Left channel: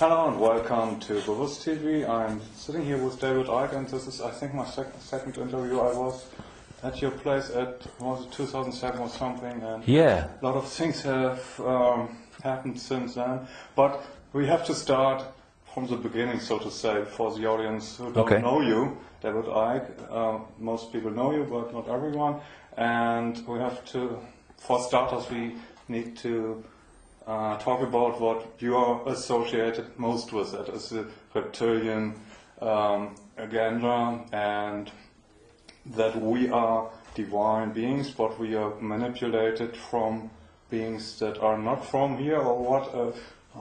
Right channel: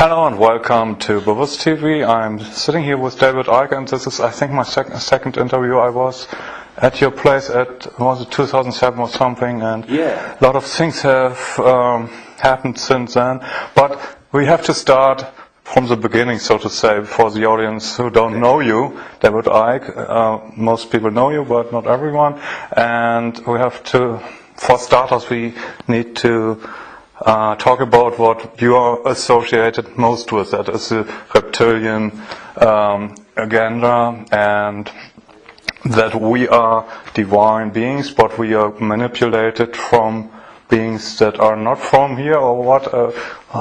Hello and welcome to Bobos TV. I'm sitting here with David Icke, and this is, I think, my second interview. I was at your place was it 2007 or something, and yeah, a lot of things have happened since then. But we have to start from the beginning, so to say, for the audience who don't know you, David Icke. Most people know you, but not everyone. And we have to, for starters, we need to talk about what you are associated most with. That is the reptilian agenda, and that we are divine beings, but we are manipulated from beings that are not from here, or what,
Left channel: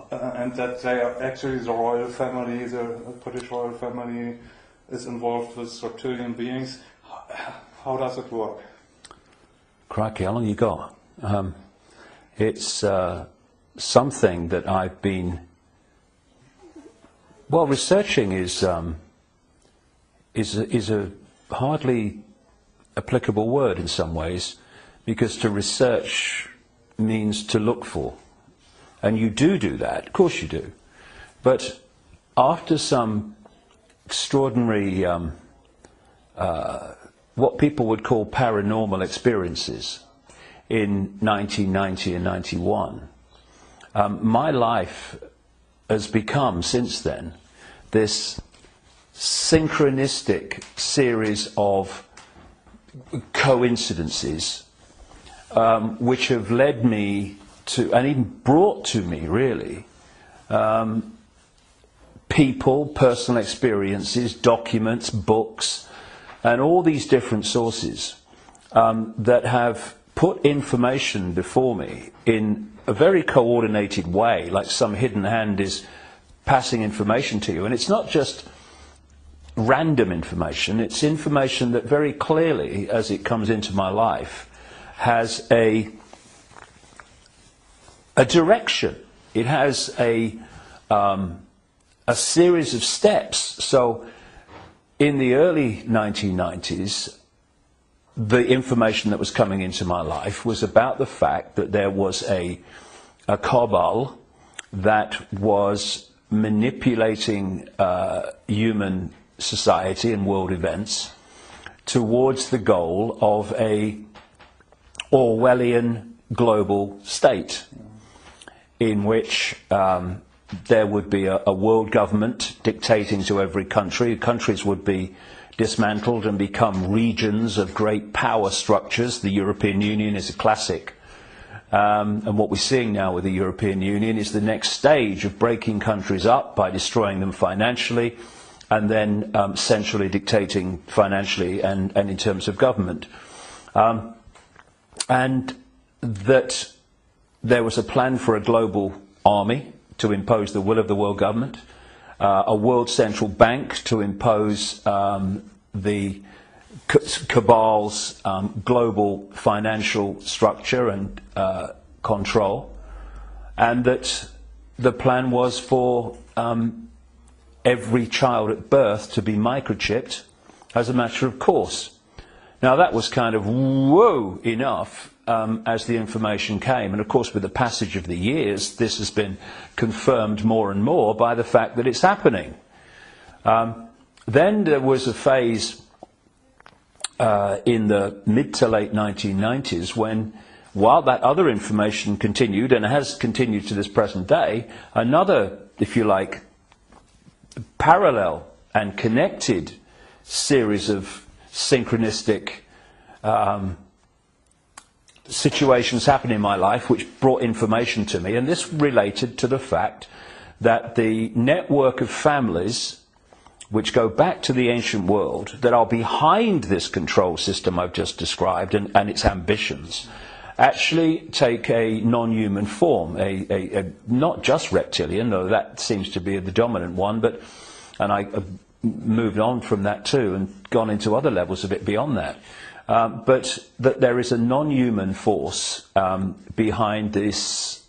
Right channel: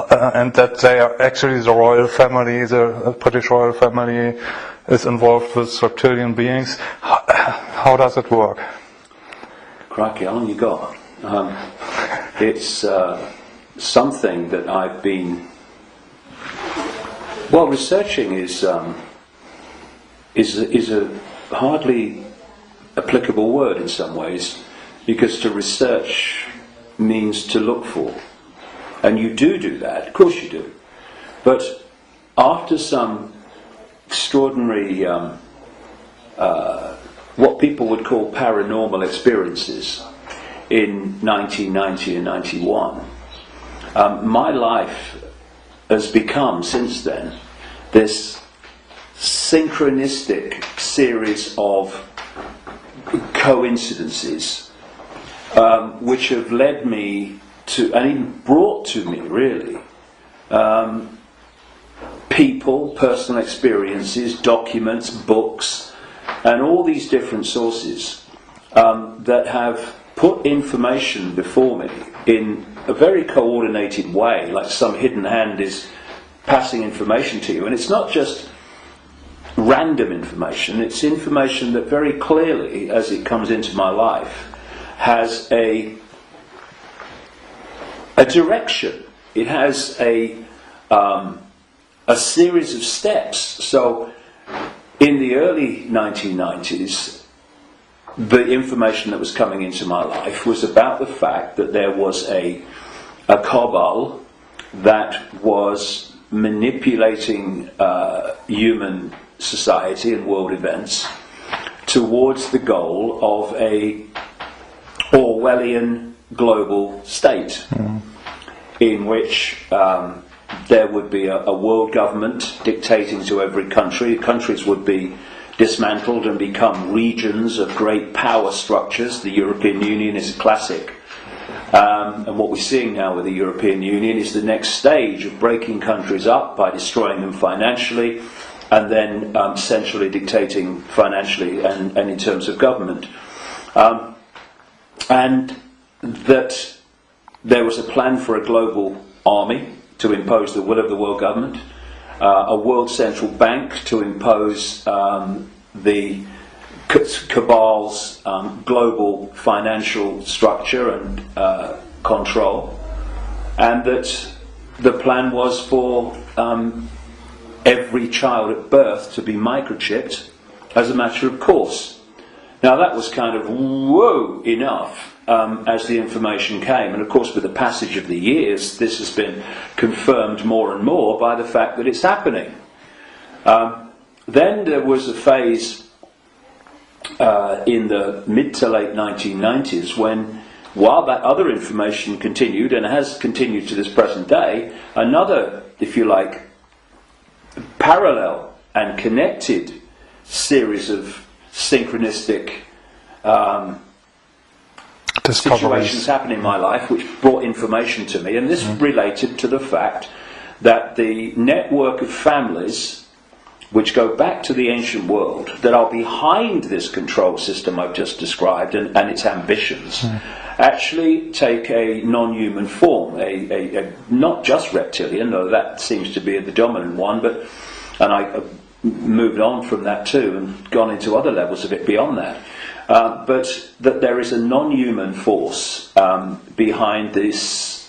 and that they are actually the royal family, the British royal family is involved with reptilian beings. How does it work? Crikey, how long you got? It's something that I've been researching is a hardly applicable word in some ways, because to research means to look for, and you do that, of course you do, but after some extraordinary what people would call paranormal experiences in 1990 and 91, my life has become, since then, this synchronistic series of coincidences which have led me to, and even brought to me, really, people, personal experiences, documents, books, and all these different sources that have put information before me in a very coordinated way, like some hidden hand is passing information to you. And it's not just random information, it's information that very clearly, as it comes into my life, has a direction. It has a series of steps. So in the early 1990s, the information that was coming into my life was about the fact that there was a cabal that was manipulating human society and world events towards the goal of a Orwellian global state, in which there would be a world government dictating to every country. Countries would be dismantled and become regions of great power structures. The European Union is a classic. And what we're seeing now with the European Union is the next stage of breaking countries up by destroying them financially, and then centrally dictating financially and in terms of government. And that there was a plan for a global army to impose the will of the world government, a world central bank to impose the cabal's global financial structure and control, and that the plan was for every child at birth to be microchipped as a matter of course. Now that was kind of whoa enough as the information came, and of course with the passage of the years this has been confirmed more and more by the fact that it's happening. Then there was a phase in the mid to late 1990s when, while that other information continued, and has continued to this present day, another, if you like, parallel and connected series of synchronistic situations happened in my life which brought information to me, and this related to the fact that the network of families which go back to the ancient world that are behind this control system I've just described and its ambitions actually take a non-human form, a not just reptilian, though that seems to be the dominant one, but, and I've moved on from that too and gone into other levels of it beyond that. But that there is a non-human force behind this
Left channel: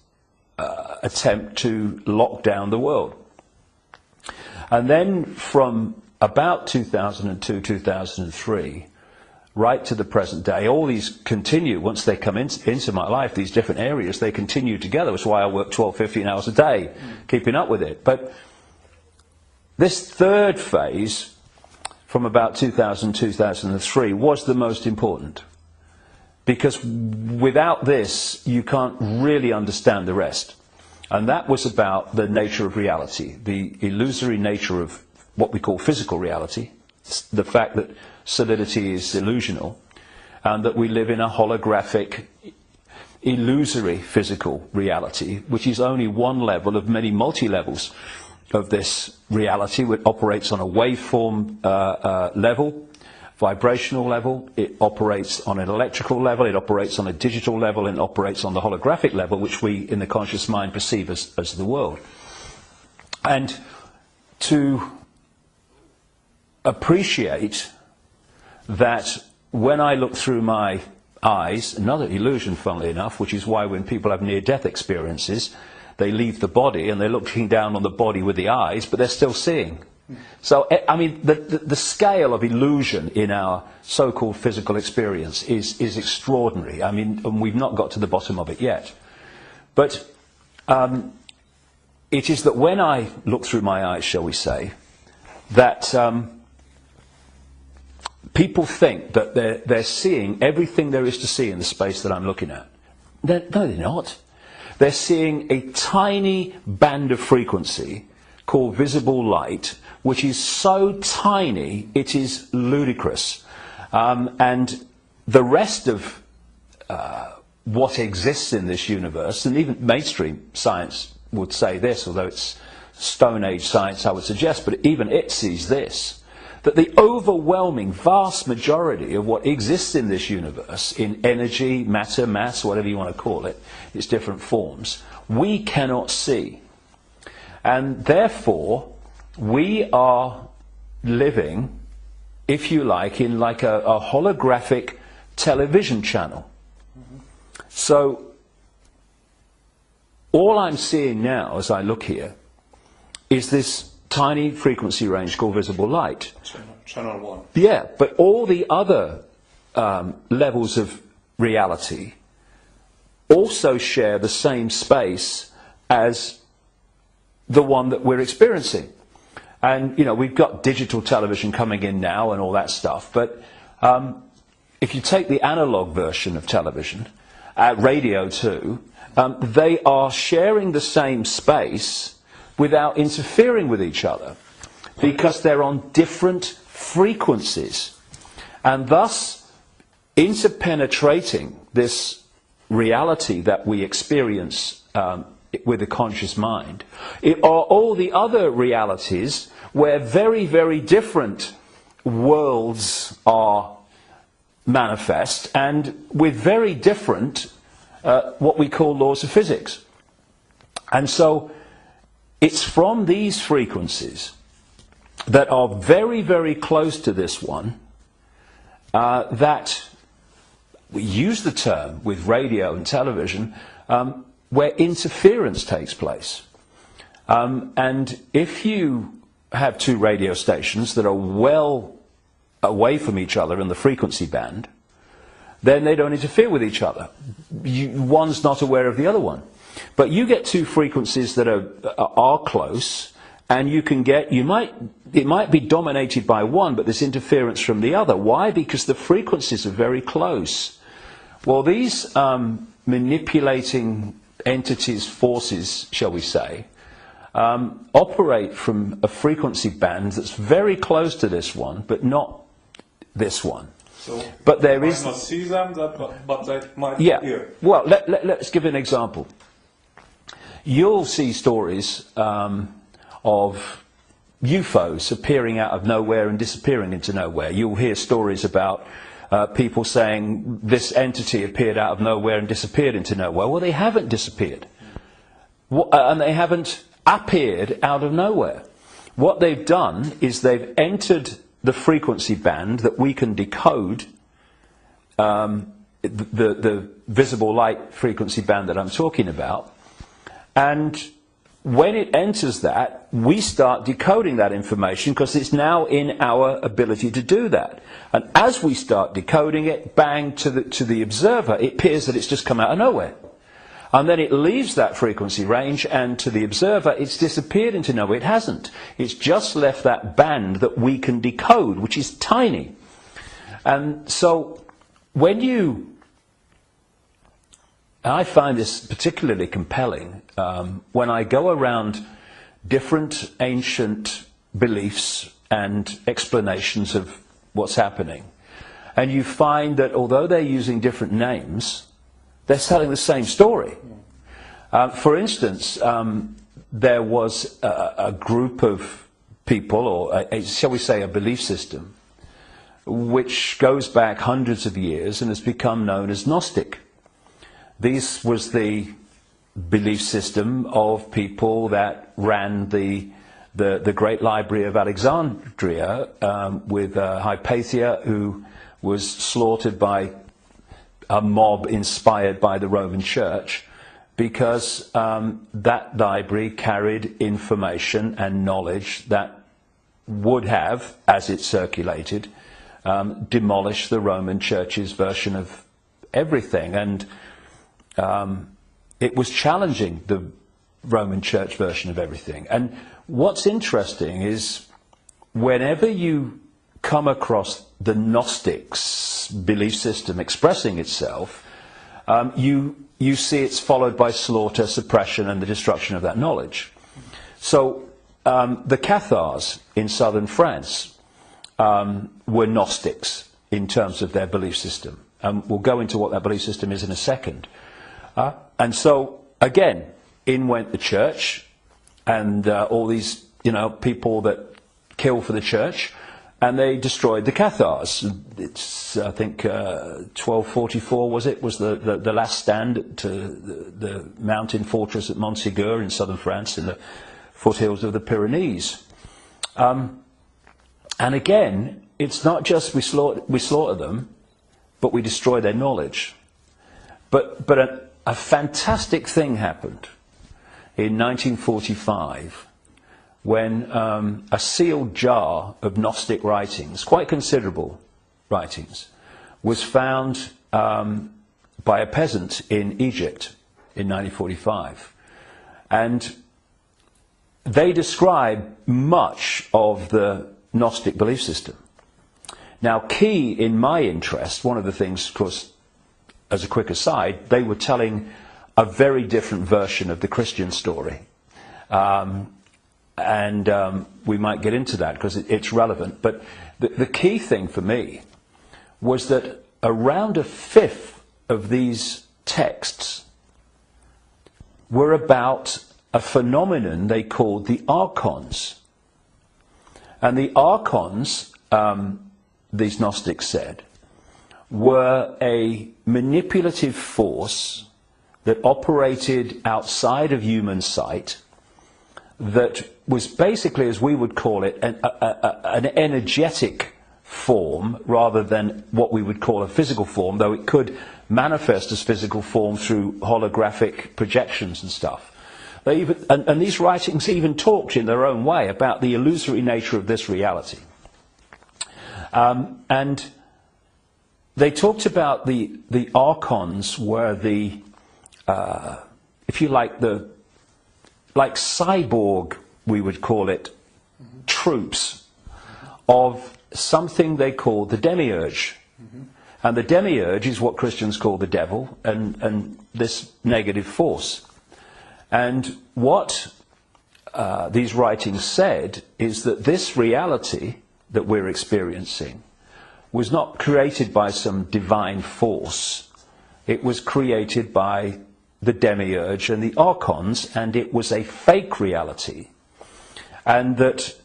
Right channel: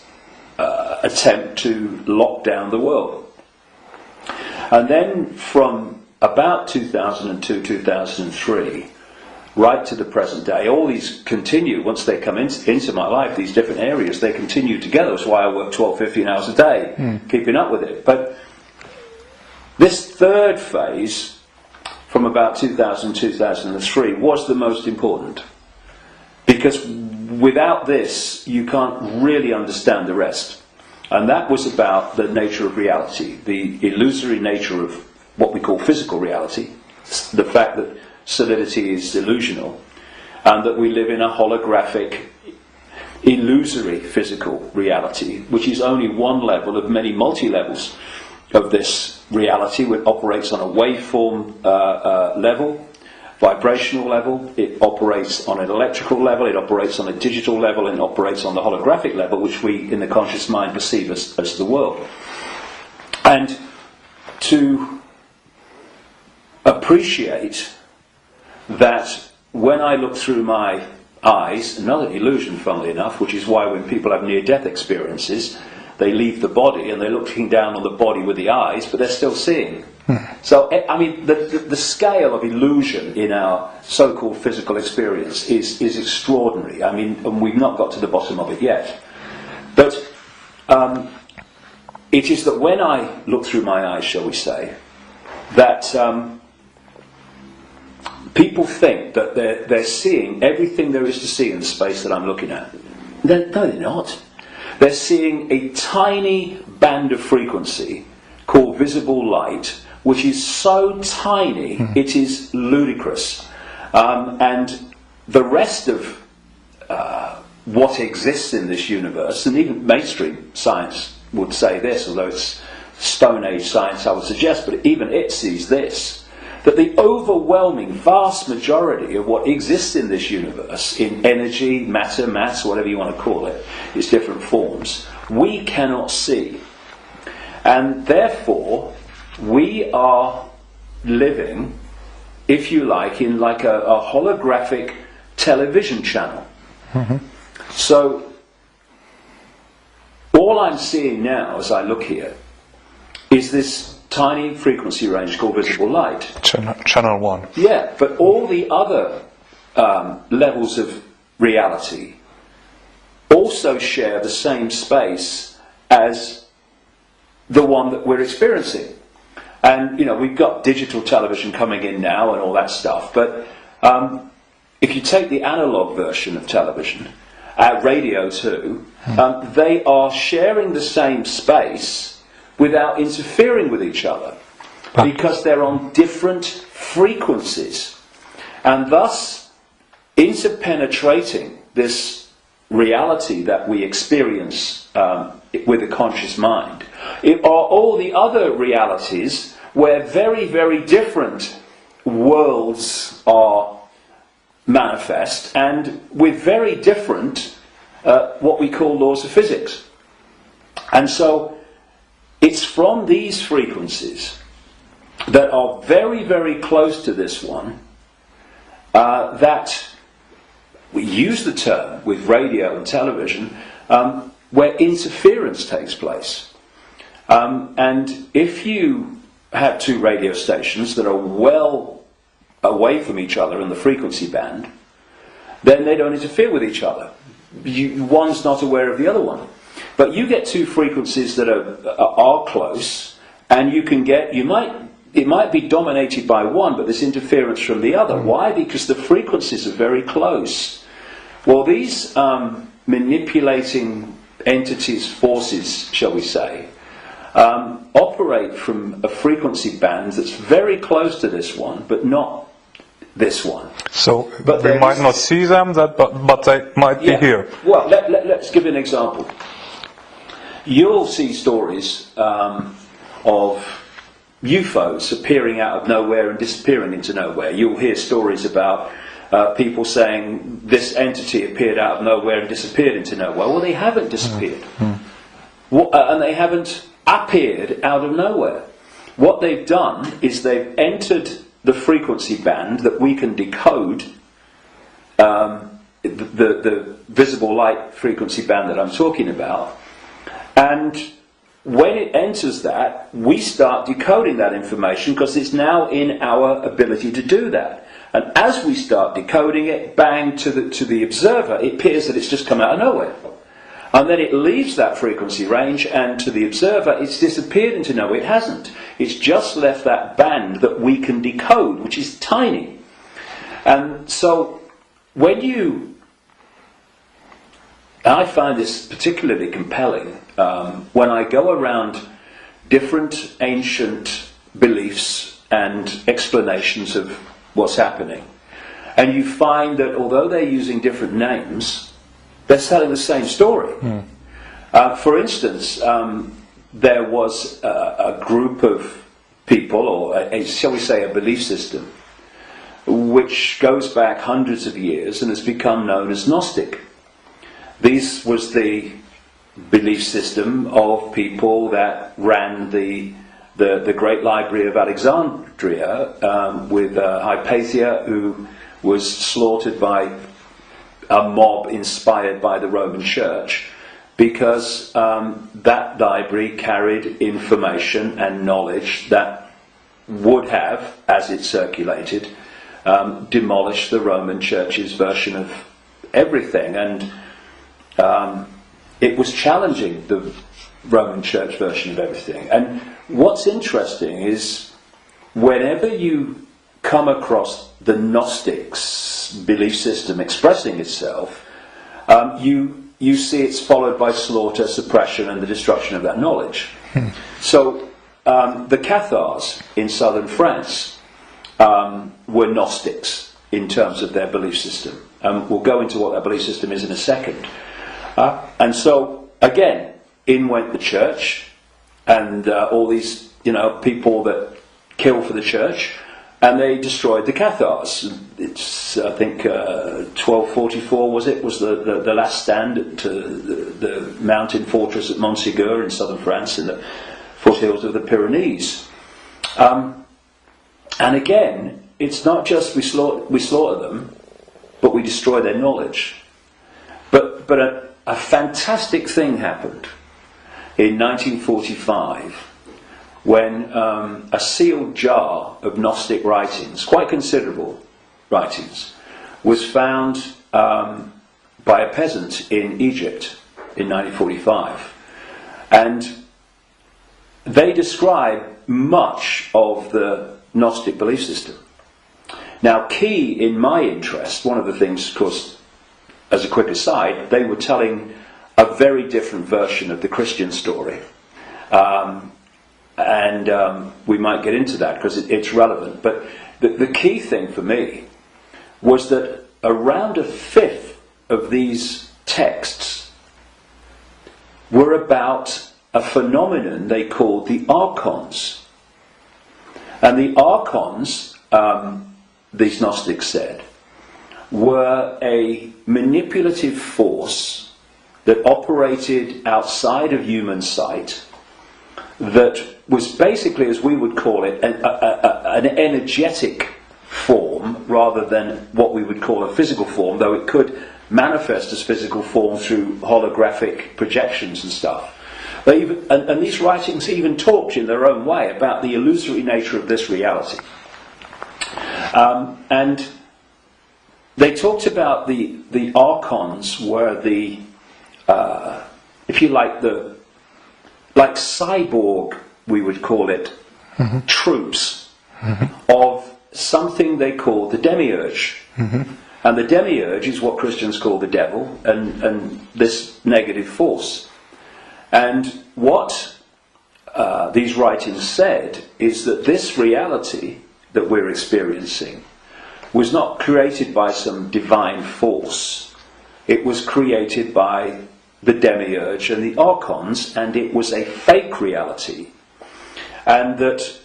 attempt to lock down the world. And then from about 2002, 2003, right to the present day. All these continue, once they come into my life, these different areas, they continue together. That's why I work 12, 15 hours a day, keeping up with it. But this third phase, from about 2000, 2003, was the most important. Because without this, you can't really understand the rest. And that was about the nature of reality, the illusory nature of what we call physical reality, the fact that solidity is delusional, and that we live in a holographic, illusory physical reality, which is only one level of many multi-levels of this reality, which operates on a waveform level, vibrational level, it operates on an electrical level, it operates on a digital level, and it operates on the holographic level, which we in the conscious mind perceive as the world. And to appreciate that when I look through my eyes, another illusion funnily enough, which is why when people have near-death experiences, they leave the body and they're looking down on the body with the eyes, but they're still seeing. So, I mean, the scale of illusion in our so-called physical experience is extraordinary. I mean, and we've not got to the bottom of it yet. But it is that when I look through my eyes, shall we say, that people think that they're seeing everything there is to see in the space that I'm looking at. No, they're not. They're seeing a tiny band of frequency called visible light, which is so tiny it is ludicrous. And the rest of what exists in this universe, and even mainstream science would say this, although it's Stone Age science I would suggest, but even it sees this, that the overwhelming vast majority of what exists in this universe, in energy, matter, mass, whatever you want to call it, its different forms, we cannot see. And therefore, we are living, if you like, in like a holographic television channel. So, all I'm seeing now as I look here is this tiny frequency range called visible light. Channel 1. Yeah, but all the other levels of reality also share the same space as the one that we're experiencing. And, you know, we've got digital television coming in now and all that stuff, but if you take the analog version of television, radio too, they are sharing the same space without interfering with each other, because they're on different frequencies. And thus, interpenetrating this reality that we experience with a conscious mind, it are all the other realities where very, very different worlds are manifest, and with very different what we call laws of physics. And so it's from these frequencies that are very, very close to this one that we use the term with radio and television where interference takes place. And if you have two radio stations that are well away from each other in the frequency band, then they don't interfere with each other. One's not aware of the other one. But you get two frequencies that are close, and it might be dominated by one, but there's interference from the other. Why? Because the frequencies are very close. Well, these manipulating entities, forces, shall we say, operate from a frequency band that's very close to this one, but not this one. So we might not see them, but they might be here. Well, let's give an example. You'll see stories of UFOs appearing out of nowhere and disappearing into nowhere. You'll hear stories about people saying this entity appeared out of nowhere and disappeared into nowhere. Well, they haven't disappeared. And they haven't appeared out of nowhere. What they've done is they've entered the frequency band that we can decode, the visible light frequency band that I'm talking about, and when it enters that, we start decoding that information because it's now in our ability to do that. And as we start decoding it, bang, to the observer, it appears that it's just come out of nowhere. And then it leaves that frequency range, and to the observer, it's disappeared into nowhere. It hasn't. It's just left that band that we can decode, which is tiny. And so, and I find this particularly compelling when I go around different ancient beliefs and explanations of what's happening, and you find that although they're using different names, they're telling the same story. For instance, there was a group of people, or shall we say a belief system, which goes back hundreds of years and has become known as Gnostic. This was the belief system of people that ran the Great Library of Alexandria, with Hypatia, who was slaughtered by a mob inspired by the Roman Church, because that library carried information and knowledge that would have, as it circulated, demolished the Roman Church's version of everything. And it was challenging the Roman Church version of everything. And what's interesting is whenever you come across the Gnostics' belief system expressing itself, you see it's followed by slaughter, suppression, and the destruction of that knowledge. So the Cathars in southern France were Gnostics in terms of their belief system. We'll go into what that belief system is in a second. And so, again, in went the church, and all these, people that kill for the church, and they destroyed the Cathars. It's, I think, 1244 was the last stand to the mountain fortress at Montségur in southern France, in the foothills of the Pyrenees. And again, it's not just we slaughter them, but we destroy their knowledge. But a fantastic thing happened in 1945 when a sealed jar of Gnostic writings, quite considerable writings, was found by a peasant in Egypt in 1945. And they describe much of the Gnostic belief system. Now, key in my interest, one of the things, of course, as a quick aside, they were telling a very different version of the Christian story. And we might get into that because it's relevant. But the key thing for me was that around a fifth of these texts were about a phenomenon they called the archons. And the archons, these Gnostics said, were a manipulative force that operated outside of human sight, that was basically, as we would call it, an energetic form rather than what we would call a physical form, though it could manifest as physical form through holographic projections and stuff. And these writings even talked in their own way about the illusory nature of this reality. And they talked about the archons were the, if you like, like cyborg, we would call it, troops of something they called the demiurge. And the demiurge is what Christians call the devil, and this negative force. And what these writings said is that this reality that we're experiencing was not created by some divine force. It was created by the demiurge and the archons, and it was a fake reality. And that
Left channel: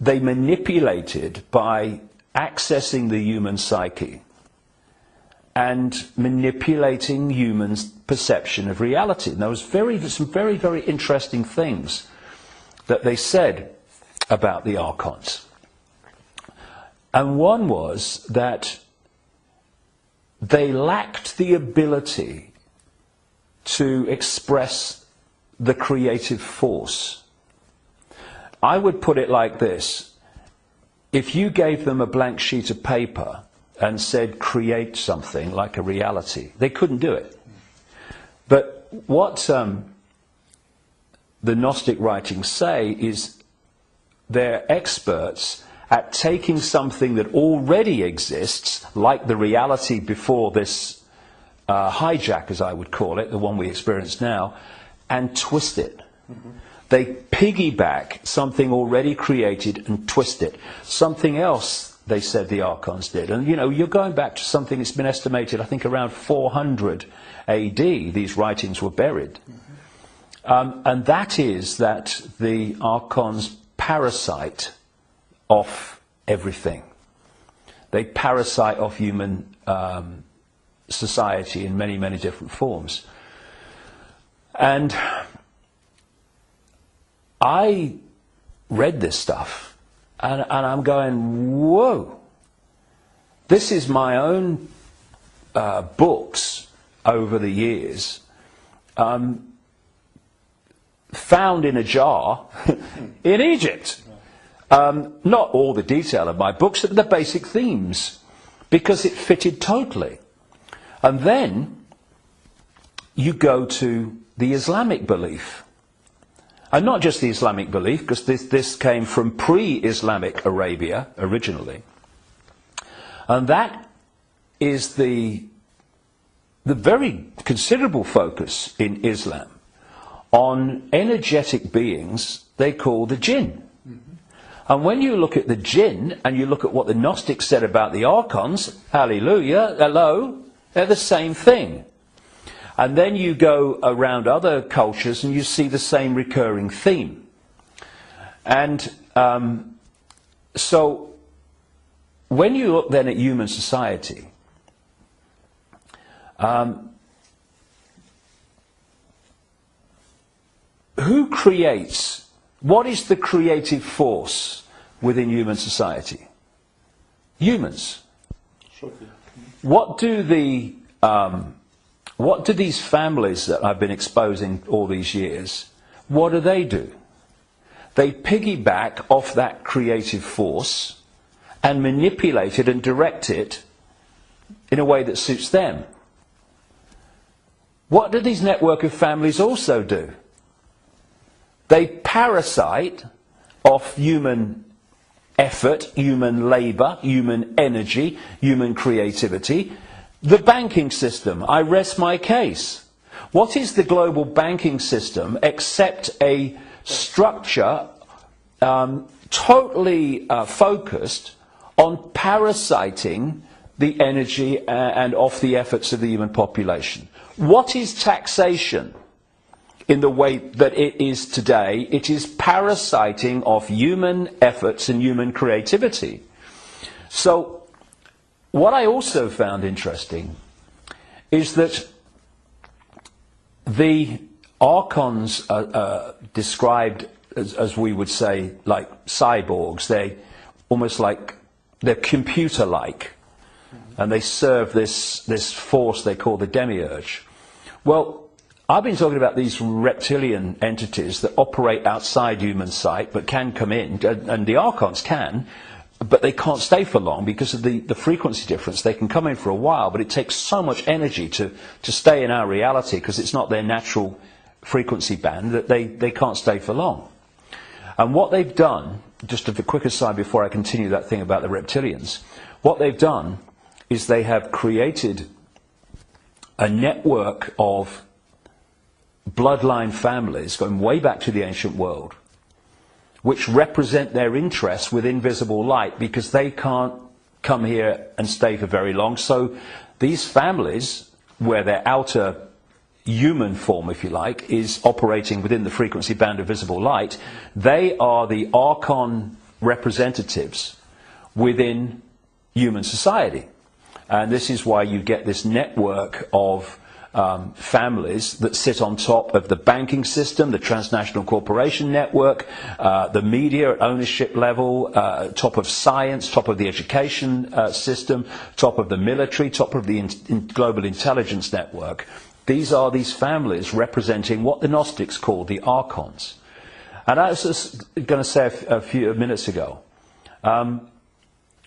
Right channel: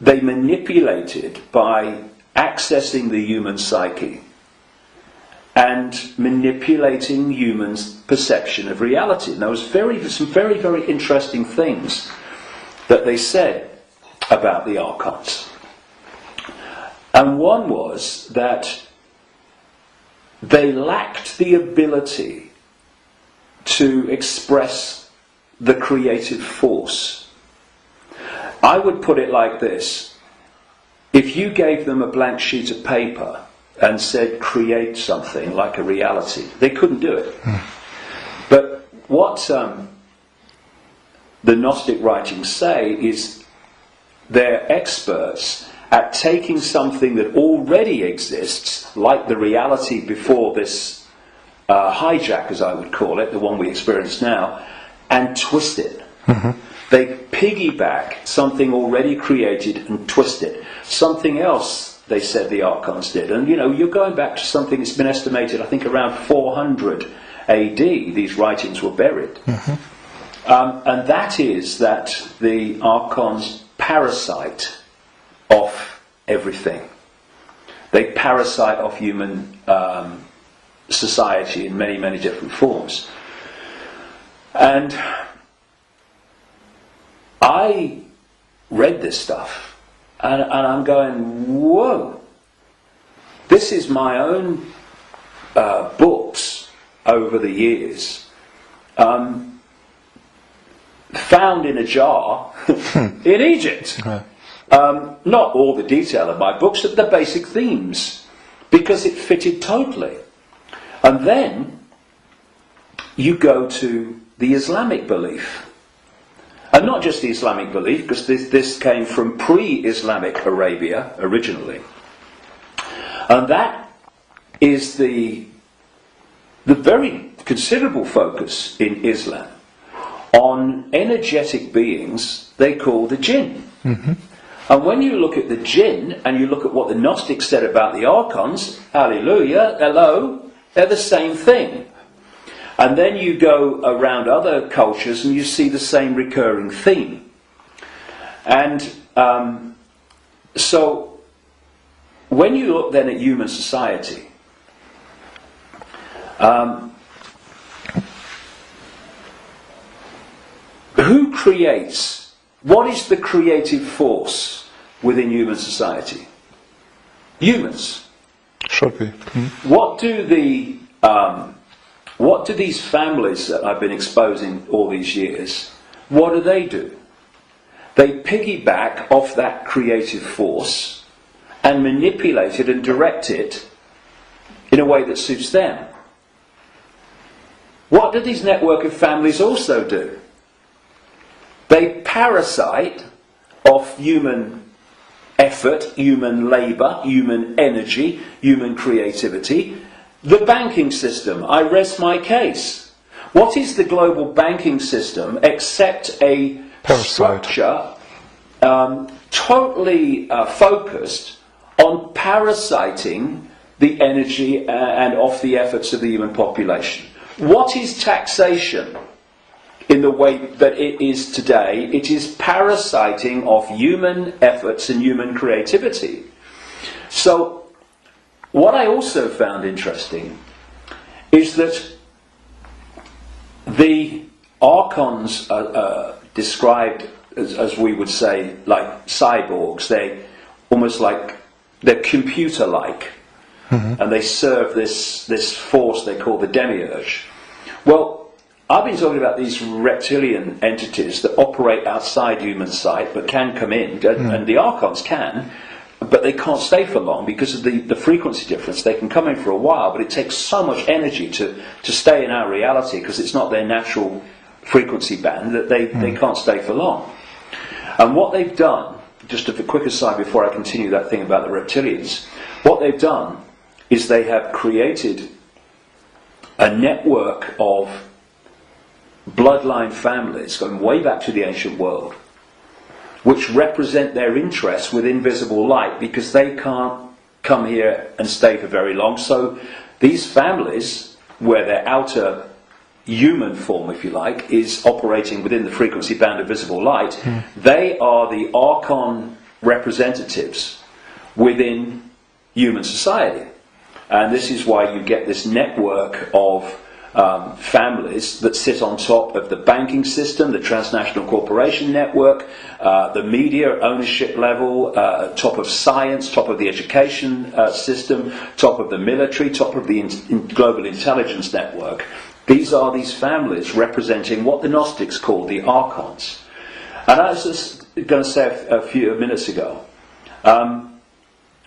they manipulated by accessing the human psyche and manipulating humans' perception of reality. And there was some very, very interesting things that they said about the archons. And one was that they lacked the ability to express the creative force. I would put it like this. If you gave them a blank sheet of paper and said create something like a reality, they couldn't do it. But what the Gnostic writings say is they're experts at taking something that already exists, like the reality before this hijack, as I would call it, the one we experience now, and twist it. They piggyback something already created and twist it. Something else, they said the archons did. And you know, you're going back to something that's been estimated, I think, around 400 AD, these writings were buried. And that is that the archons parasite off everything. They parasite off human society in many, many different forms. And I read this stuff and I'm going, whoa, this is my own books over the years found in a jar in Egypt. Not all the detail of my books, but the basic themes, because it fitted totally. And then you go to the Islamic belief. And not just the Islamic belief, because this came from pre-Islamic Arabia originally. And that is the very considerable focus in Islam on energetic beings they call the jinn. And when you look at the jinn and you look at what the Gnostics said about the archons, hallelujah, hello, they're the same thing. And then you go around other cultures and you see the same recurring theme. And so when you look then at human society, who creates? What is the creative force within human society? Humans. Should be. What do these families that I've been exposing all these years, what do? They piggyback off that creative force and manipulate it and direct it in a way that suits them. What do these network of families also do? They parasite off human effort, human labour, human energy, human creativity. The banking system, I rest my case. What is the global banking system except a structure totally focused on parasiting the energy and off the efforts of the human population? What is taxation? In the way that it is today, it is parasiting of human efforts and human creativity. So, what I also found interesting is that the archons are described as we would say, like cyborgs. They almost like, they're computer-like. And they serve this force they call the demiurge. Well, I've been talking about these reptilian entities that operate outside human sight but can come in, and the archons can, but they can't stay for long because of the frequency difference. They can come in for a while, but it takes so much energy to stay in our reality because it's not their natural frequency band that they can't stay for long. And what they've done, just a quick aside before I continue that thing about the reptilians, what they've done is they have created a network of bloodline families going way back to the ancient world, which represent their interests with invisible light because they can't come here and stay for very long. So these families, where their outer human form, if you like, is operating within the frequency band of visible light, they are the archon representatives within human society. And this is why you get this network of families that sit on top of the banking system, the transnational corporation network, the media ownership level, top of science, top of the education system, top of the military, top of the global intelligence network. These are these families representing what the Gnostics call the archons. And I was just going to say a few minutes ago,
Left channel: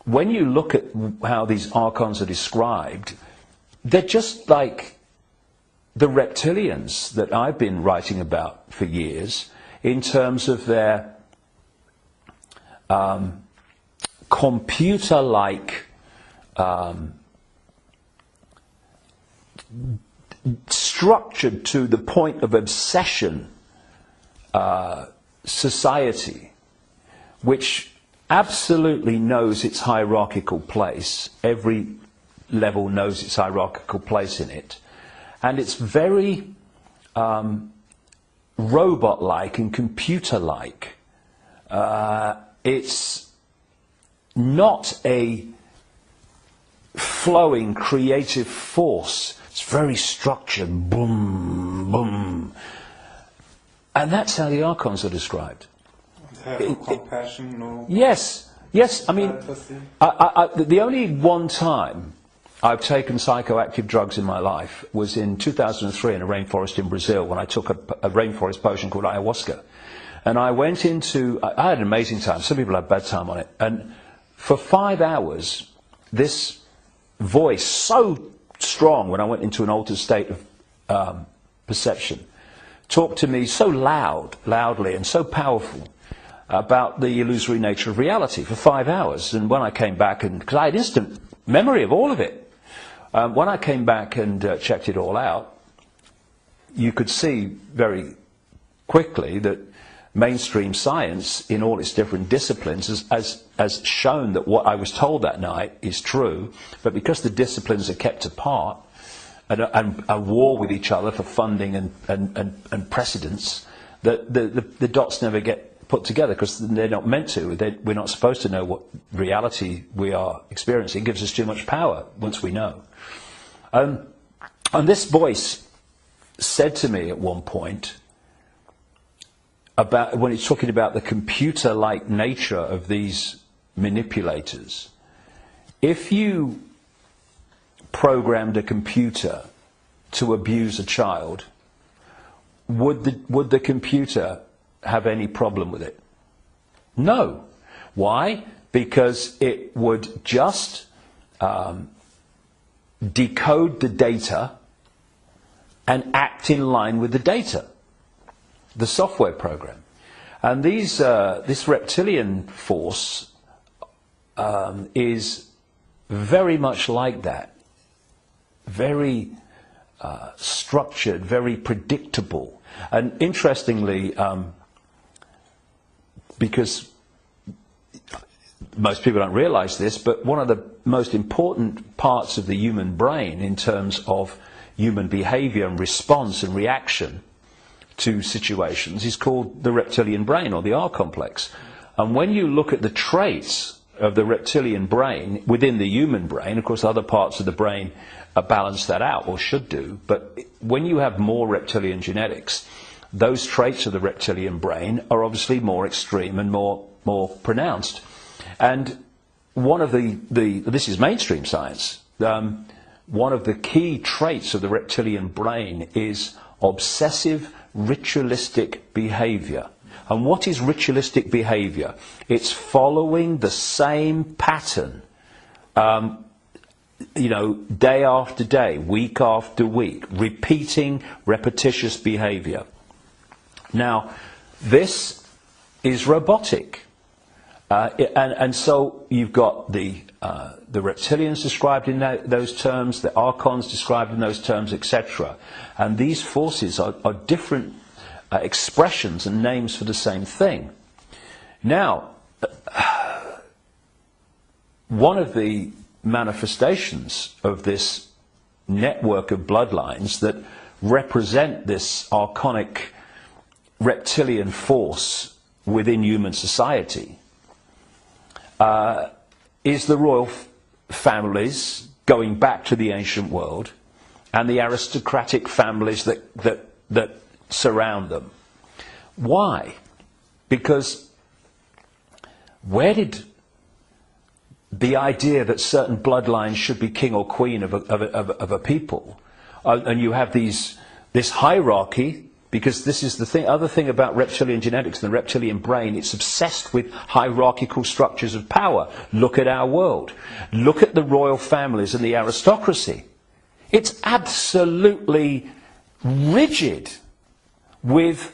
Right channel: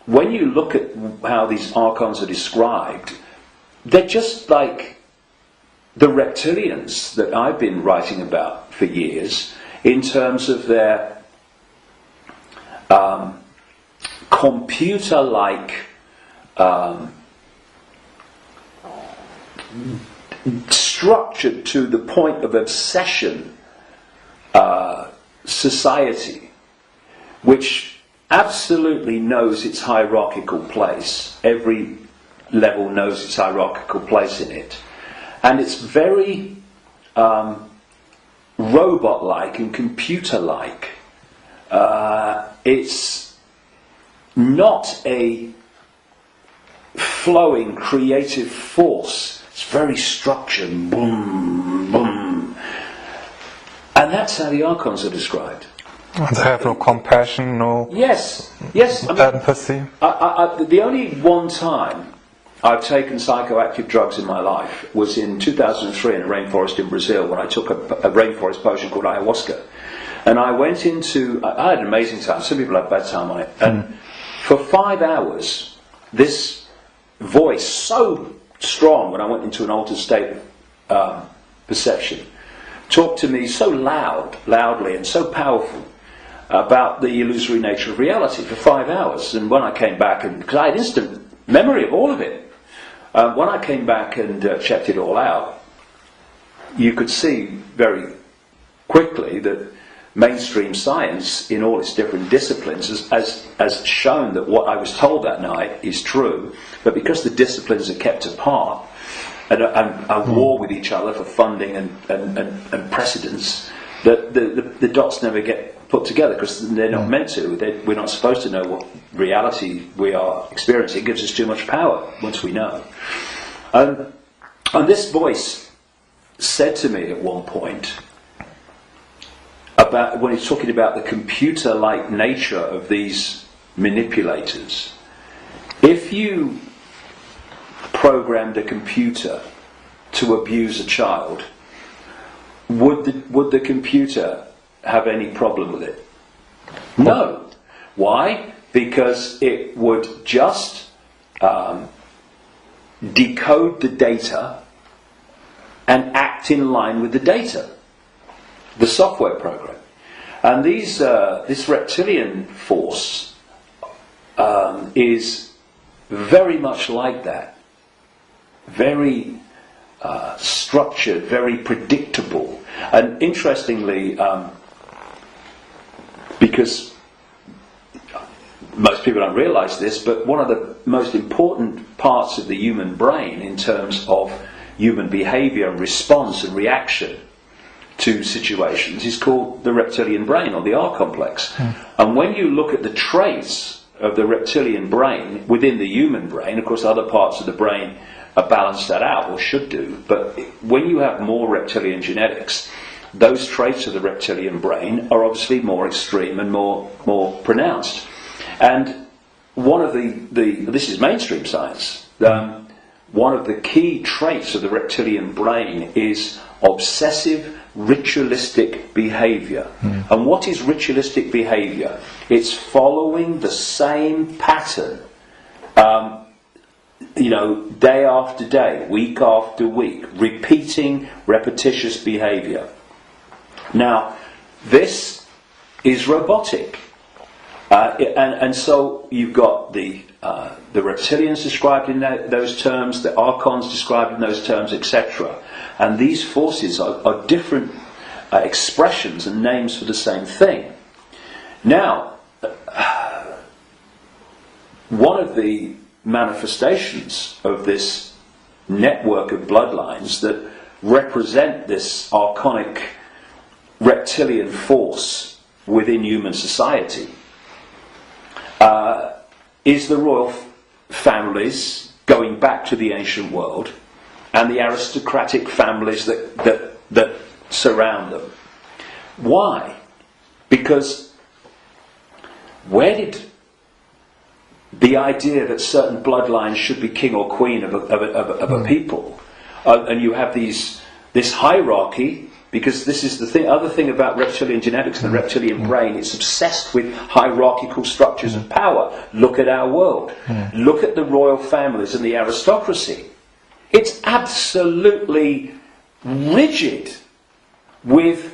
when you look at how these archons are described, they're just like the reptilians that I've been writing about for years, in terms of their computer-like structured to the point of obsession society, which absolutely knows its hierarchical place. Every level knows its hierarchical place in it, and it's very robot-like and computer-like. It's not a flowing creative force. It's very structured, boom, boom. And that's how the archons are described. They have no compassion, no yes. I mean, empathy. The only one time I've taken psychoactive drugs in my life was in 2003 in a rainforest in Brazil, when I took a rainforest potion called ayahuasca. And I went into, I had an amazing time. Some people have bad time on it. And for 5 hours, this voice, so strong when I went into an altered state of perception, talked to me so loudly and so powerful about the illusory nature of reality for 5 hours. And when I came back, and because I had instant memory of all of it, when I came back and checked it all out, you could see very quickly that mainstream science in all its different disciplines has shown that what I was told that night is true, but because the disciplines are kept apart and are war with each other for funding and precedence, that the dots never get put together, because they're not meant to. We're not supposed to know what reality we are experiencing. It gives us too much power once we know. And this voice said to me at one point, about when it's talking about the computer-like nature of these manipulators, if you programmed a computer to abuse a child, would the computer have any problem with it? No. Why? Because it would just decode the data and act in line with the data, the software program. And this reptilian force is very much like that. Very structured, very predictable. And interestingly, because most people don't realise this, but one of the most important parts of the human brain in terms of human behaviour and response and reaction to situations is called the reptilian brain, or the R complex. And when you look at the traits of the reptilian brain within the human brain, of course other parts of the brain balance that out, or should do, but when you have more reptilian genetics, those traits of the reptilian brain are obviously more extreme and more pronounced. And one of this is mainstream science, one of the key traits of the reptilian brain is obsessive ritualistic behaviour. And what is ritualistic behaviour? It's following the same pattern, day after day, week after week, repeating repetitious behaviour. Now, this is robotic, and so you've got the reptilians described in those terms, the archons described in those terms, etc. And these forces are different expressions and names for the same thing. Now, one of the manifestations of this network of bloodlines that represent this archonic reptilian force within human society is the royal families going back to the ancient world, and the aristocratic families that surround them. Why? Because where did the idea that certain bloodlines should be king or queen of a people, and you have this hierarchy, because this is the other thing about reptilian genetics and the reptilian brain. It's obsessed with hierarchical structures of power. Look at our world. Look at the royal families and the aristocracy. It's absolutely rigid with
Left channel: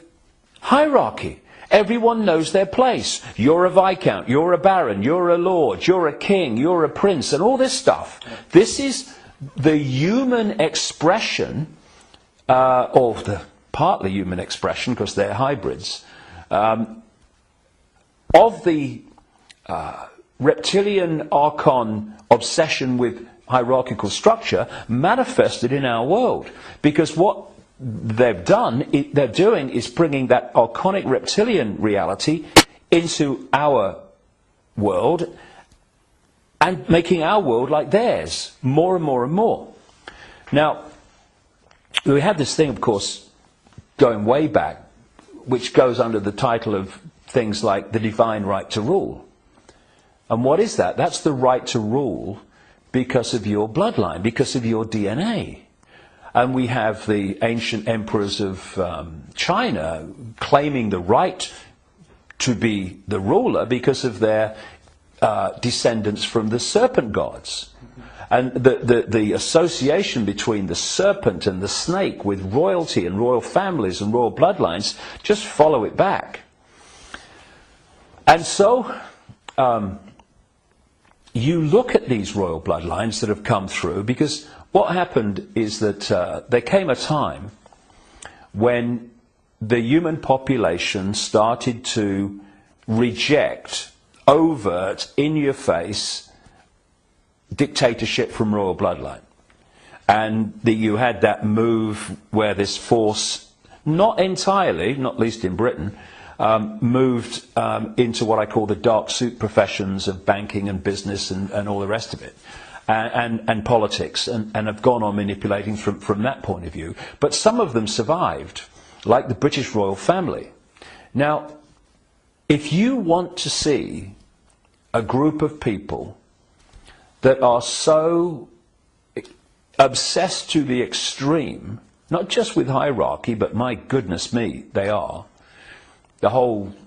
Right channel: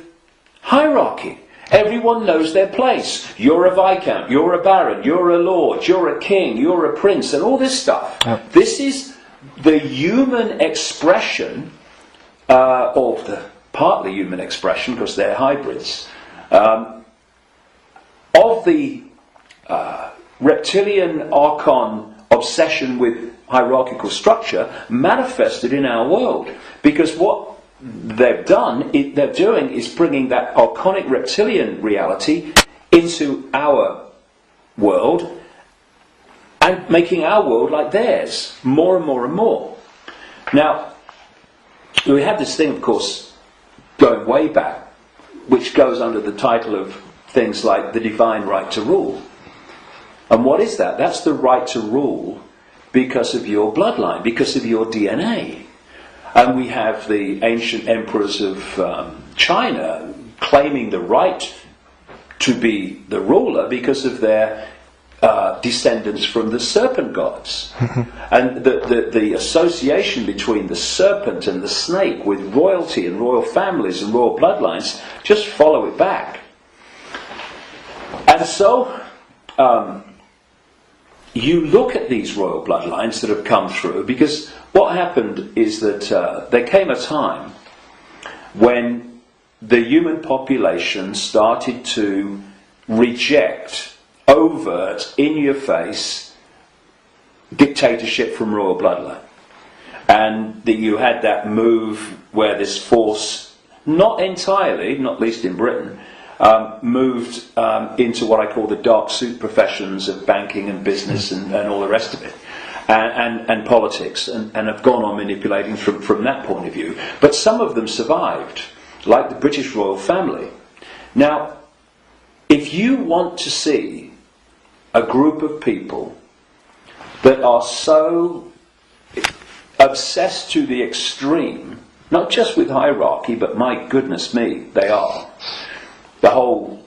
hierarchy. Everyone knows their place. You're a viscount, you're a baron, you're a lord, you're a king, you're a prince, and all this stuff. This is the human expression, or the partly human expression, because they're hybrids, of the reptilian archon obsession with hierarchical structure manifested in our world. Because what they're doing is bringing that archonic reptilian reality into our world and making our world like theirs, more and more and more. Now, we have this thing, of course, going way back, which goes under the title of things like the divine right to rule. And what is that? That's the right to rule because of your bloodline, because of your DNA. And we have the ancient emperors of China claiming the right to be the ruler because of their descendants from the serpent gods. And the association between the serpent and the snake with royalty and royal families and royal bloodlines, just follow it back. And so you look at these royal bloodlines that have come through, because what happened is that there came a time when the human population started to reject overt, in-your-face dictatorship from royal bloodline. And that you had that move where this force, not entirely, not least in Britain, moved into what I call the dark suit professions of banking and business and all the rest of it. And politics, and have gone on manipulating from that point of view. But some of them survived, like the British royal family. Now, if you want to see a group of people that are so obsessed to the extreme, not just with hierarchy, but my goodness me, they are. The whole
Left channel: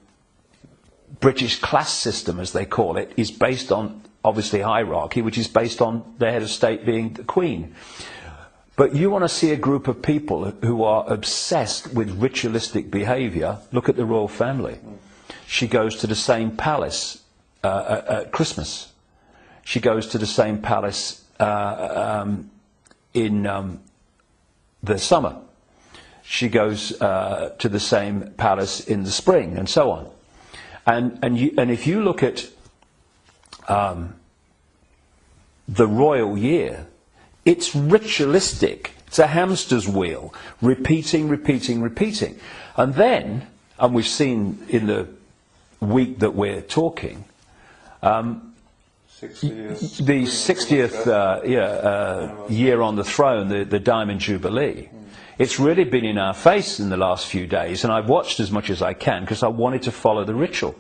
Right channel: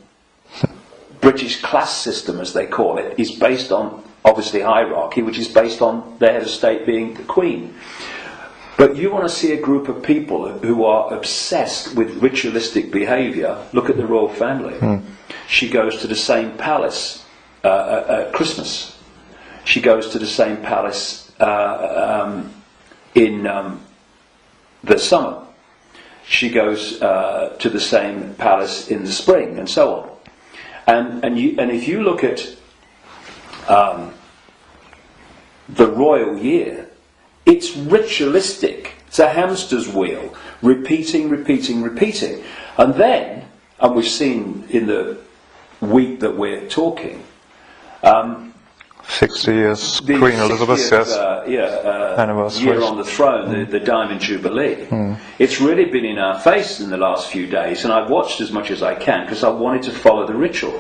British class system, as they call it, is based on, obviously, hierarchy, which is based on the head of state being the Queen. But you want to see a group of people who are obsessed with ritualistic behaviour. Look at the royal family. She goes to the same palace at Christmas. She goes to the same palace in the summer. She goes to the same palace in the spring, and so on. And if you look at the royal year, it's ritualistic. It's a hamster's wheel, repeating. And then, and we've seen in the week that we're talking, 60 years, the Queen Elizabeth, 60th year on the throne, the Diamond Jubilee. It's really been in our face in the last few days, and I've watched as much as I can because I wanted to follow the ritual.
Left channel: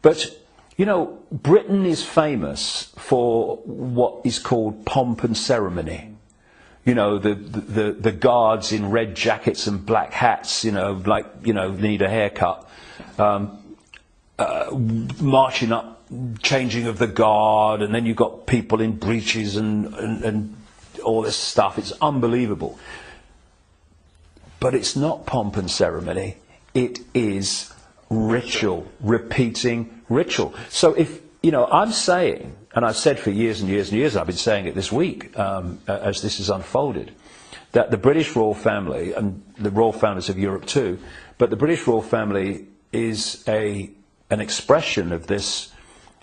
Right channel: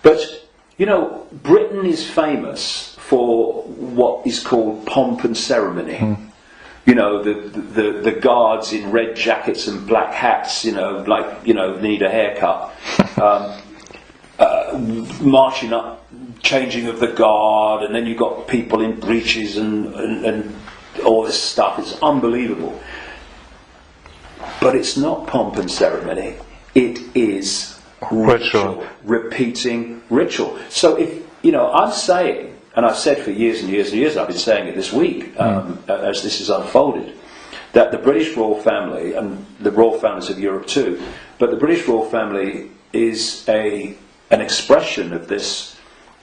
But, you know, Britain is famous for what is called pomp and ceremony. You know, the guards in red jackets and black hats, you know, like, you know, need a haircut, marching up, changing of the guard, and then you've got people in breeches and all this stuff. It's unbelievable. But it's not pomp and ceremony. It is ritual, repeating ritual. So if, you know, I'm saying, and I've said for years and years and years, I've been saying it this week as this is unfolded, that the British royal family, and the royal families of Europe too, but the British royal family is an expression of this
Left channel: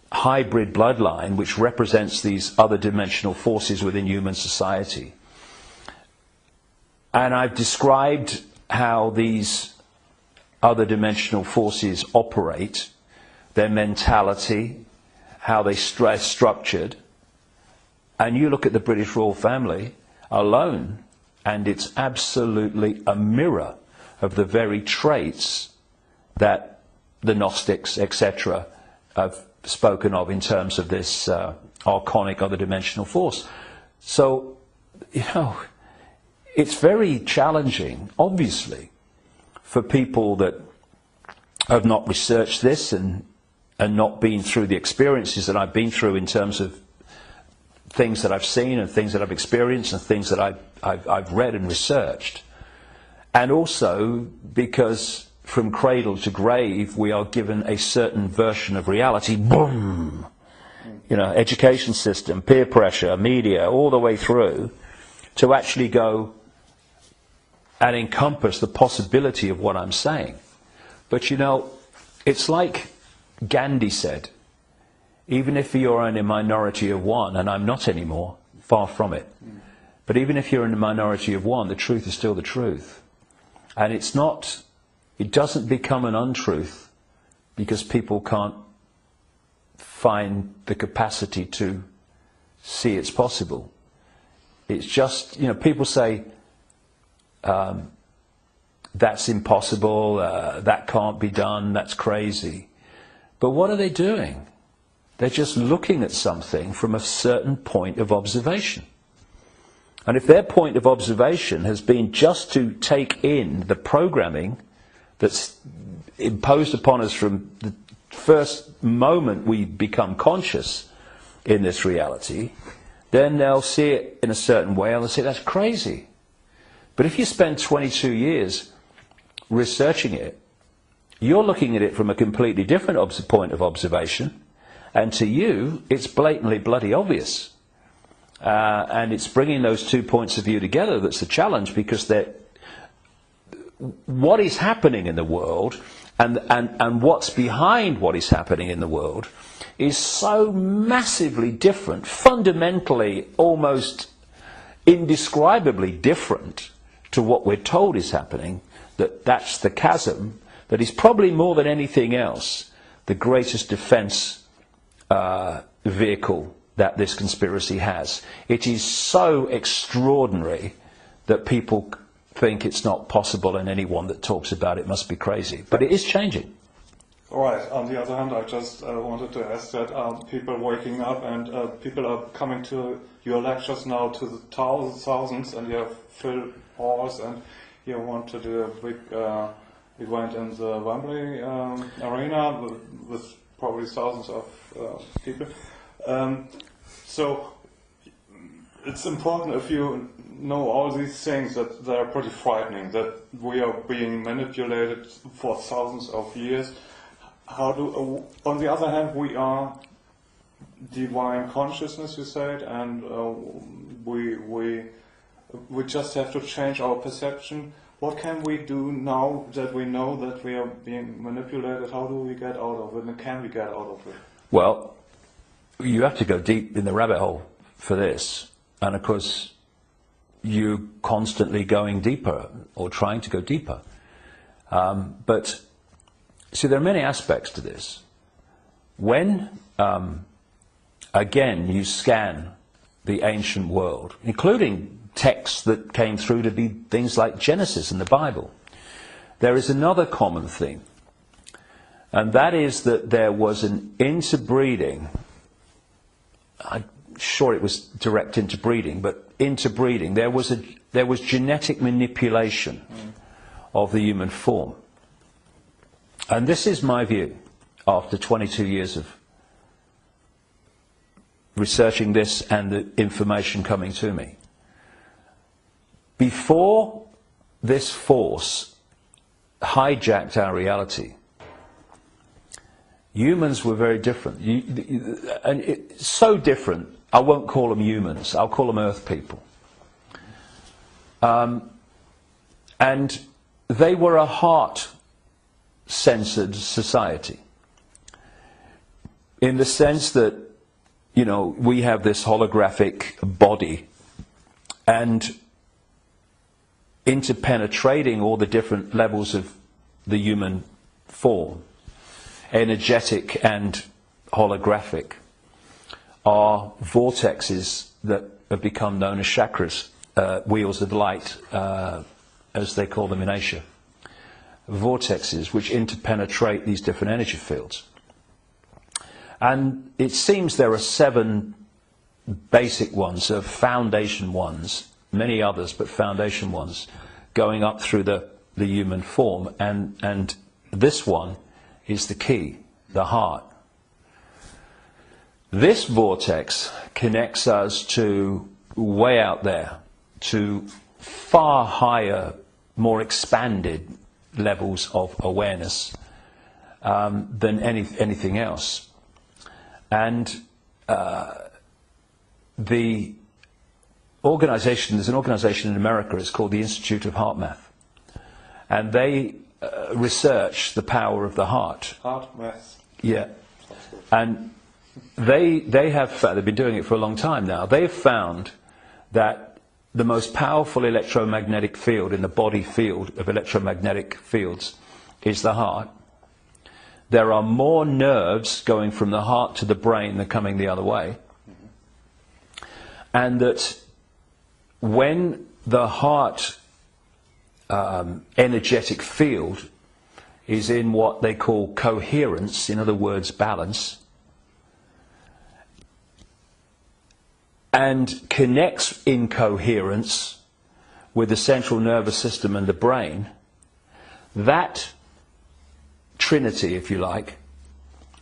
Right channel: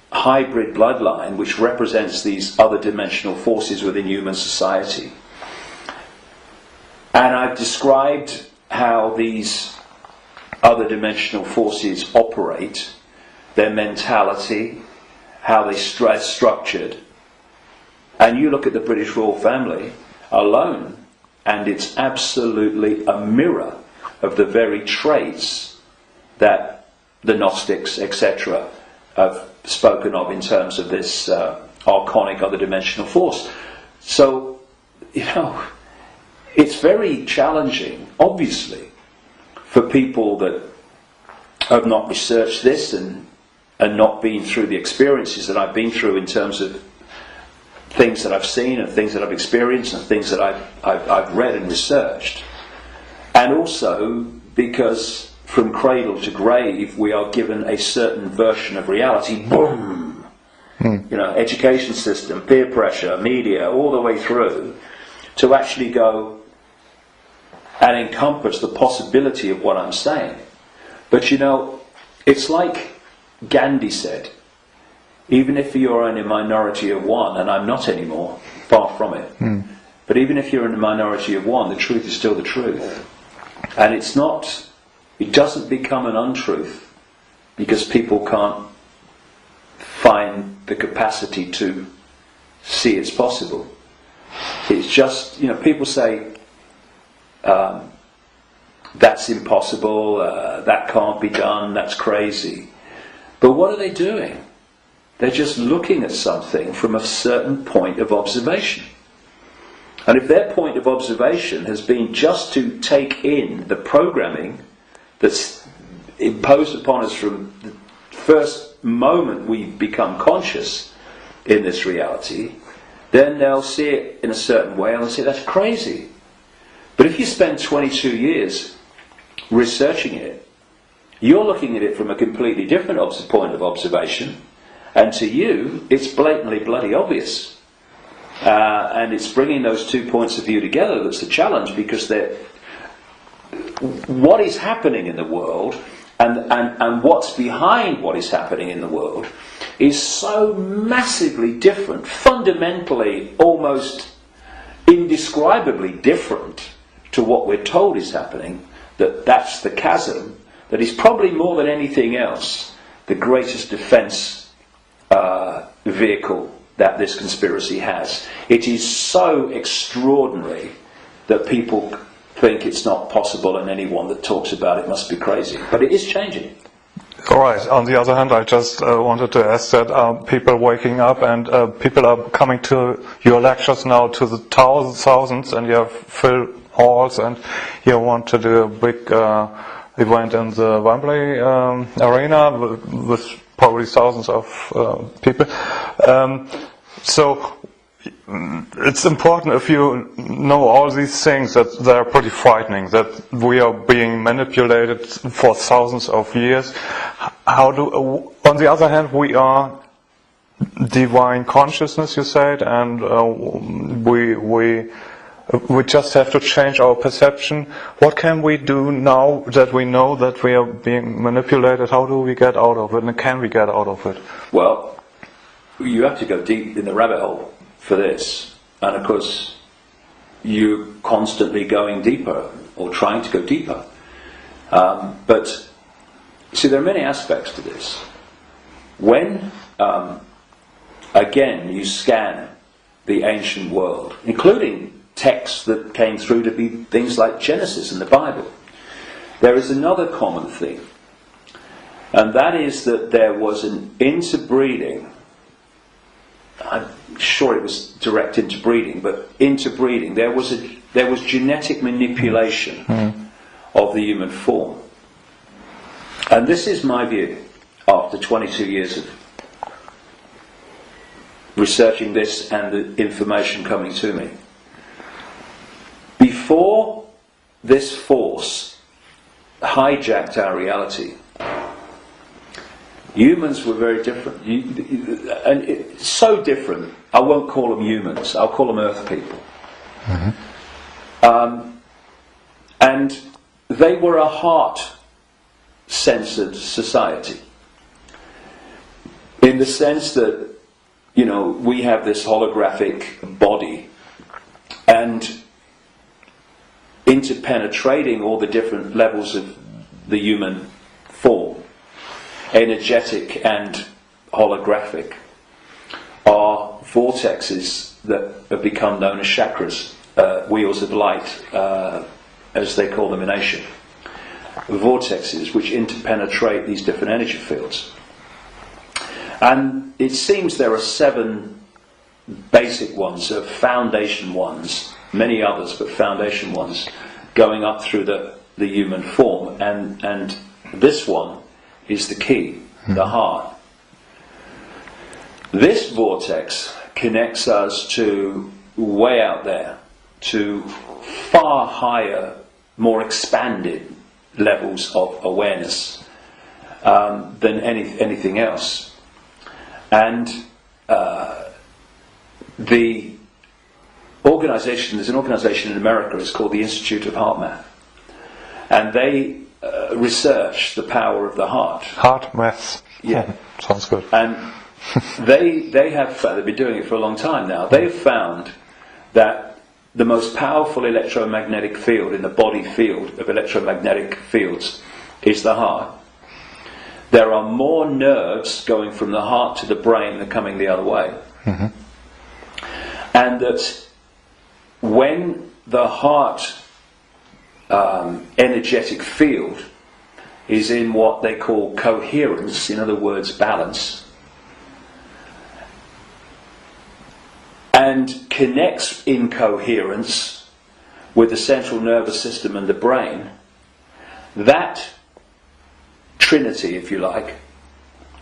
hybrid bloodline which represents these other dimensional forces within human society. And I've described how these other dimensional forces operate, their mentality, how they structured. And you look at the British royal family alone, and it's absolutely a mirror of the very traits that the Gnostics, etc., have spoken of in terms of this archonic other dimensional force. So, you know, it's very challenging, obviously, for people that have not researched this and not been through the experiences that I've been through in terms of things that I've seen and things that I've experienced and things that I've read and researched. And also because from cradle to grave we are given a certain version of reality. Boom! You know, education system, peer pressure, media, all the way through, to actually go and encompass the possibility of what I'm saying. But you know, it's like Gandhi said, even if you're in a minority of one, and I'm not anymore, far from it, but even if you're in a minority of one, the truth is still the truth. And it doesn't become an untruth because people can't find the capacity to see it's possible. It's just, you know, people say, that's impossible, that can't be done, that's crazy. But what are they doing? They're just looking at something from a certain point of observation. And if their point of observation has been just to take in the programming that's imposed upon us from the first moment we become conscious in this reality, then they'll see it in a certain way and they'll say that's crazy. But if you spend 22 years researching it, you're looking at it from a completely different point of observation, and to you it's blatantly bloody obvious. And it's bringing those two points of view together that's the challenge, because what is happening in the world and what's behind what is happening in the world is so massively different, fundamentally almost indescribably different to what we're told is happening, that's the chasm that is probably more than anything else the greatest defence vehicle that this conspiracy has. It is so extraordinary that people think it's not possible, and anyone that talks about it must be crazy. But it is changing. All right. On the other hand, I just wanted to ask that people waking up and people are coming to your lectures now to the thousands, and you have filled halls, and you want to do a big event in the Wembley arena with probably thousands of people. So it's important, if you know all these things, that they're pretty frightening, that we are being manipulated for thousands of years. On the other hand, we are divine consciousness, you said, and we just have to change our perception. What can we do now that we know that we are being manipulated? How do we get out of it, and can we get out of it? Well, you have to go deep in the rabbit hole for this, and of course you're constantly going deeper or trying to go deeper. But see, there are many aspects to this. When again you scan the ancient world, including texts that came through to be things like Genesis and the Bible, there is another common theme, and that is that there was an interbreeding. I'm sure it was direct interbreeding, but interbreeding. There was genetic manipulation of the human form, and this is my view after 22 years of researching this and the information coming to me. Before this force hijacked our reality, humans were very different, and it's so different. I won't call them humans, I'll call them earth people. And they were a heart-centered society, in the sense that, you know, we have this holographic body, and interpenetrating all the different levels of the human form, energetic and holographic, are vortexes that have become known as chakras, wheels of light, as they call them in Asia. Vortexes which interpenetrate these different energy fields. And it seems there are 7 basic ones, foundation ones, many others, but foundation ones, going up through the human form, and this one is the key, the heart. This vortex connects us to way out there, to far higher, more expanded levels of awareness than anything else. And the organization, there's an organization in America, it's called the Institute of Heart Math. And they research the power of the heart. Heart math. Yeah. Sounds good. And they have, they've been doing it for a long time now, they have found that the most powerful electromagnetic field in the body field of electromagnetic fields is the heart. There are more nerves going from the heart to the brain than coming the other way. Mm-hmm. And that when the heart energetic field is in what they call coherence, in other words, balance, and connects in coherence with the central nervous system and the brain, that trinity, if you like,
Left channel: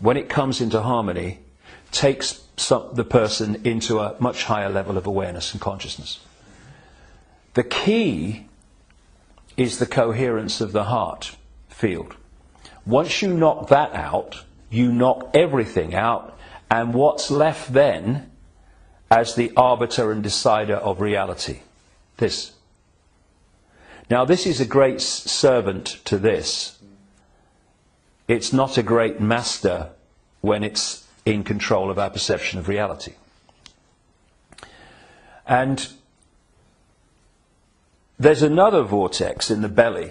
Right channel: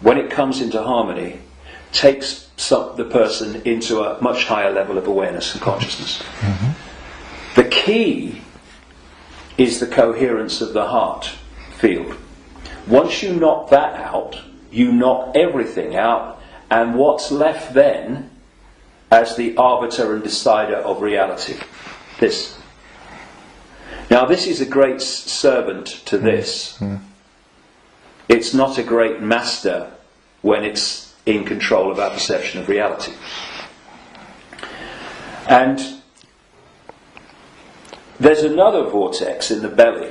when it comes into harmony, takes the person into a much higher level of awareness and consciousness. Mm-hmm. The key is the coherence of the heart field. Once you knock that out, you knock everything out, and what's left then as the arbiter and decider of reality? This. Now this is a great servant to this. Mm. It's not a great master when it's in control of our perception of reality. And there's another vortex in the belly,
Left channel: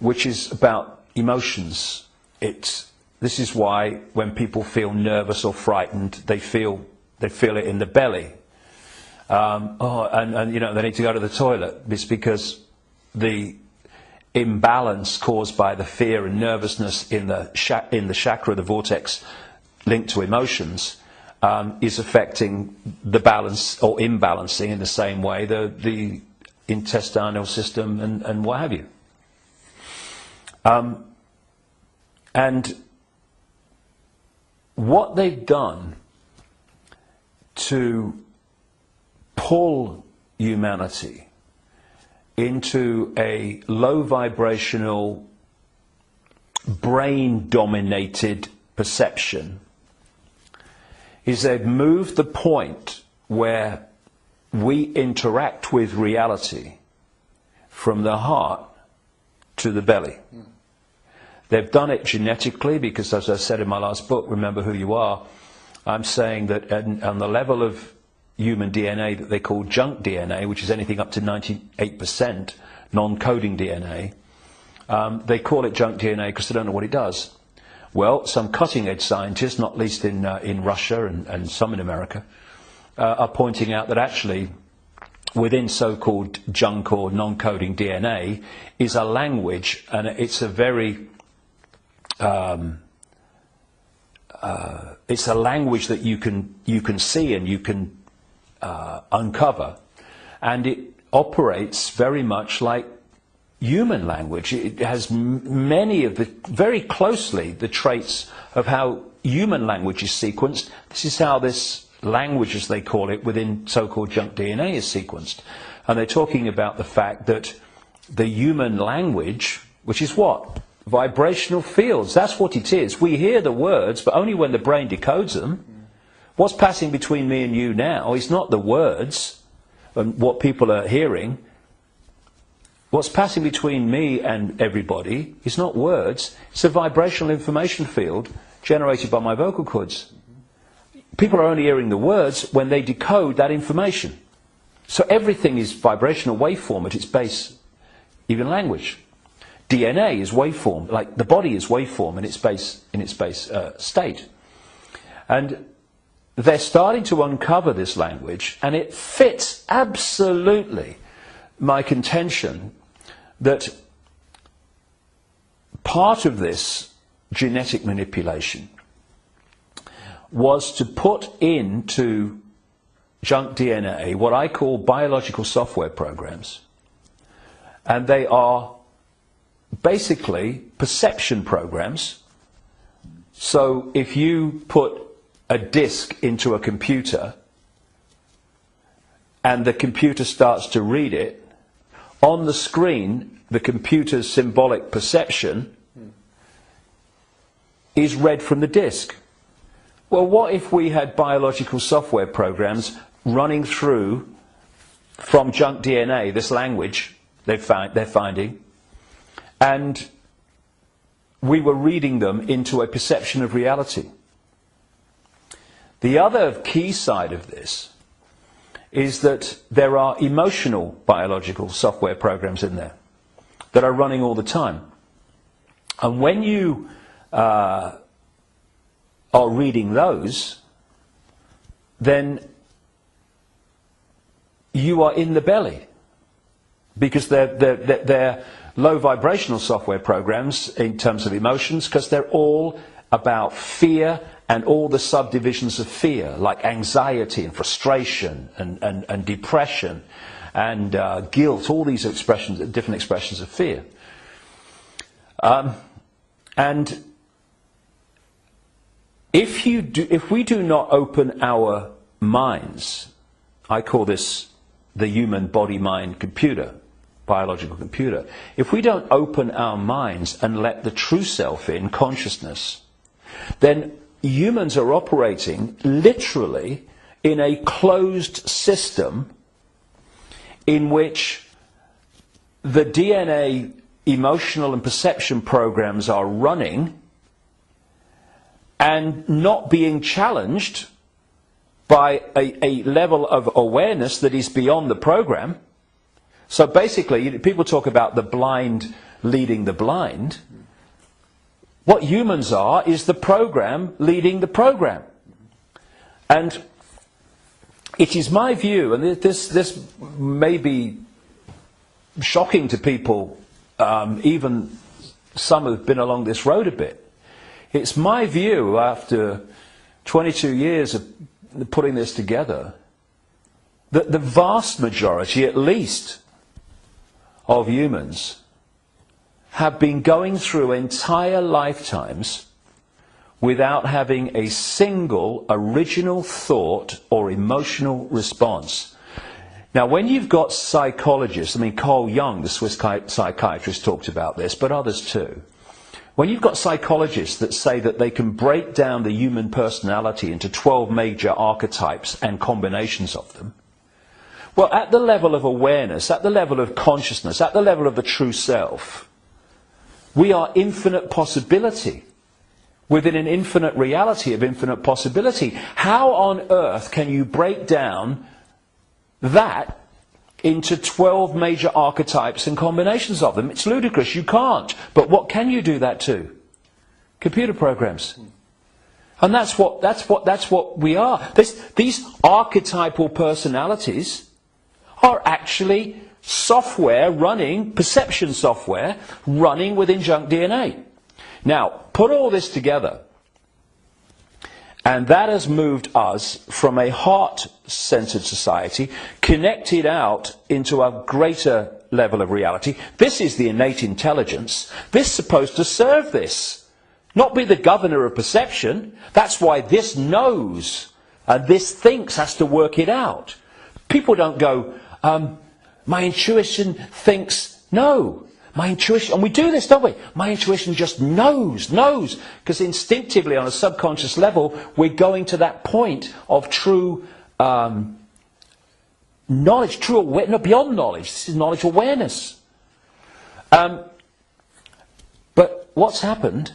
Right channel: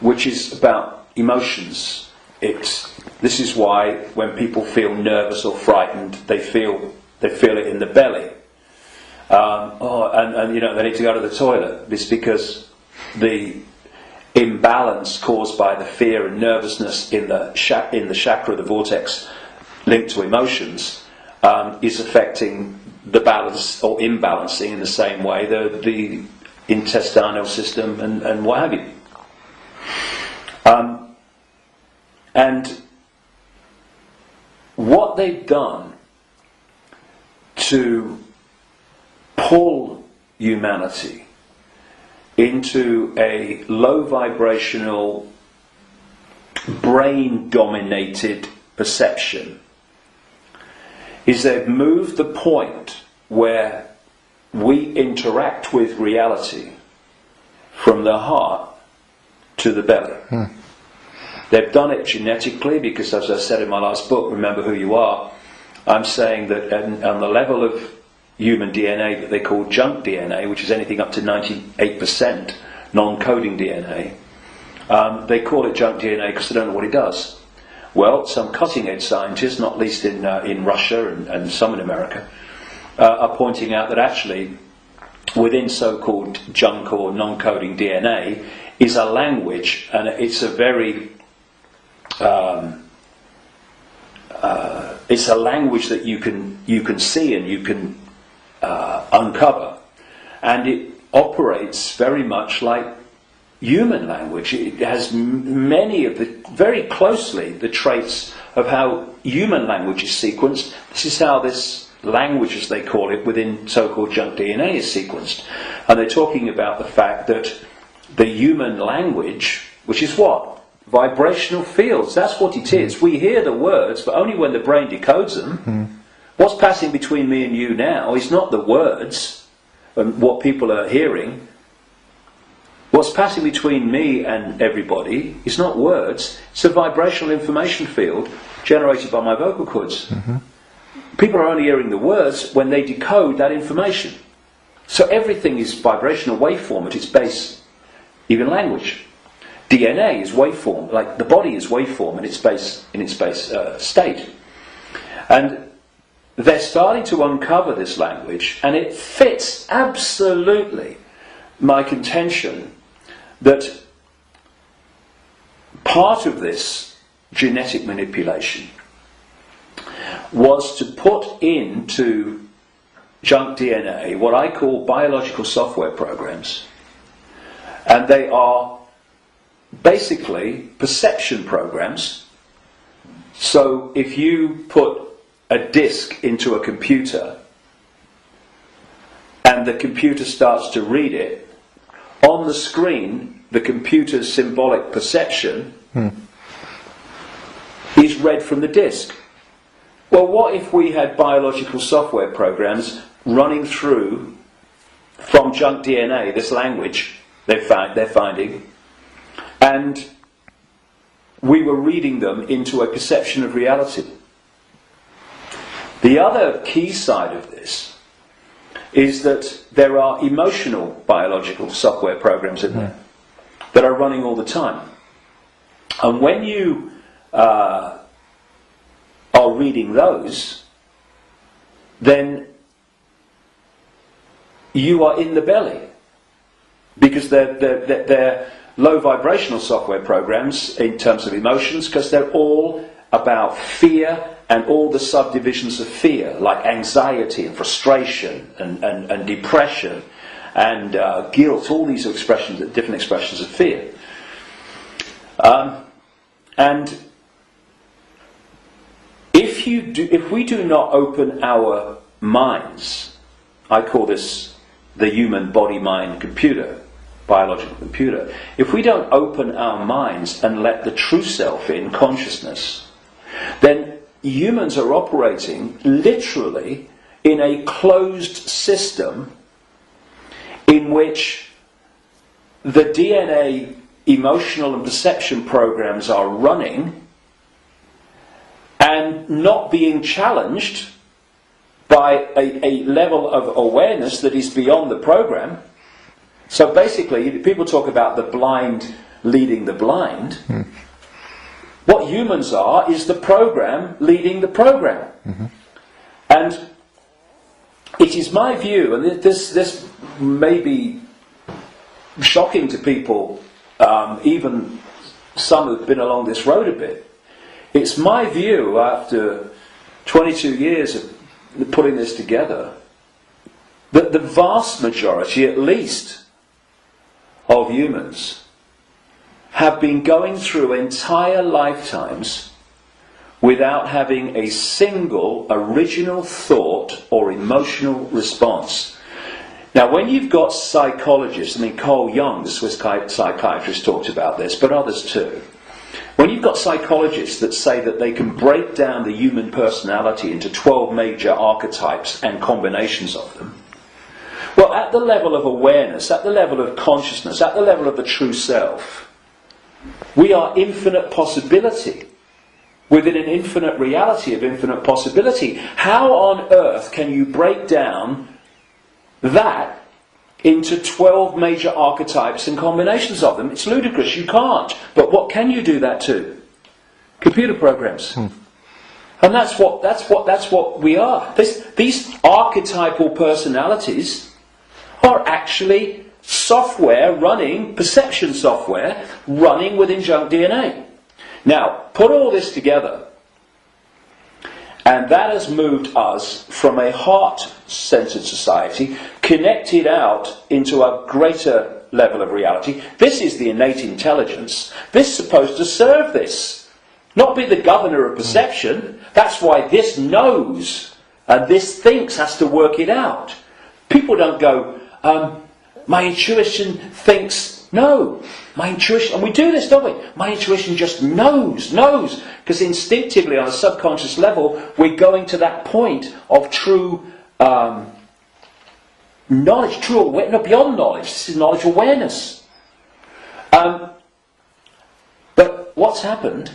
which is about emotions. This is why when people feel nervous or frightened, they feel it in the belly. And you know, they need to go to the toilet. It's because the imbalance caused by the fear and nervousness in the chakra, the vortex linked to emotions, is affecting the balance or imbalancing in the same way the intestinal system and what have you. And what they've done to pull humanity into a low vibrational, brain dominated perception is they've moved the point where we interact with reality from the heart to the belly. They've done it genetically because, as I said in my last book, Remember Who You Are, I'm saying that on the level of human DNA that they call junk DNA, which is anything up to 98% non-coding DNA, they call it junk DNA because they don't know what it does. Well, some cutting-edge scientists, not least in Russia and some in America, are pointing out that actually within so-called junk or non-coding DNA is a language, and it's a very it's a language that you can see and you can uncover, and it operates very much like human language. It has many of very closely the traits of how human language is sequenced. This is how this language, as they call it, within so-called junk DNA is sequenced. And they're talking about the fact that the human language, which is what? Vibrational fields, that's what it is. We hear the words, but only when the brain decodes them. What's passing between me and you now is not the words and what people are hearing. What's passing between me and everybody is not words, it's a vibrational information field generated by my vocal cords. Mm-hmm. People are only hearing the words when they decode that information. So everything is vibrational waveform at its base, even language. DNA is waveform, like the body is waveform in its base state. And they're starting to uncover this language, and it fits absolutely my contention that part of this genetic manipulation was to put into junk DNA, what I call biological software programs. And they are basically perception programs. So if you put a disk into a computer and the computer starts to read it, on the screen the computer's symbolic perception is read from the disk. Well, what if we had biological software programs running through from junk DNA, this language they're finding, and we were reading them into a perception of reality? The other key side of this is that there are emotional biological software programs in there that are running all the time. And when you are reading those, then you are in the belly, because they're low vibrational software programs in terms of emotions, because they're all about fear and all the subdivisions of fear, like anxiety and frustration and depression and guilt, all these expressions, different expressions of fear. And if we do not open our minds, I call this the human body-mind computer, biological computer. If we don't open our minds and let the true self in, consciousness, then humans are operating literally in a closed system in which the DNA emotional and perception programs are running and not being challenged by a level of awareness that is beyond the program. So basically, people talk about the blind leading the blind. What humans are is the program leading the program. And it is my view, and this may be shocking to people, even some who've been along this road a bit. It's my view, after 22 years of putting this together, that the vast majority, at least, of humans have been going through entire lifetimes without having a single original thought or emotional response. Now, when you've got psychologists, I mean, Carl Jung, the Swiss psychiatrist, talked about this, but others too. When you've got psychologists that say that they can break down the human personality into 12 major archetypes and combinations of them, well, at the level of awareness, at the level of consciousness, at the level of the true self, we are infinite possibility within an infinite reality of infinite possibility. How on earth can you break down that into 12 major archetypes and combinations of them? It's ludicrous, you can't. But what can you do that to? Computer programs. And that's what we are. These archetypal personalities are actually software running, perception software running within junk DNA. Now, put all this together, and that has moved us from a heart-centered society, connected out into a greater level of reality. This is the innate intelligence. This is supposed to serve this, not be the governor of perception. That's why this knows, and this thinks has to work it out. People don't go, my intuition thinks, no. My intuition, and we do this, don't we? My intuition just knows. Because instinctively, on a subconscious level, we're going to that point of true knowledge, true awareness, no, beyond knowledge. This is knowledge awareness. But what's happened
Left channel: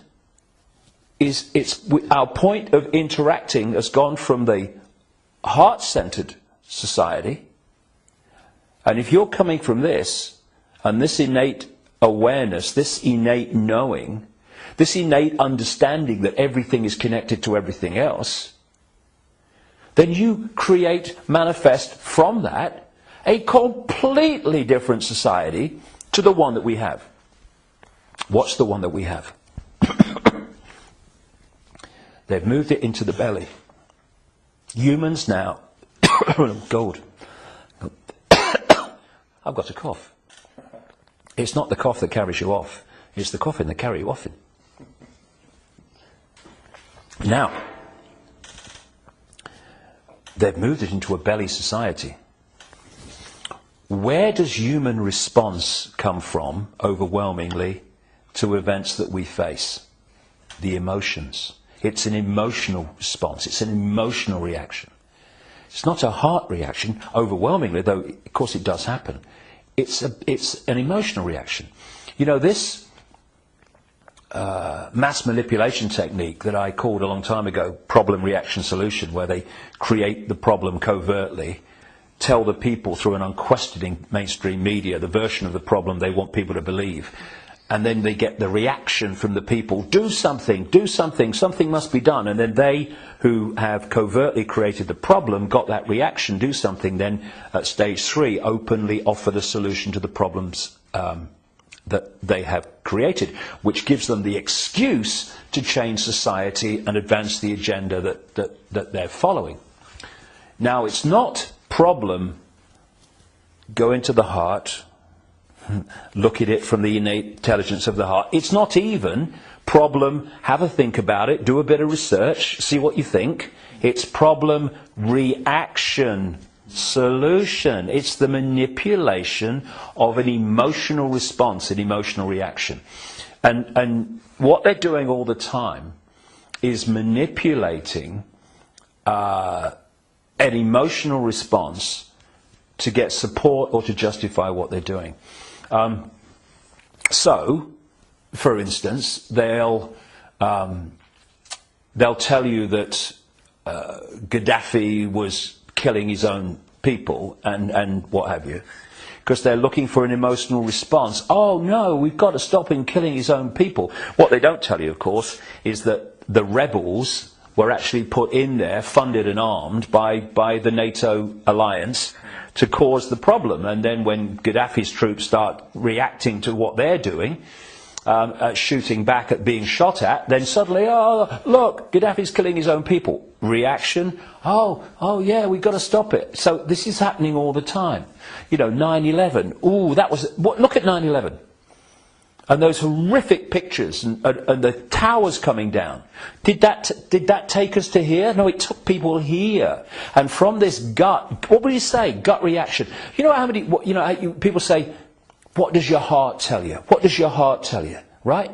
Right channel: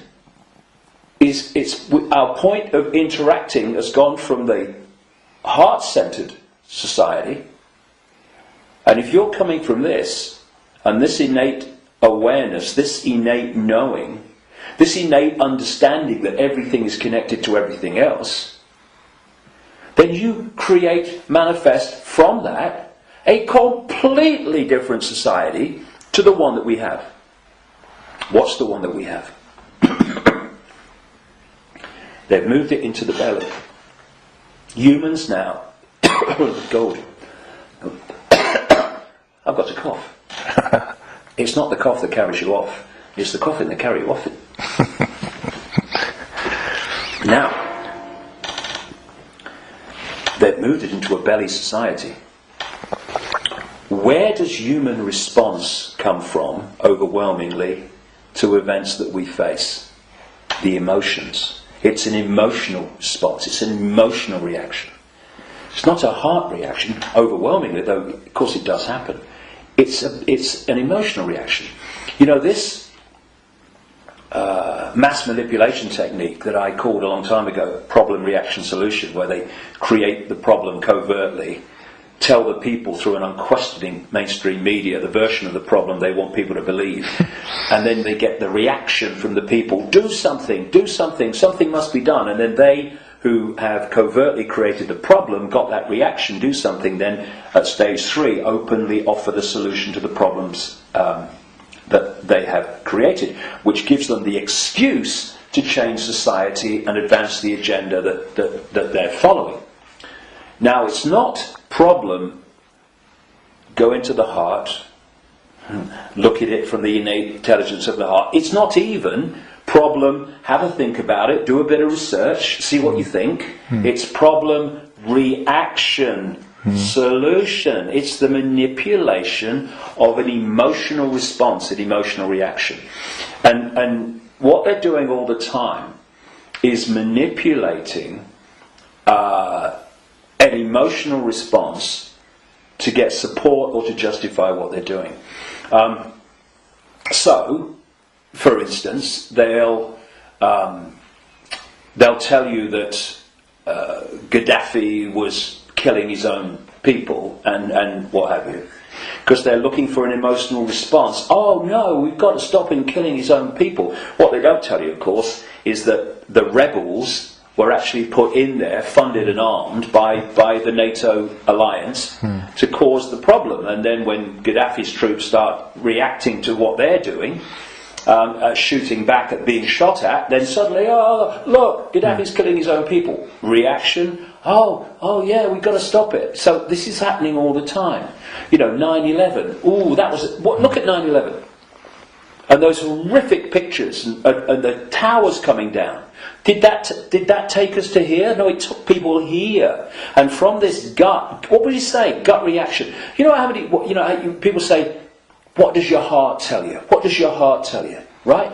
is our point of interacting has gone from the heart-centered society, and if you're coming from this, and this innate awareness, this innate knowing, this innate understanding that everything is connected to everything else, then you manifest from that a completely different society to the one that we have. What's the one that we have? They've moved it into the belly. Humans now Gold. I've got a cough. It's not the cough that carries you off, it's the coughing that carries you off it. Now, they've moved it into a belly society. Where does human response come from, overwhelmingly, to events that we face? The emotions. It's an emotional response. It's an emotional reaction. It's not a heart reaction, overwhelmingly, though of course it does happen. It's an emotional reaction. You know, this mass manipulation technique that I called a long time ago problem, reaction, solution, where they create the problem covertly, tell the people through an unquestioning mainstream media the version of the problem they want people to believe, and then they get the reaction from the people, do something, something must be done, and then they who have covertly created the problem got that reaction, do something, then at stage 3 openly offer the solution to the problems that they have created, which gives them the excuse to change society and advance the agenda that they're following. Now, it's not problem, go into the heart, look at it from the innate intelligence of the heart. It's not even problem, have a think about it, do a bit of research, see what you think. It's problem, reaction, solution. It's the manipulation of an emotional response, an emotional reaction. And what they're doing all the time is manipulating an emotional response to get support or to justify what they're doing. So, for instance, they'll tell you that Gaddafi was killing his own people and what have you, because they're looking for an emotional response. Oh no, we've got to stop him killing his own people. What they don't tell you, of course, is that the rebels were actually put in there, funded and armed by the NATO alliance to cause the problem. And then when Gaddafi's troops start reacting to what they're doing, shooting back at being shot at, then suddenly, oh, look, Gaddafi's killing his own people. Reaction, oh yeah, we've got to stop it. So this is happening all the time. You know, 9/11, ooh, that was, look at 9/11. And those horrific pictures and the towers coming down. Did that take us to here? No, it took people here. And from this gut, what would you say? Gut reaction. You know how many? People say, "What does your heart tell you? What does your heart tell you?" Right?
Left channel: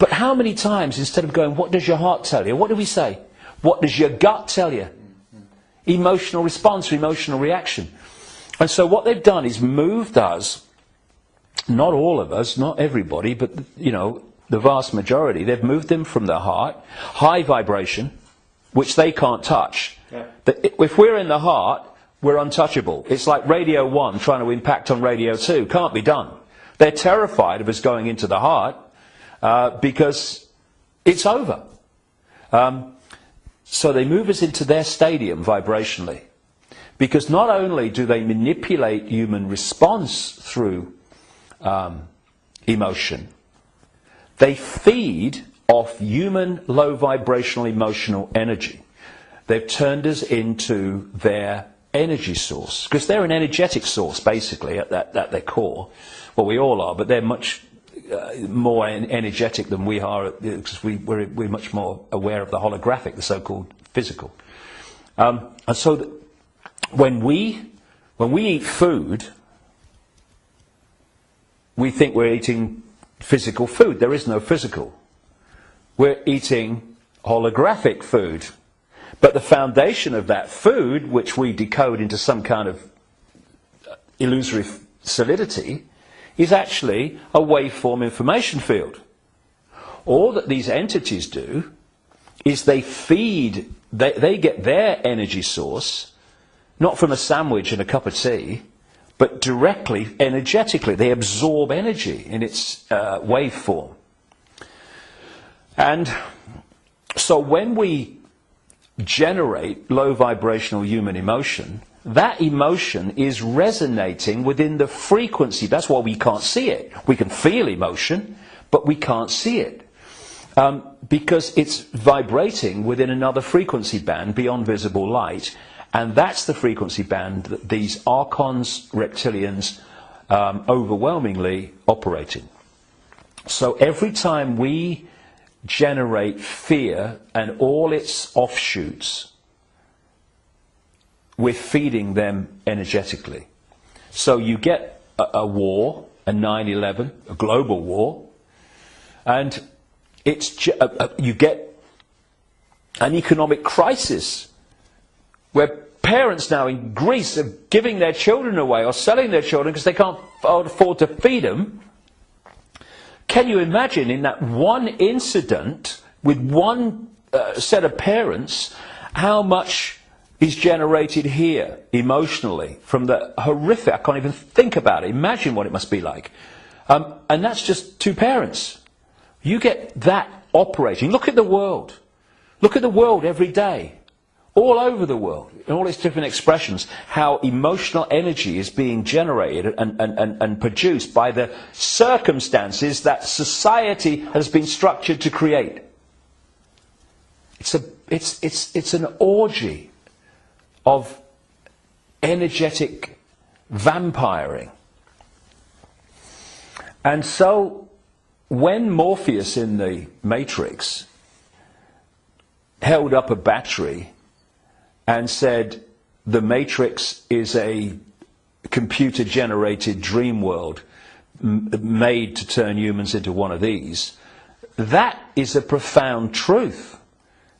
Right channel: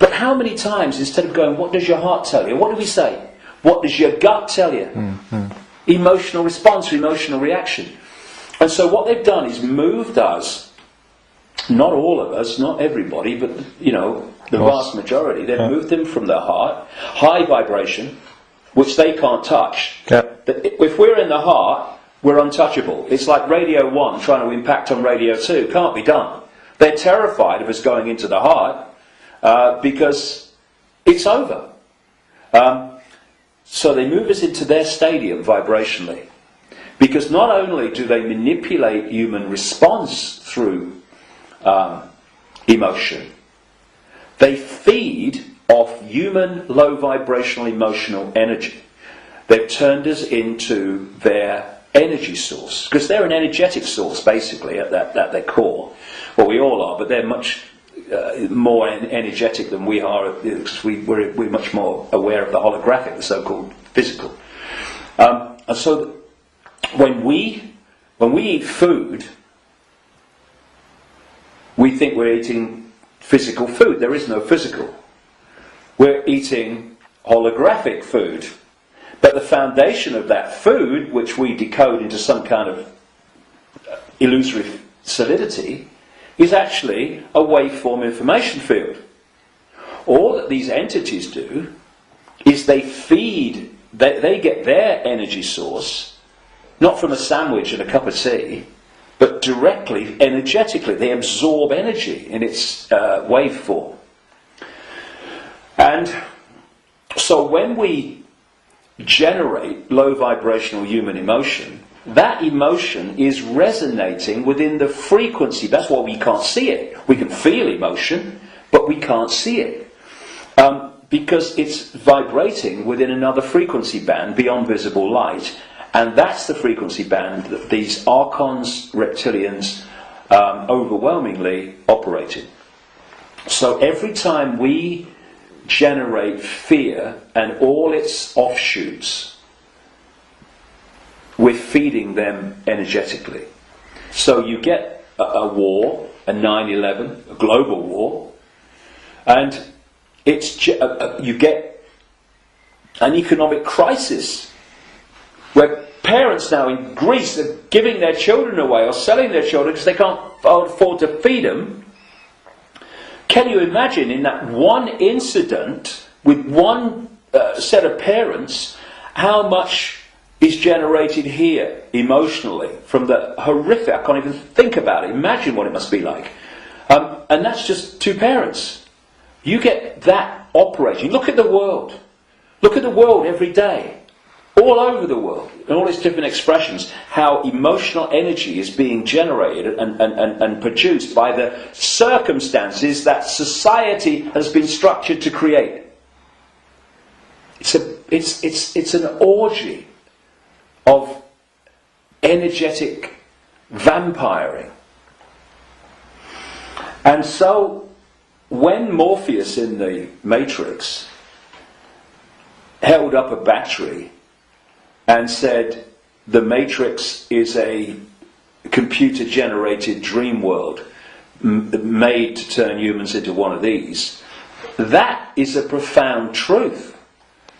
But how many times, instead of going, "What does your heart tell you?" what do we say? "What does your gut tell you?" Emotional response, emotional reaction. And so what they've done is moved us. Not all of us, not everybody, but the vast majority. They've moved them from the heart, high vibration, which they can't touch. Yeah. If we're in the heart, we're untouchable. It's like Radio 1 trying to impact on Radio 2. Can't be done. They're terrified of us going into the heart because it's over. So they move us into their stadium vibrationally. Because not only do they manipulate human response through emotion, they feed off human low vibrational emotional energy. They've turned us into their energy source, because they're an energetic source basically at their core. Well, we all are, but they're much more energetic than we are, because we're much more aware of the holographic, the so-called physical. And so when we eat food, we think we're eating physical food. There is no physical. We're eating holographic food. But the foundation of that food, which we decode into some kind of illusory solidity, is actually a waveform information field. All that these entities do is they feed, they get their energy source, not from a sandwich and a cup of tea, but directly, energetically. They absorb energy in its waveform. And so when we generate low vibrational human emotion, that emotion is resonating within the frequency. That's why we can't see it. We can feel emotion, but we can't see it. Because it's vibrating within another frequency band beyond visible light, And that's the frequency band that these archons, reptilians, overwhelmingly operate in. So every time we generate fear and all its offshoots, we're feeding them energetically. So you get a war, a 9/11, a global war, and you get an economic crisis where parents now in Greece are giving their children away or selling their children because they can't afford to feed them. Can you imagine in that one incident with one set of parents how much is generated here emotionally from the horrific? I can't even think about it. Imagine what it must be like. And that's just two parents. You get that operating. Look at the world. Look at the world every day. All over the world, in all its different expressions, how emotional energy is being generated and produced by the circumstances that society has been structured to create. It's an orgy of energetic vampiring. And so, when Morpheus in the Matrix held up a battery and said the Matrix is a computer-generated dream world made to turn humans into one of these, that is a profound truth,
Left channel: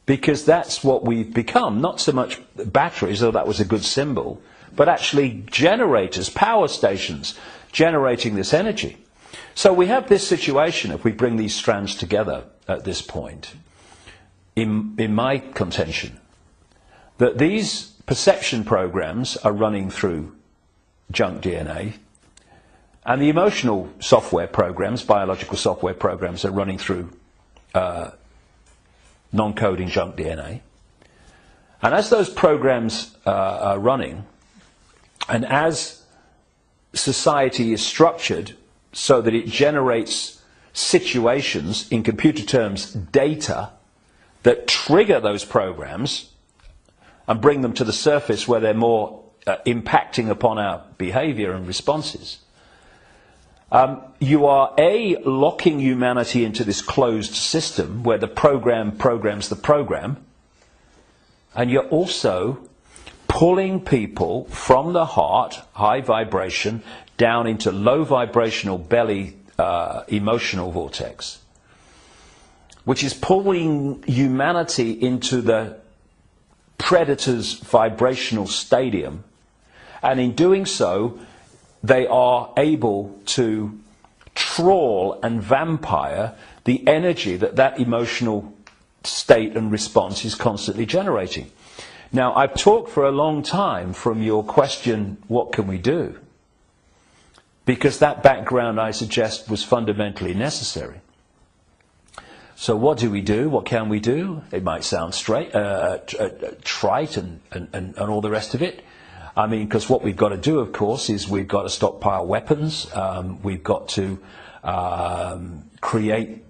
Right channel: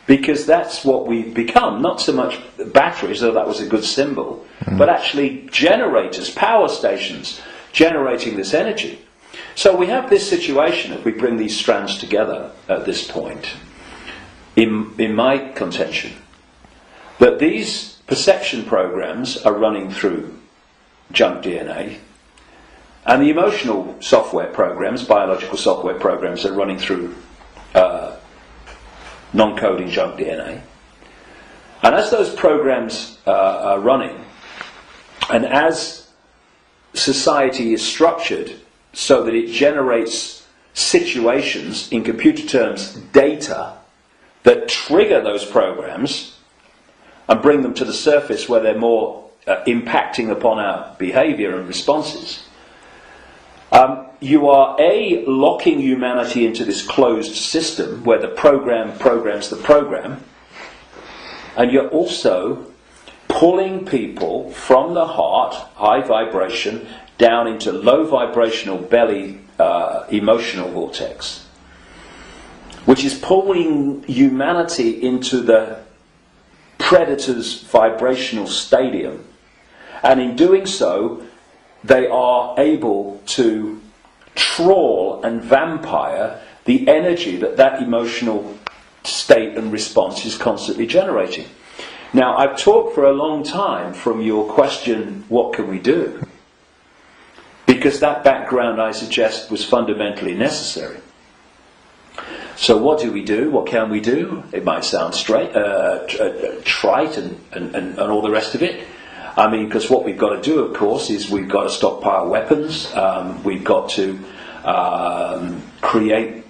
because that's what we've become. Not so much batteries, though that was a good symbol, but actually generators, power stations, generating this energy. So we have this situation, if we bring these strands together at this point, in my contention, that these perception programs are running through junk DNA, and the emotional software programs, biological software programs, are running through non-coding junk DNA. And as those programs are running, and as society is structured so that it generates situations, in computer terms, data, that trigger those programs and bring them to the surface where they're more impacting upon our behaviour and responses, you are locking humanity into this closed system where the program programs the program, and you're also pulling people from the heart, high vibration, down into low vibrational belly emotional vortex, which is pulling humanity into the predator's vibrational stadium, and in doing so they are able to trawl and vampire the energy that emotional state and response is constantly generating. Now, I've talked for a long time from your question, what can we do? Because that background, I suggest, was fundamentally necessary. So what do we do? What can we do? It might sound trite and all the rest of it. I mean, because what we've got to do, of course, is we've got to stockpile weapons. We've got to create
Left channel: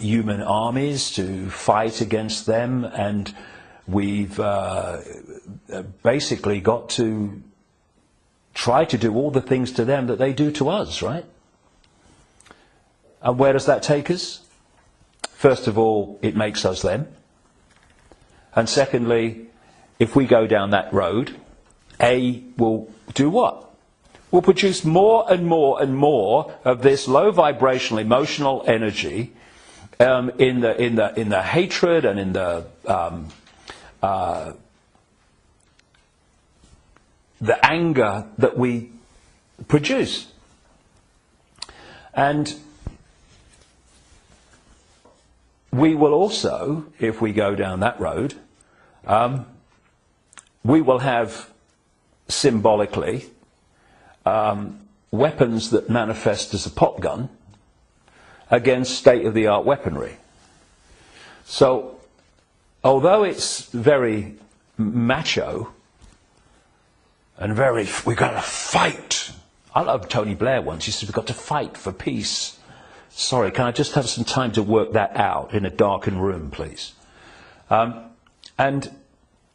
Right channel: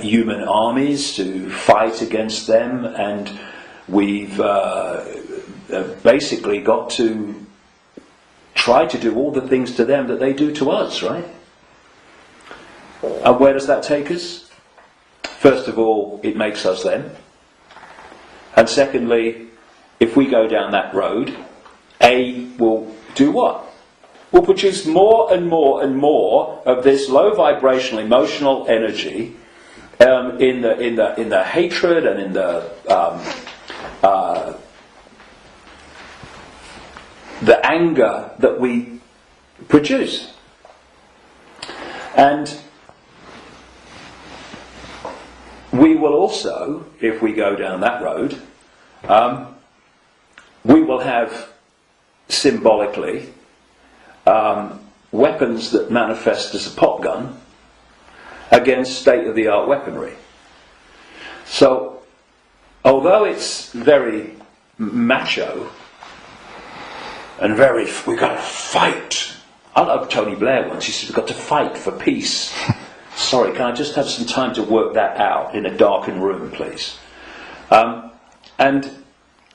human armies to fight against them, and we've basically got to try to do all the things to them that they do to us, right? And where does that take us? First of all, it makes us them. And secondly, if we go down that road, will do what? Will produce more and more and more of this low vibrational emotional energy in the hatred and in the anger that we produce. And we will also, if we go down that road, we will have symbolically weapons that manifest as a pop gun against state-of-the-art weaponry. So, although it's very macho and very, we've got to fight. I love Tony Blair once, he said, we've got to fight for peace. Sorry, can I just have some time to work that out in a darkened room, please? And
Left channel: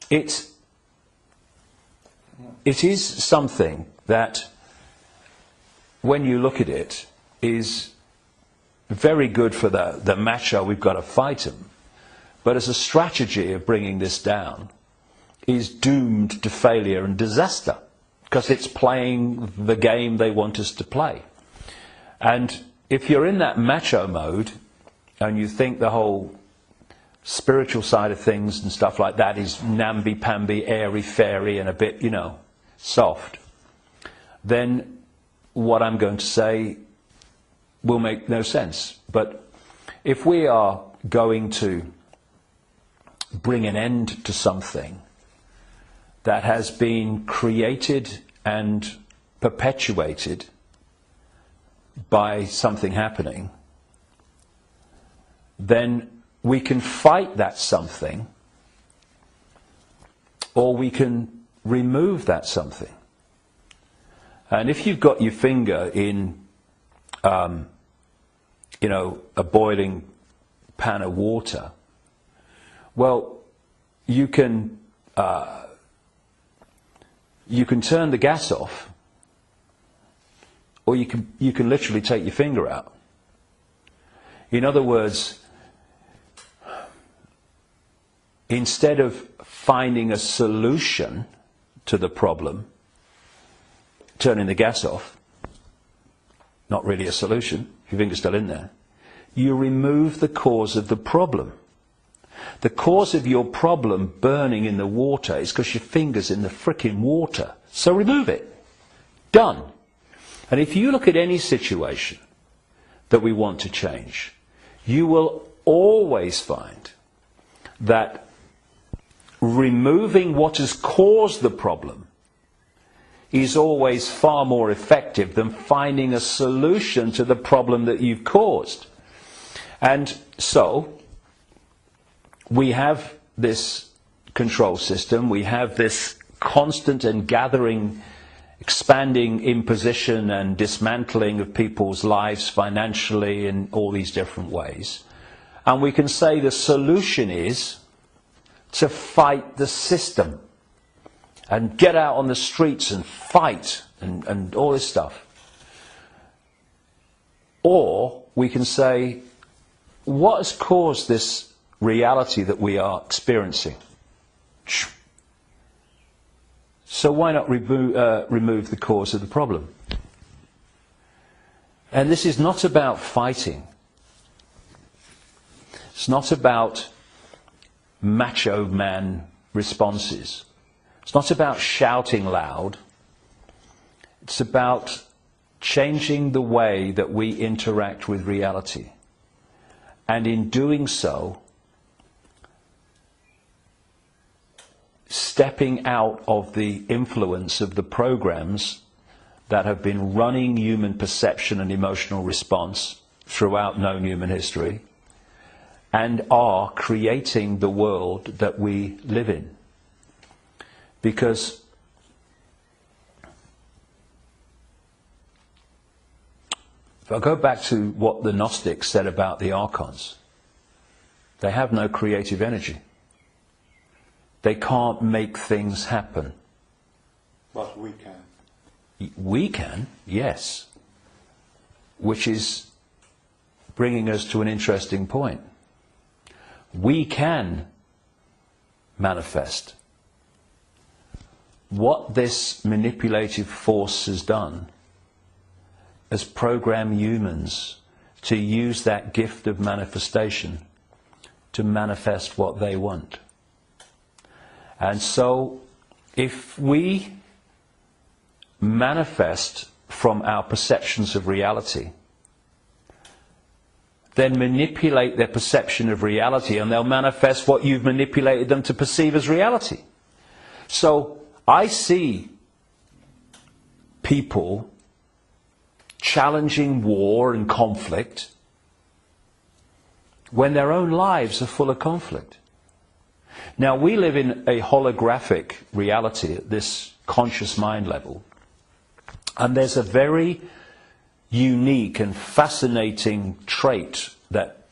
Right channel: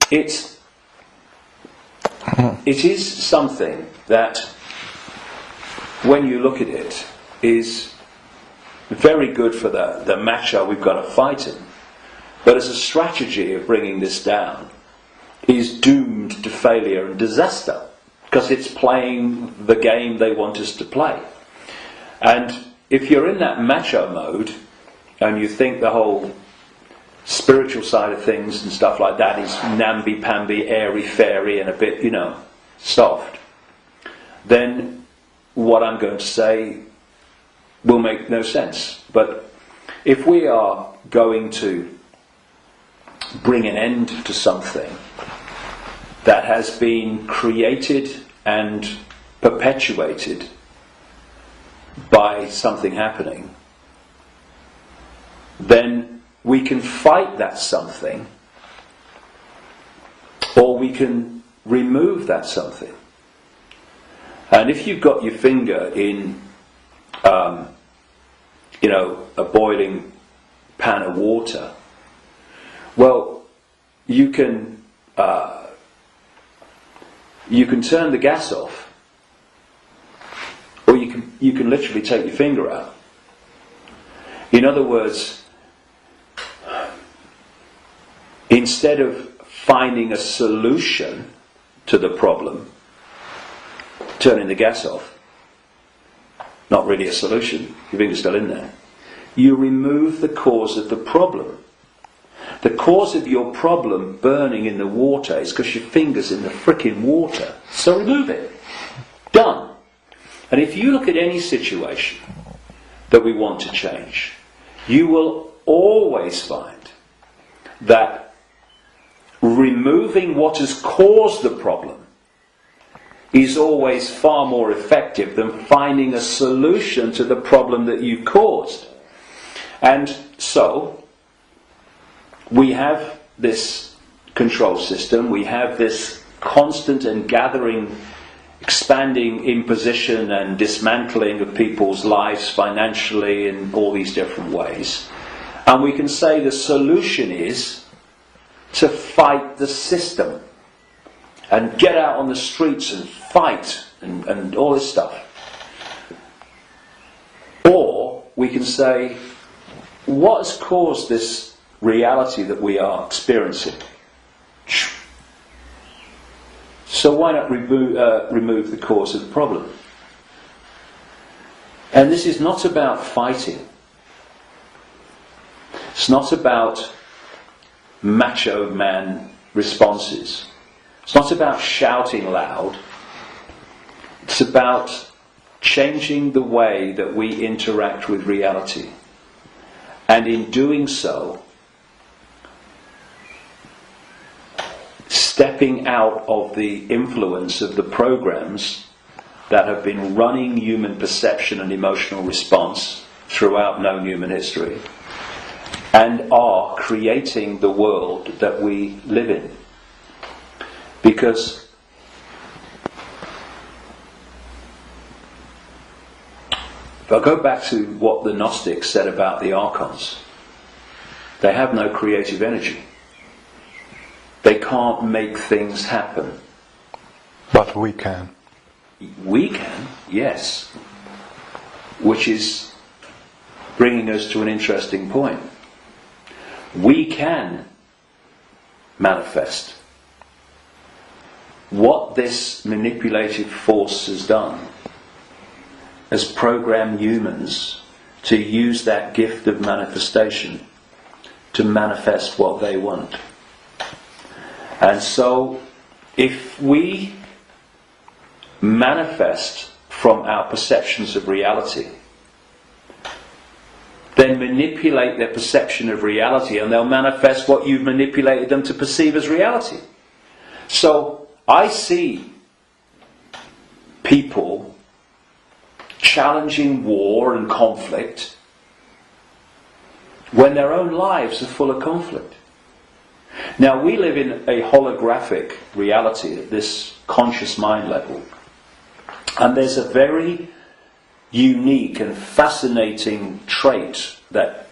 it's it is something that, when you look at it, is very good for the macho we've got to fight him. But as a strategy of bringing this down, is doomed to failure and disaster, because it's playing the game they want us to play. And if you're in that macho mode, and you think the whole spiritual side of things and stuff like that is namby-pamby, airy-fairy, and a bit, soft, then what I'm going to say will make no sense. But if we are going to bring an end to something that has been created and perpetuated by something happening, then we can fight that something, or we can remove that something. And if you've got your finger in, a boiling pan of water, well, you can turn the gas off, or you can literally take your finger out. In other words, instead of finding a solution to the problem, turning the gas off, not really a solution, your finger's still in there, you remove the cause of the problem. The cause of your problem burning in the water is because your finger's in the frickin' water. So remove it. Done. And if you look at any situation that we want to change, you will always find that removing what has caused the problem is always far more effective than finding a solution to the problem that you've caused. And so, we have this control system, we have this constant and gathering, expanding imposition and dismantling of people's lives financially in all these different ways. And we can say the solution is to fight the system and get out on the streets and fight and all this stuff. Or we can say, what has caused this reality that we are experiencing? So why not remove the cause of the problem? And this is not about fighting. It's not about macho man responses. It's not about shouting loud. It's about changing the way that we interact with reality. And in doing so, stepping out of the influence of the programs that have been running human perception and emotional response throughout known human history, and are creating the world that we live in. Because if I go back to what the Gnostics said about the archons, they have no creative energy. They can't make things happen. But we can. We can, yes. Which is bringing us to an interesting point. We can manifest. What this manipulative force has done has programmed humans to use that gift of manifestation to manifest what they want. And so, if we manifest from our perceptions of reality, then manipulate their perception of reality, and they'll manifest what you've manipulated them to perceive as reality. So, I see people challenging war and conflict when their own lives are full of conflict. Now, we live in a holographic reality at this conscious mind level, and there's a very unique and fascinating trait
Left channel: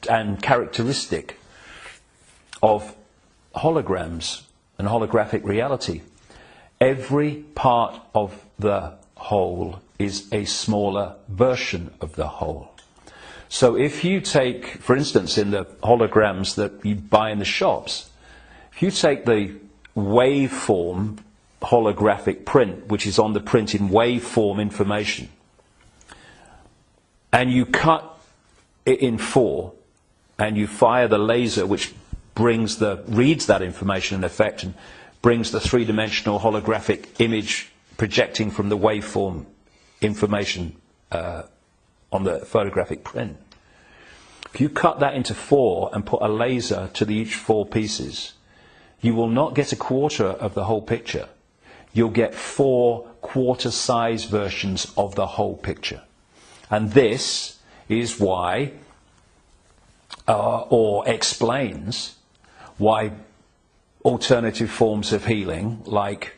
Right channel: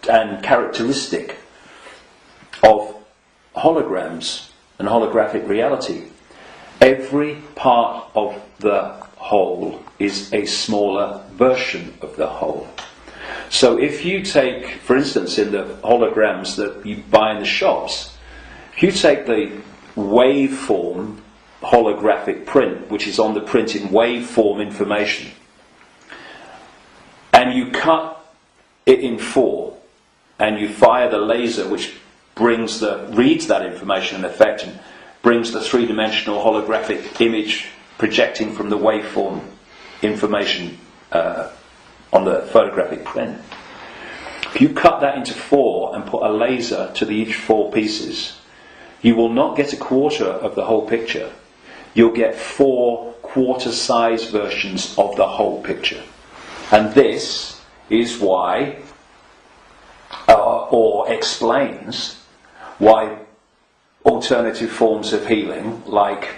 and characteristic of holograms and holographic reality, Every part of the whole is a smaller version of the whole. So if you take, for instance, in the holograms that you buy in the shops, if you take the waveform holographic print, which is on the print in waveform information, and you cut it in 4, and you fire the laser which reads that information in effect and brings the three-dimensional holographic image projecting from the waveform information on the photographic print. If you cut that into 4 and put a laser to each 4 pieces, you will not get a quarter of the whole picture. You'll get 4 quarter-size versions of the whole picture. And this is why, or explains why alternative forms of healing, like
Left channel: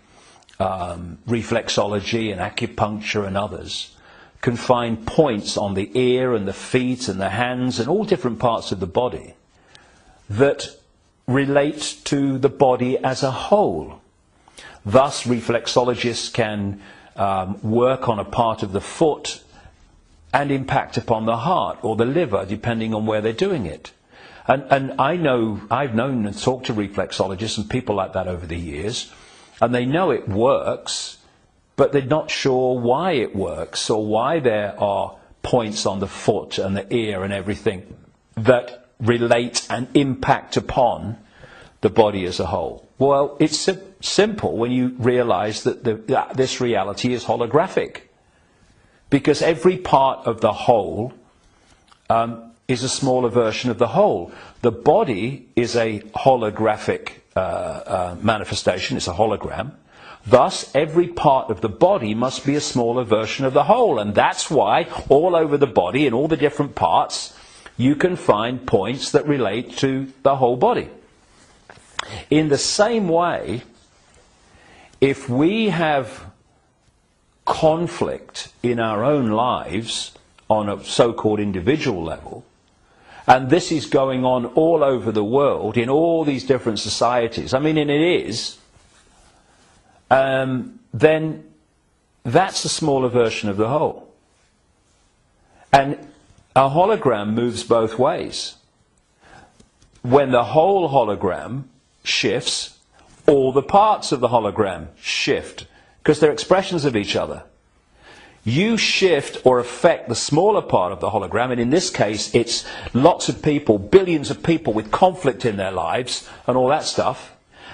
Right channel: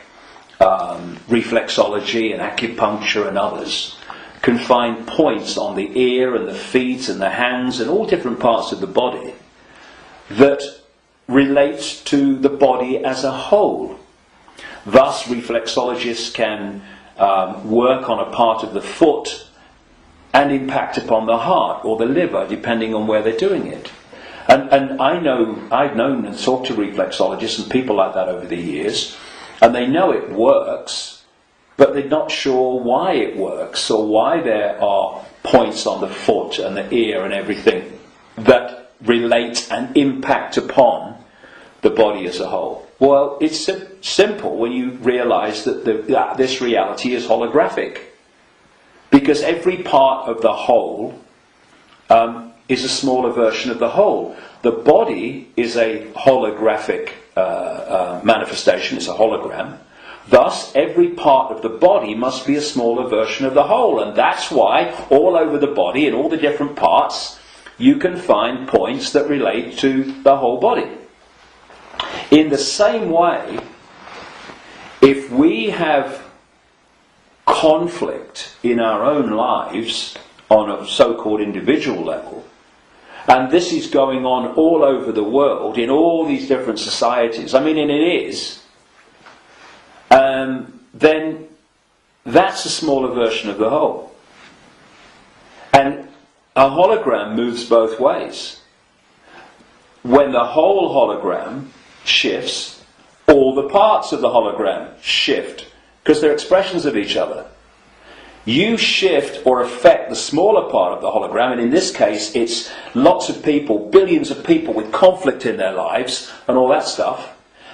reflexology and acupuncture and others, can find points on the ear and the feet and the hands and all different parts of the body that relate to the body as a whole. Thus, reflexologists can work on a part of the foot and impact upon the heart or the liver, depending on where they're doing it. And I've known and talked to reflexologists and people like that over the years, and they know it works, but they're not sure why it works or why there are points on the foot and the ear and everything that relate and impact upon the body as a whole. Well, it's simple when you realise that this reality is holographic, because every part of the whole is a smaller version of the whole. The body is a holographic manifestation, it's a hologram. Thus, every part of the body must be a smaller version of the whole. And that's why all over the body, in all the different parts, you can find points that relate to the whole body. In the same way, if we have conflict in our own lives on a so-called individual level, and this is going on all over the world in all these different societies, and it is, then that's a smaller version of the whole. And a hologram moves both ways. When the whole hologram shifts, all the parts of the hologram shift, because they're expressions of each other. You shift or affect the smaller part of the hologram, and in this case it's lots of people, billions of people with conflict in their lives and all that stuff,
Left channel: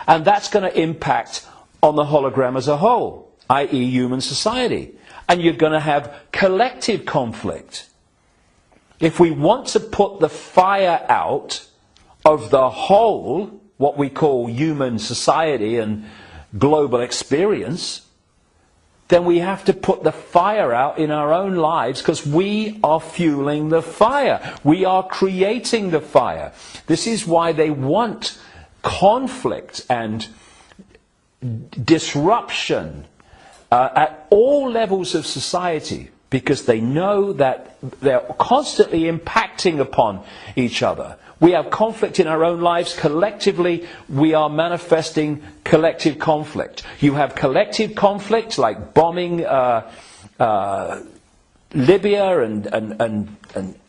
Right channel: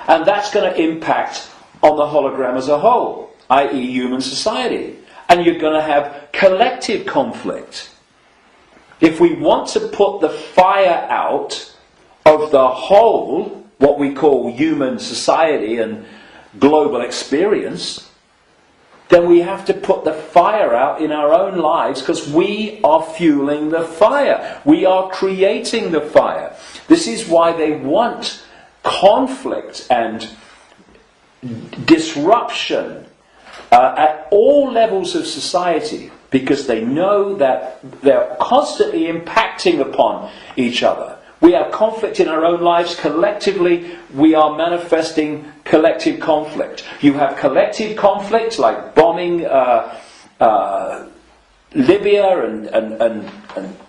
and that's going to impact on the hologram as a whole, i.e. human society. And you're going to have collective conflict. If we want to put the fire out of the whole, what we call human society and global experience, then we have to put the fire out in our own lives, because we are fueling the fire. We are creating the fire. This is why they want conflict and disruption at all levels of society, because they know that they're constantly impacting upon each other. We have conflict in our own lives. Collectively, we are manifesting collective conflict. You have collective conflict like bombing Libya and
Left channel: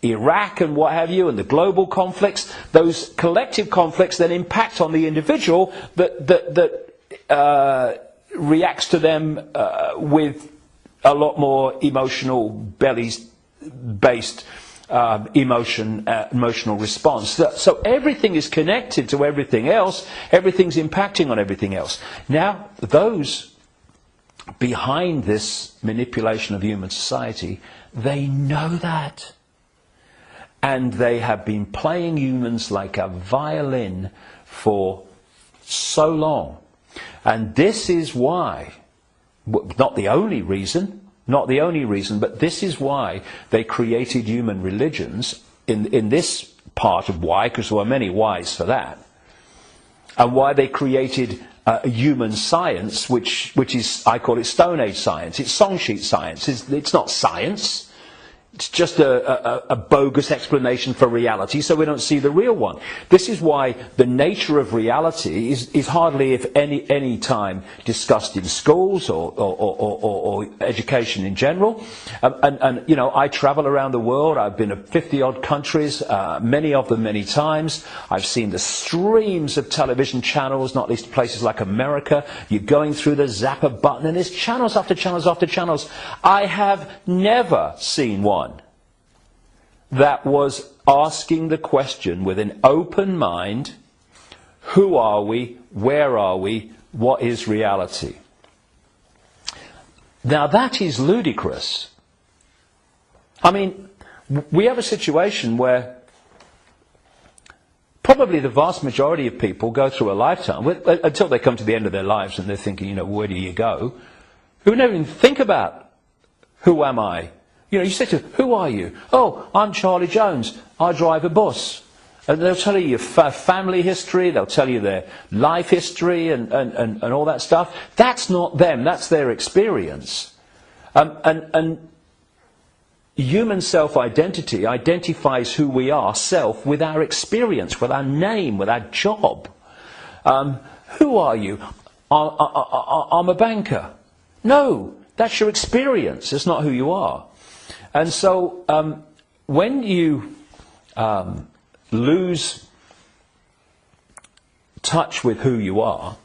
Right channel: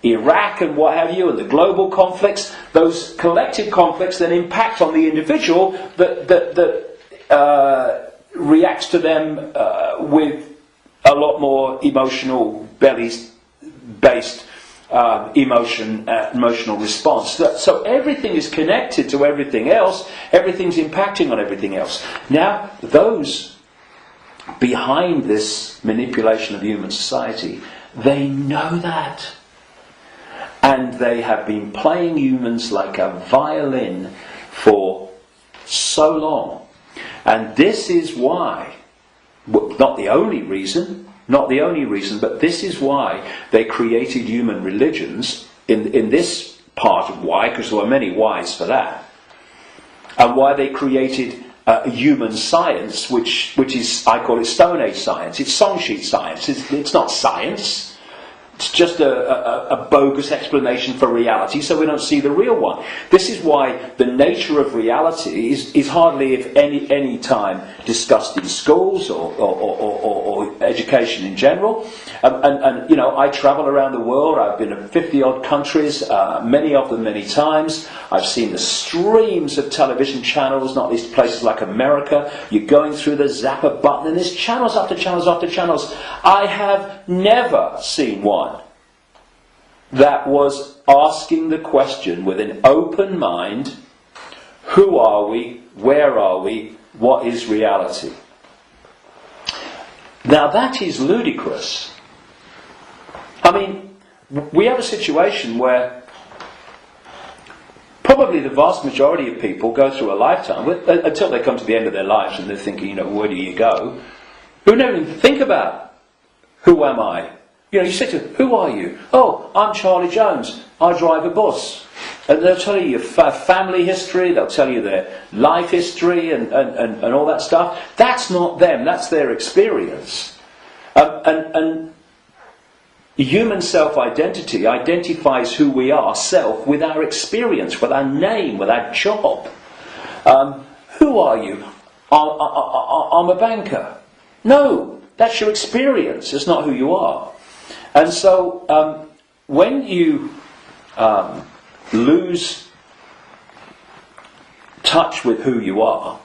Iraq and what have you, and the global conflicts. Those collective conflicts then impact on the individual that reacts to them with a lot more emotional, based emotional response. So everything is connected to everything else. Everything's impacting on everything else. Now, those behind this manipulation of human society, they know that. And they have been playing humans like a violin for so long. And this is why, not the only reason, but this is why they created human religions in this part of why, because there were many whys for that, and why they created human science, which is, I call it Stone Age science. It's song sheet science. It's not science. it's just a bogus explanation for reality, so we don't see the real one. This is why the nature of reality is hardly, if any time, discussed in schools or education in general. And you know, I travel around the world. I've been to 50-odd countries, many of them many times. I've seen the streams of television channels, not least places like America. You're going through the zapper button, and there's channels after channels after channels. I have never seen one that was asking the question with an open mind: who are we? Where are we? What is reality? Now that is ludicrous. I mean, we have a situation where probably the vast majority of people go through a lifetime, until they come to the end of their lives and they're thinking, you know, where do you go? Who don't even think about, who am I? You know, you say to them, who are you? Oh, I'm Charlie Jones. I drive a bus. And they'll tell you your family history, they'll tell you their life history and all that stuff. That's not them, that's their experience. And human self-identity identifies who we are, self, with our experience, with our name, with our job. Who are you? I'm a banker. No, that's your experience, it's not who you are. And so when you lose touch with who you are,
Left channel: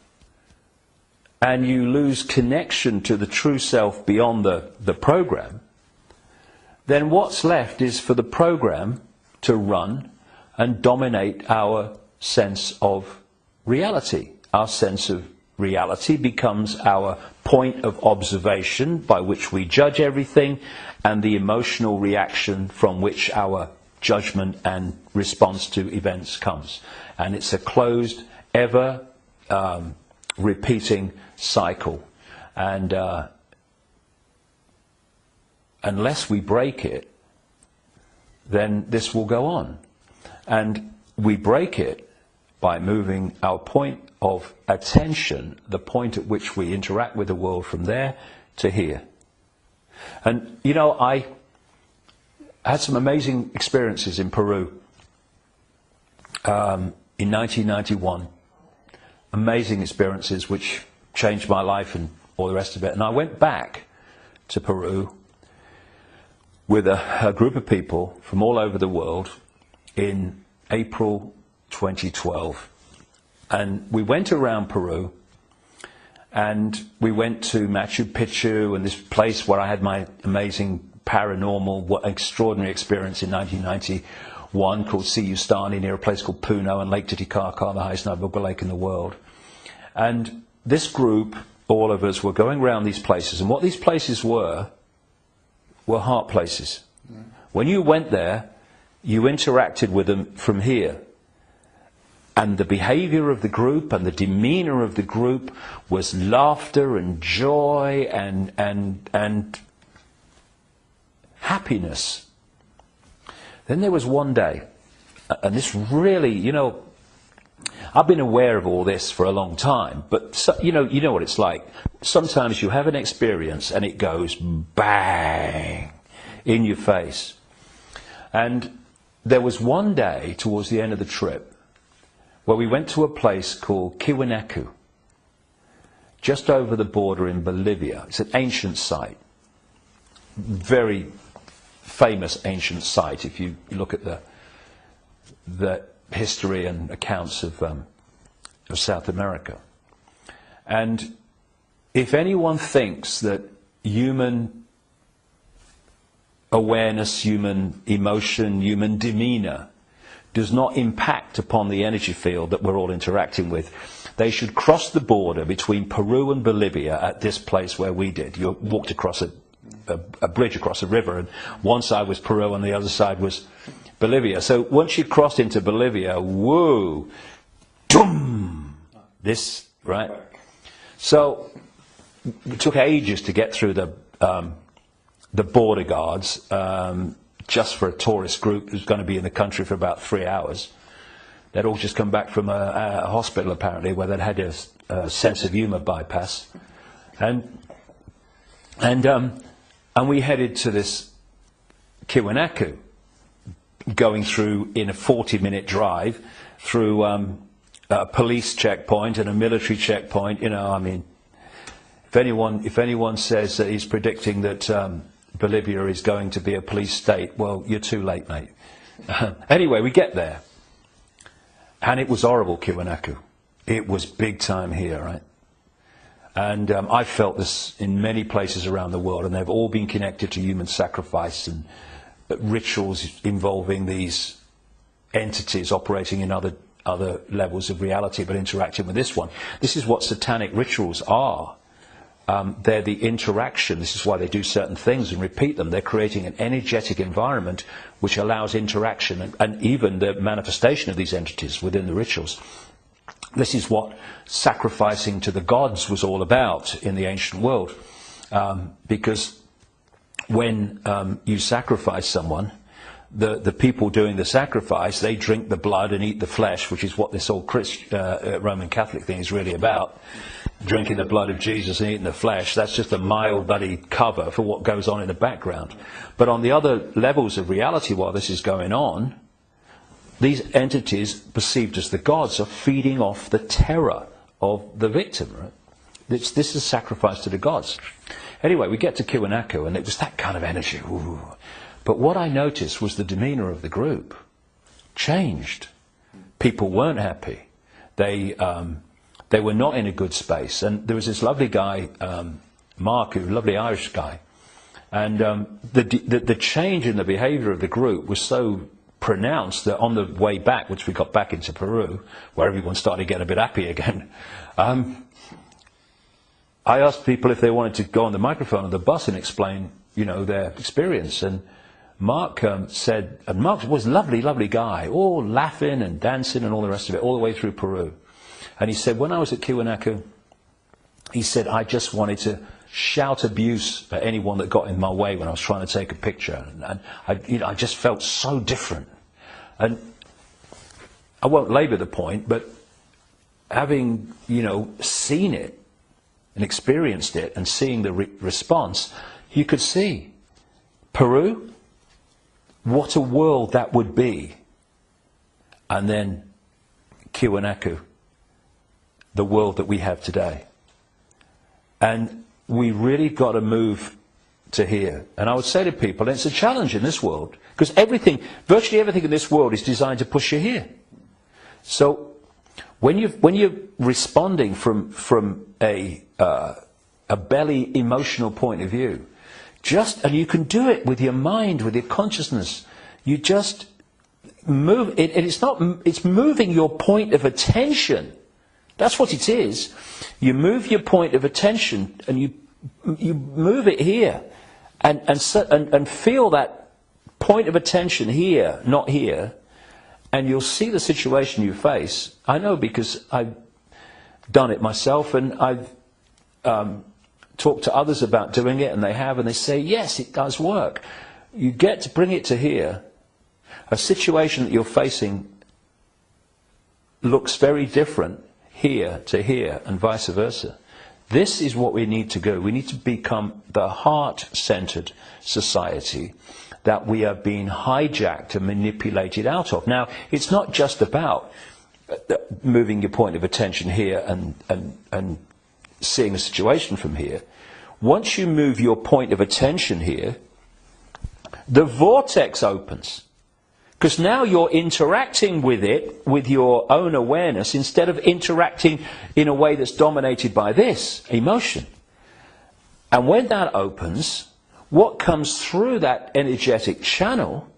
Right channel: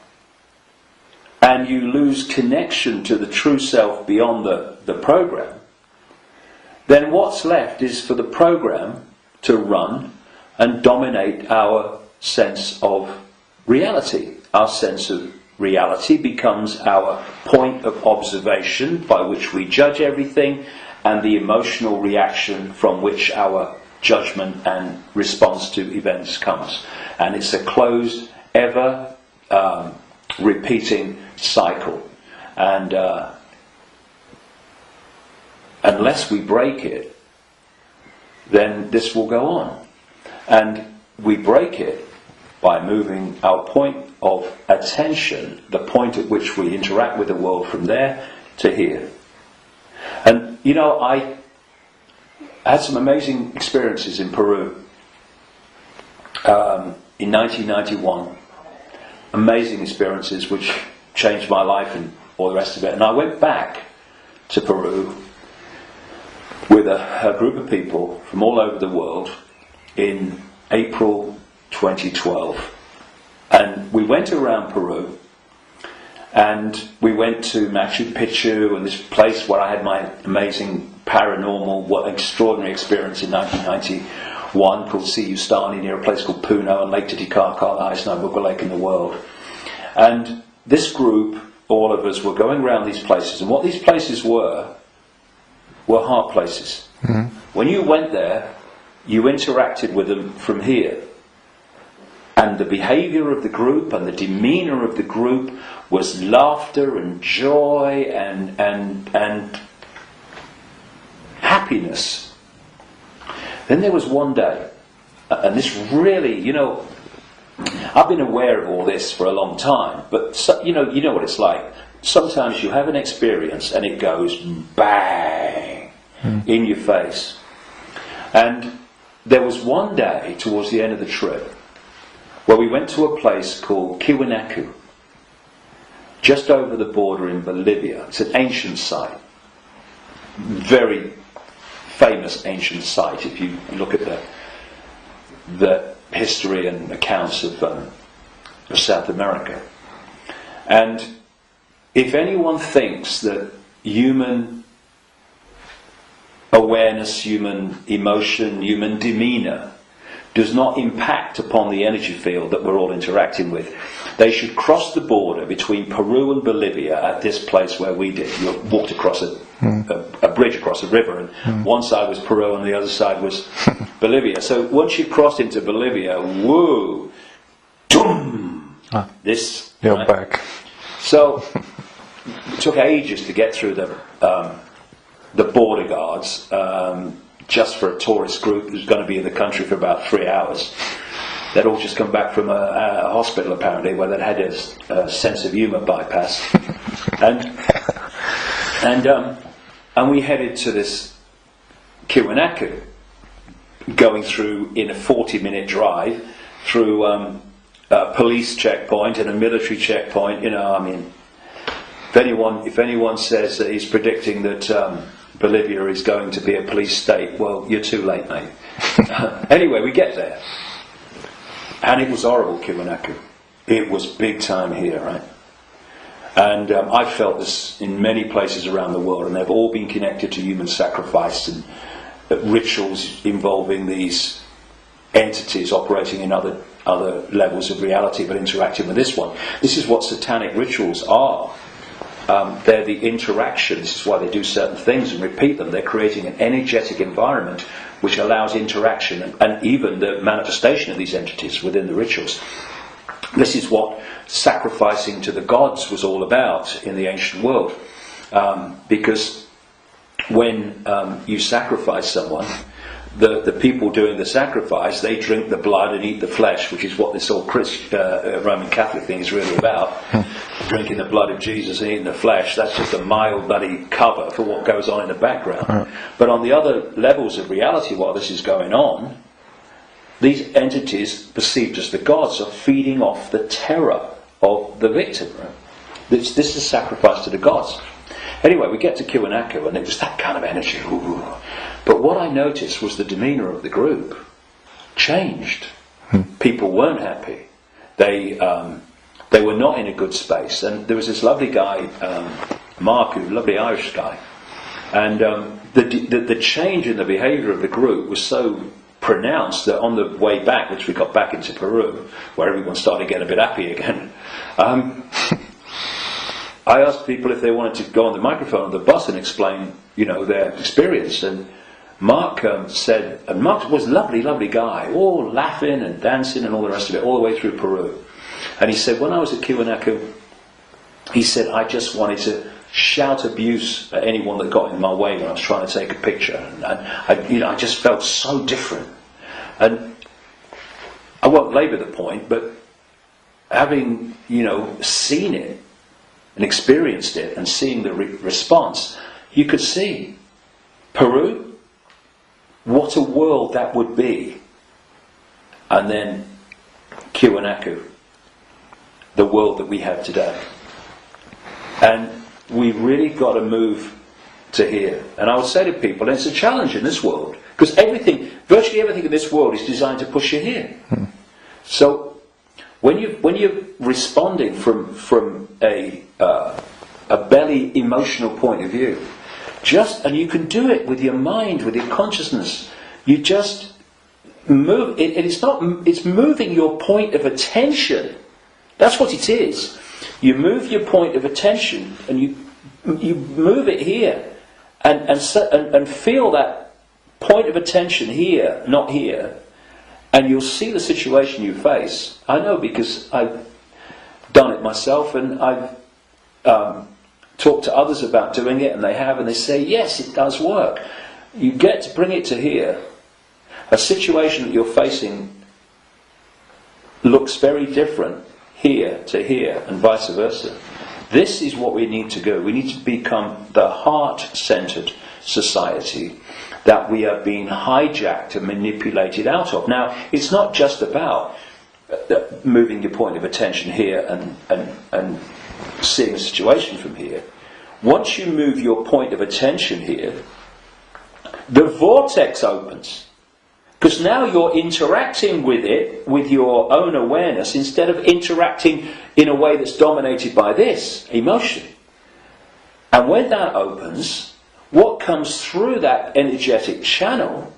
and you lose connection to the true self beyond the program, then what's left is for the program to run and dominate our sense of reality. Our sense of reality becomes our point of observation by which we judge everything, and the emotional reaction from which our judgment and response to events comes. And it's a closed, ever repeating cycle. And unless we break it, then this will go on. And we break it by moving our point of attention, the point at which we interact with the world, from there to here. And you know, I had some amazing experiences in Peru in 1991. Amazing experiences which changed my life and all the rest of it. And I went back to Peru with a group of people from all over the world in April 2012. And we went around Peru, and we went to Machu Picchu, and this place where I had my amazing paranormal, what extraordinary experience in 1991 called Siyustani, near a place called Puno, and Lake Titicaca, the highest known lake in the world. And this group, all of us, were going around these places, and what these places were heart places. Mm-hmm. When you went there, you interacted with them from here. And the behaviour of the group and the demeanour of the group was laughter and joy and happiness. Then there was one day, and this really, you know, I've been aware of all this for a long time, but you know what it's like. Sometimes you have an experience and it goes bang in your face. And there was one day towards the end of the trip where we went to a place called Tiwanaku, just over the border in Bolivia. It's an ancient site, very famous ancient site if you look at the history and accounts of South America. And if anyone thinks that human awareness, human emotion, human demeanour does not impact upon the energy field that we're all interacting with, they should cross the border between Peru and Bolivia at this place where we did. You walked across a bridge across a river, and one side was Peru and the other side was Bolivia. So once you crossed into Bolivia, woo, doom, this, you're right? back. So it took ages to get through the border guards, just for a tourist group who's going to be in the country for about 3 hours. They'd all just come back from a hospital, apparently, where they'd had a sense of humour bypass. And we headed to this Kiwanaku, going through in a 40-minute drive through a police checkpoint and a military checkpoint. You know, I mean, if anyone says that he's predicting that Bolivia is going to be a police state, well, you're too late, mate. Anyway, we get there, and it was horrible, Kiwanaku. It was big time here, right? And I felt this in many places around the world, and they've all been connected to human sacrifice and rituals involving these entities operating in other levels of reality, but interacting with this one. This is what satanic rituals are. They're the interaction. This is why they do certain things and repeat them. They're creating an energetic environment which allows interaction and even the manifestation of these entities within the rituals. This is what sacrificing to the gods was all about in the ancient world. Because when you sacrifice someone, the people doing the sacrifice, they drink the blood and eat the flesh, which is what this whole Roman Catholic thing is really about. Drinking the blood of Jesus and eating the flesh, that's just a mild bloody cover for what goes on in the background. But on the other levels of reality, while this is going on, these entities, perceived as the gods, are feeding off the terror of the victim. Right? This is sacrifice to the gods. Anyway, we get to Kiwanaku, and it was that kind of energy. Ooh. But what I noticed was the demeanour of the group changed. People weren't happy. They were not in a good space. And there was this lovely guy, Mark, who's a lovely Irish guy. And the change in the behaviour of the group was so pronounced that on the way back, which we got back into Peru, where everyone started getting a bit happy again, I asked people if they wanted to go on the microphone on the bus and explain, you know, their experience. And Mark said, and Mark was a lovely, lovely guy, all laughing and dancing and all the rest of it, all the way through Peru. And he said, when I was at Kiwanaku, he said, I just wanted to shout abuse at anyone that got in my way when I was trying to take a picture. And I just felt so different. And I won't labour the point, but having, seen it and experienced it and seeing the response, you could see Peru, what a world that would be. And then Kiwanaku, the world that we have today. And we really got to move to here. And I would say to people, and it's a challenge in this world, because virtually everything in this world is designed to push you here. So when you're responding from a belly emotional point of view, and you can do it with your mind, with your consciousness, you just move. It's moving your point of attention. That's what it is. You move your point of attention, and you move it here, and feel that point of attention here, not here, and you'll see the situation you face. I know because I've done it myself, and I've talked to others about doing it, and they say, yes, it does work. You get to bring it to here. A situation that you're facing looks very different here to here, and vice versa. This is what we need to do. We need to become the heart-centered society that we are being hijacked and manipulated out of. Now, it's not just about moving your point of attention here and seeing the situation from here. Once you move your point of attention here, the vortex opens. Because now you're interacting with it, with your own awareness, instead of interacting in a way that's dominated by this emotion. And when that opens, what comes through that energetic channel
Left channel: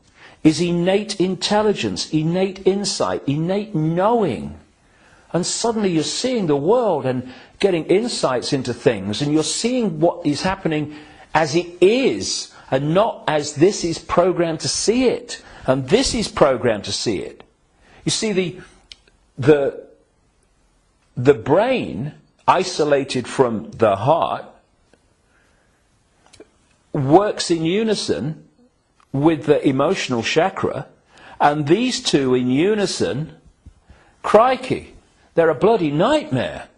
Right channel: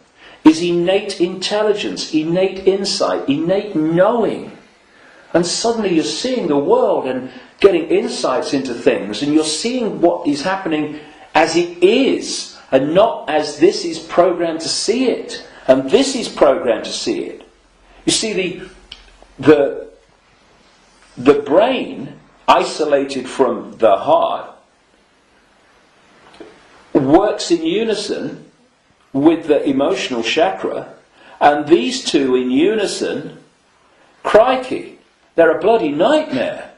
is innate intelligence, innate insight, innate knowing. And suddenly you're seeing the world and getting insights into things, and you're seeing what is happening as it is, and not as this is programmed to see it. And this is programmed to see it. You see, the brain, isolated from the heart, works in unison with the emotional chakra, and these two in unison, crikey, they're a bloody nightmare.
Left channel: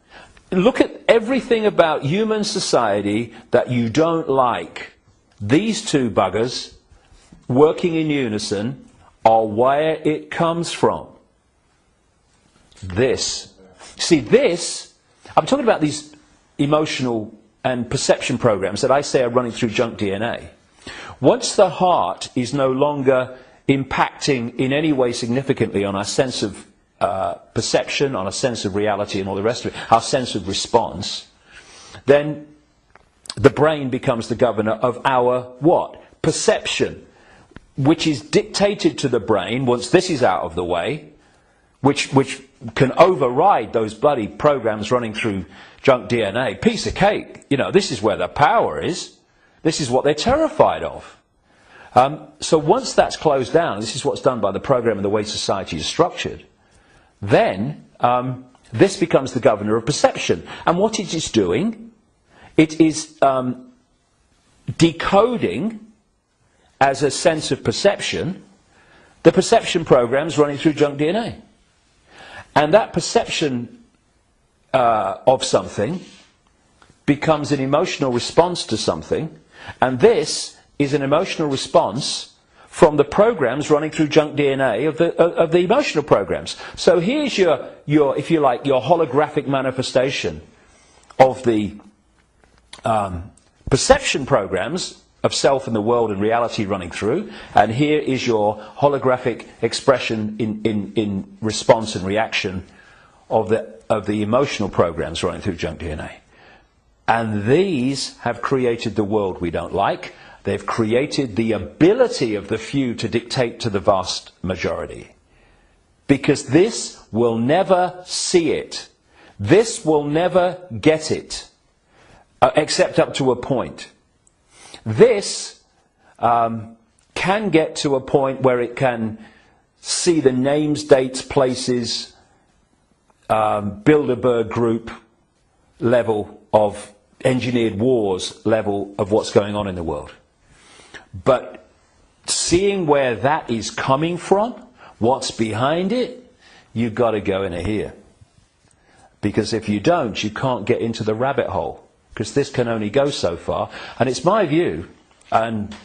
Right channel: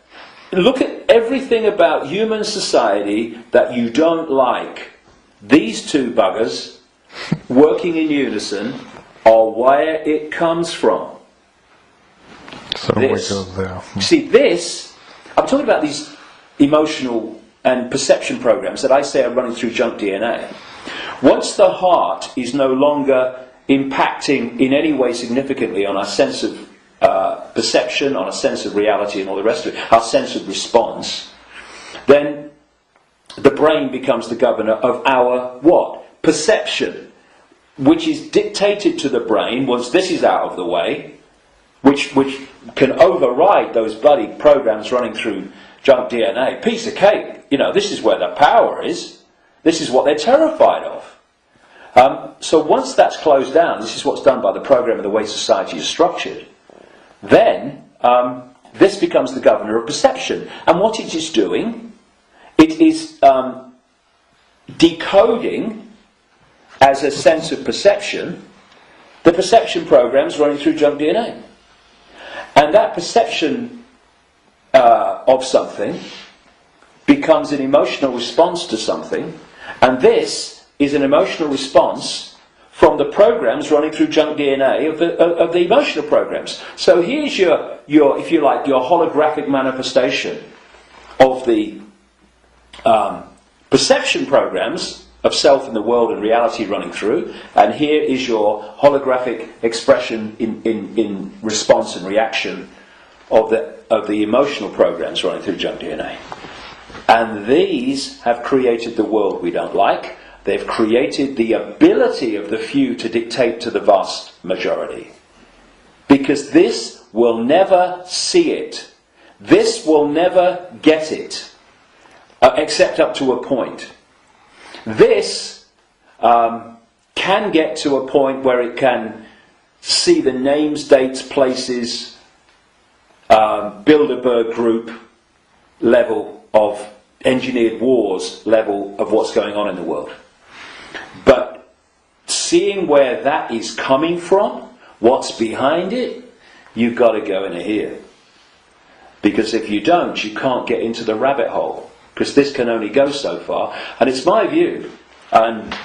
Look at everything about human society that you don't like. These two buggers working in unison are where it comes from. So This. we go there. See, this, I'm talking about these emotional and perception programs that I say are running through junk DNA. Once the heart is no longer impacting in any way significantly on our sense of perception, on our sense of reality and all the rest of it, our sense of response, then the brain becomes the governor of our what? Perception, which is dictated to the brain once this is out of the way, which can override those bloody programs running through junk DNA. Piece of cake. You know, this is where the power is. This is what they're terrified of. So once that's closed down, this is what's done by the program and the way society is structured, then this becomes the governor of perception. And what it is doing, it is decoding as a sense of perception the perception programs running through junk DNA. And that perception of something becomes an emotional response to something, and this is an emotional response from the programs running through junk DNA of the emotional programs. So here's your, if you like, your holographic manifestation of the perception programs of self and the world and reality running through, and here is your holographic expression in response and reaction of the emotional programs running through junk DNA. And these have created the world we don't like. They've created the ability of the few to dictate to the vast majority. Because this will never see it. This will never get it. Except up to a point. This can get to a point where it can see the names, dates, places, Bilderberg group level of engineered wars level of what's going on in the world. But seeing where that is coming from, what's behind it, you've got to go in here. Because if you don't, you can't get into the rabbit hole. Because this can only go so far. And it's my view, and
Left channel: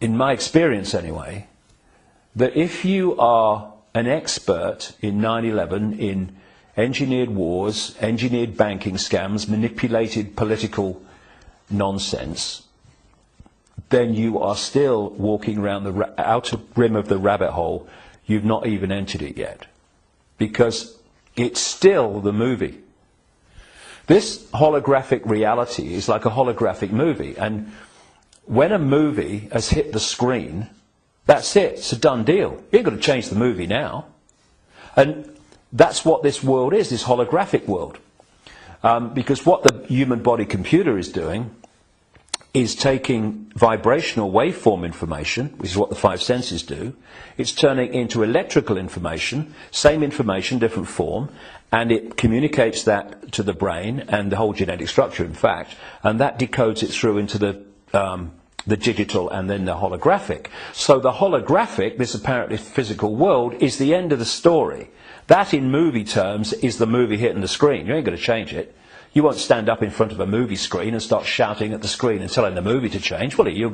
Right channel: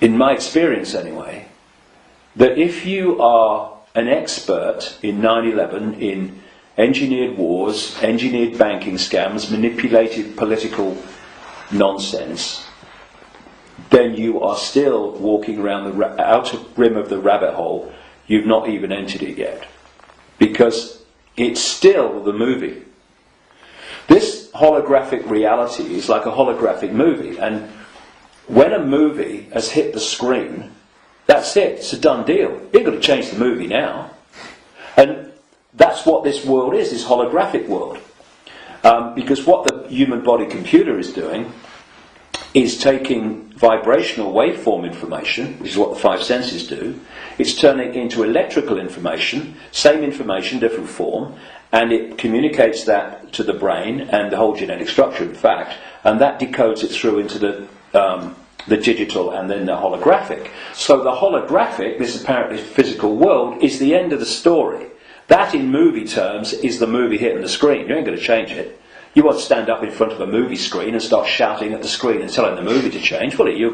in my experience anyway, that if you are an expert in 9/11, in engineered wars, engineered banking scams, manipulated political nonsense, then you are still walking around the outer rim of the rabbit hole. You've not even entered it yet. Because it's still the movie. This holographic reality is like a holographic movie, and when a movie has hit the screen, that's it, it's a done deal. You've got to change the movie now. And that's what this world is, this holographic world. Because what the human body computer is doing is taking vibrational waveform information, which is what the five senses do. It's turning into electrical information, same information, different form, and it communicates that to the brain and the whole genetic structure, in fact, and that decodes it through into the digital and then the holographic. So the holographic, this apparently physical world, is the end of the story. That, in movie terms, is the movie hitting the screen. You ain't going to change it. You won't stand up in front of a movie screen and start shouting at the screen and telling the movie to change, will you?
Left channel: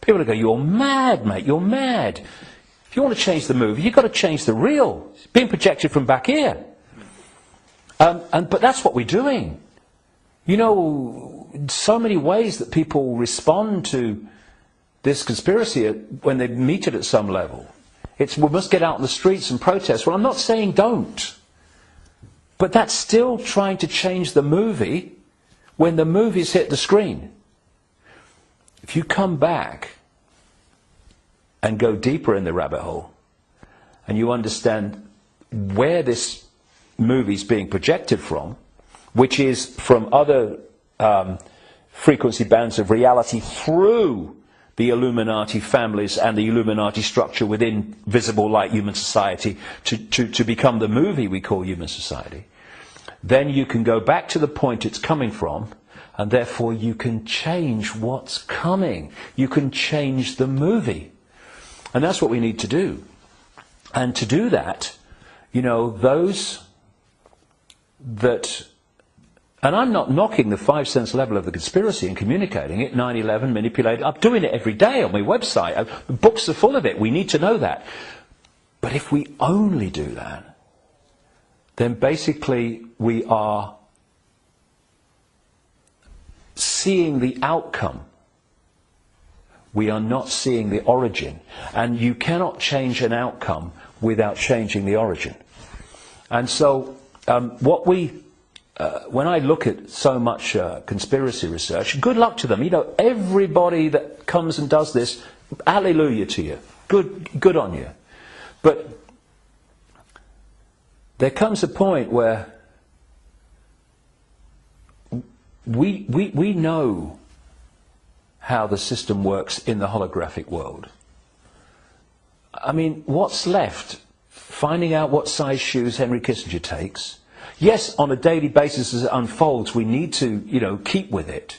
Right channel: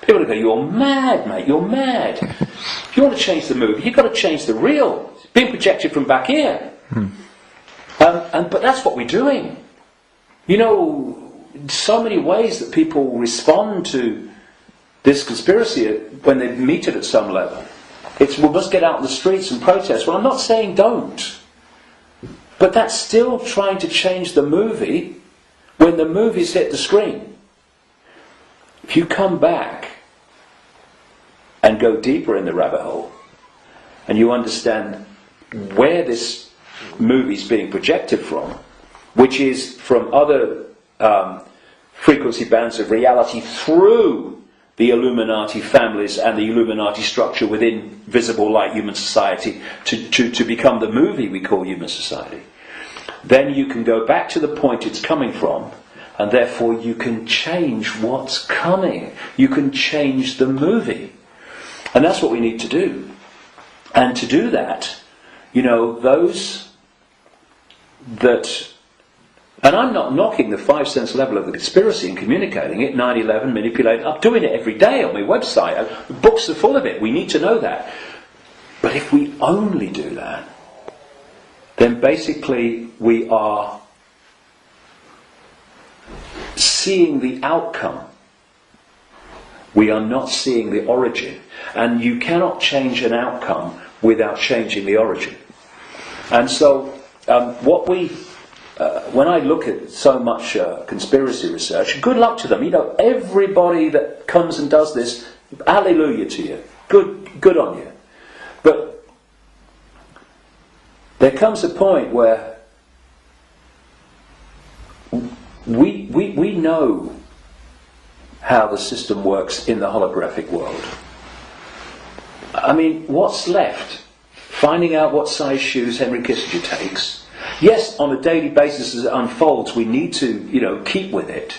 People will go, you're mad, mate, you're mad. If you want to change the movie, you've got to change the reel. It's being projected from back here. But that's what we're doing. You know, so many ways that people respond to this conspiracy when they meet it at some level. It's, we must get out in the streets and protest. Well, I'm not saying don't. But that's still trying to change the movie when the movie's hit the screen. If you come back and go deeper in the rabbit hole, and you understand where this movie's being projected from, which is from other frequency bands of reality through the Illuminati families and the Illuminati structure within visible light human society to become the movie we call human society, then you can go back to the point it's coming from, and therefore you can change what's coming. You can change the movie. And that's what we need to do. And to do that, you know, those that And I'm not knocking the 5 sense level of the conspiracy and communicating it, 9/11, manipulating. I'm doing it every day on my website. Books are full of it. We need to know that. But if we only do that, then basically we are seeing the outcome. We are not seeing the origin. And you cannot change an outcome without changing the origin. And so when I look at so much conspiracy research, good luck to them. You know, everybody that comes and does this, hallelujah to you. Good on you. But there comes a point where we know how the system works in the holographic world. I mean, what's left? Finding out what size shoes Henry Kissinger takes. Yes, on a daily basis as it unfolds, we need to, keep with it.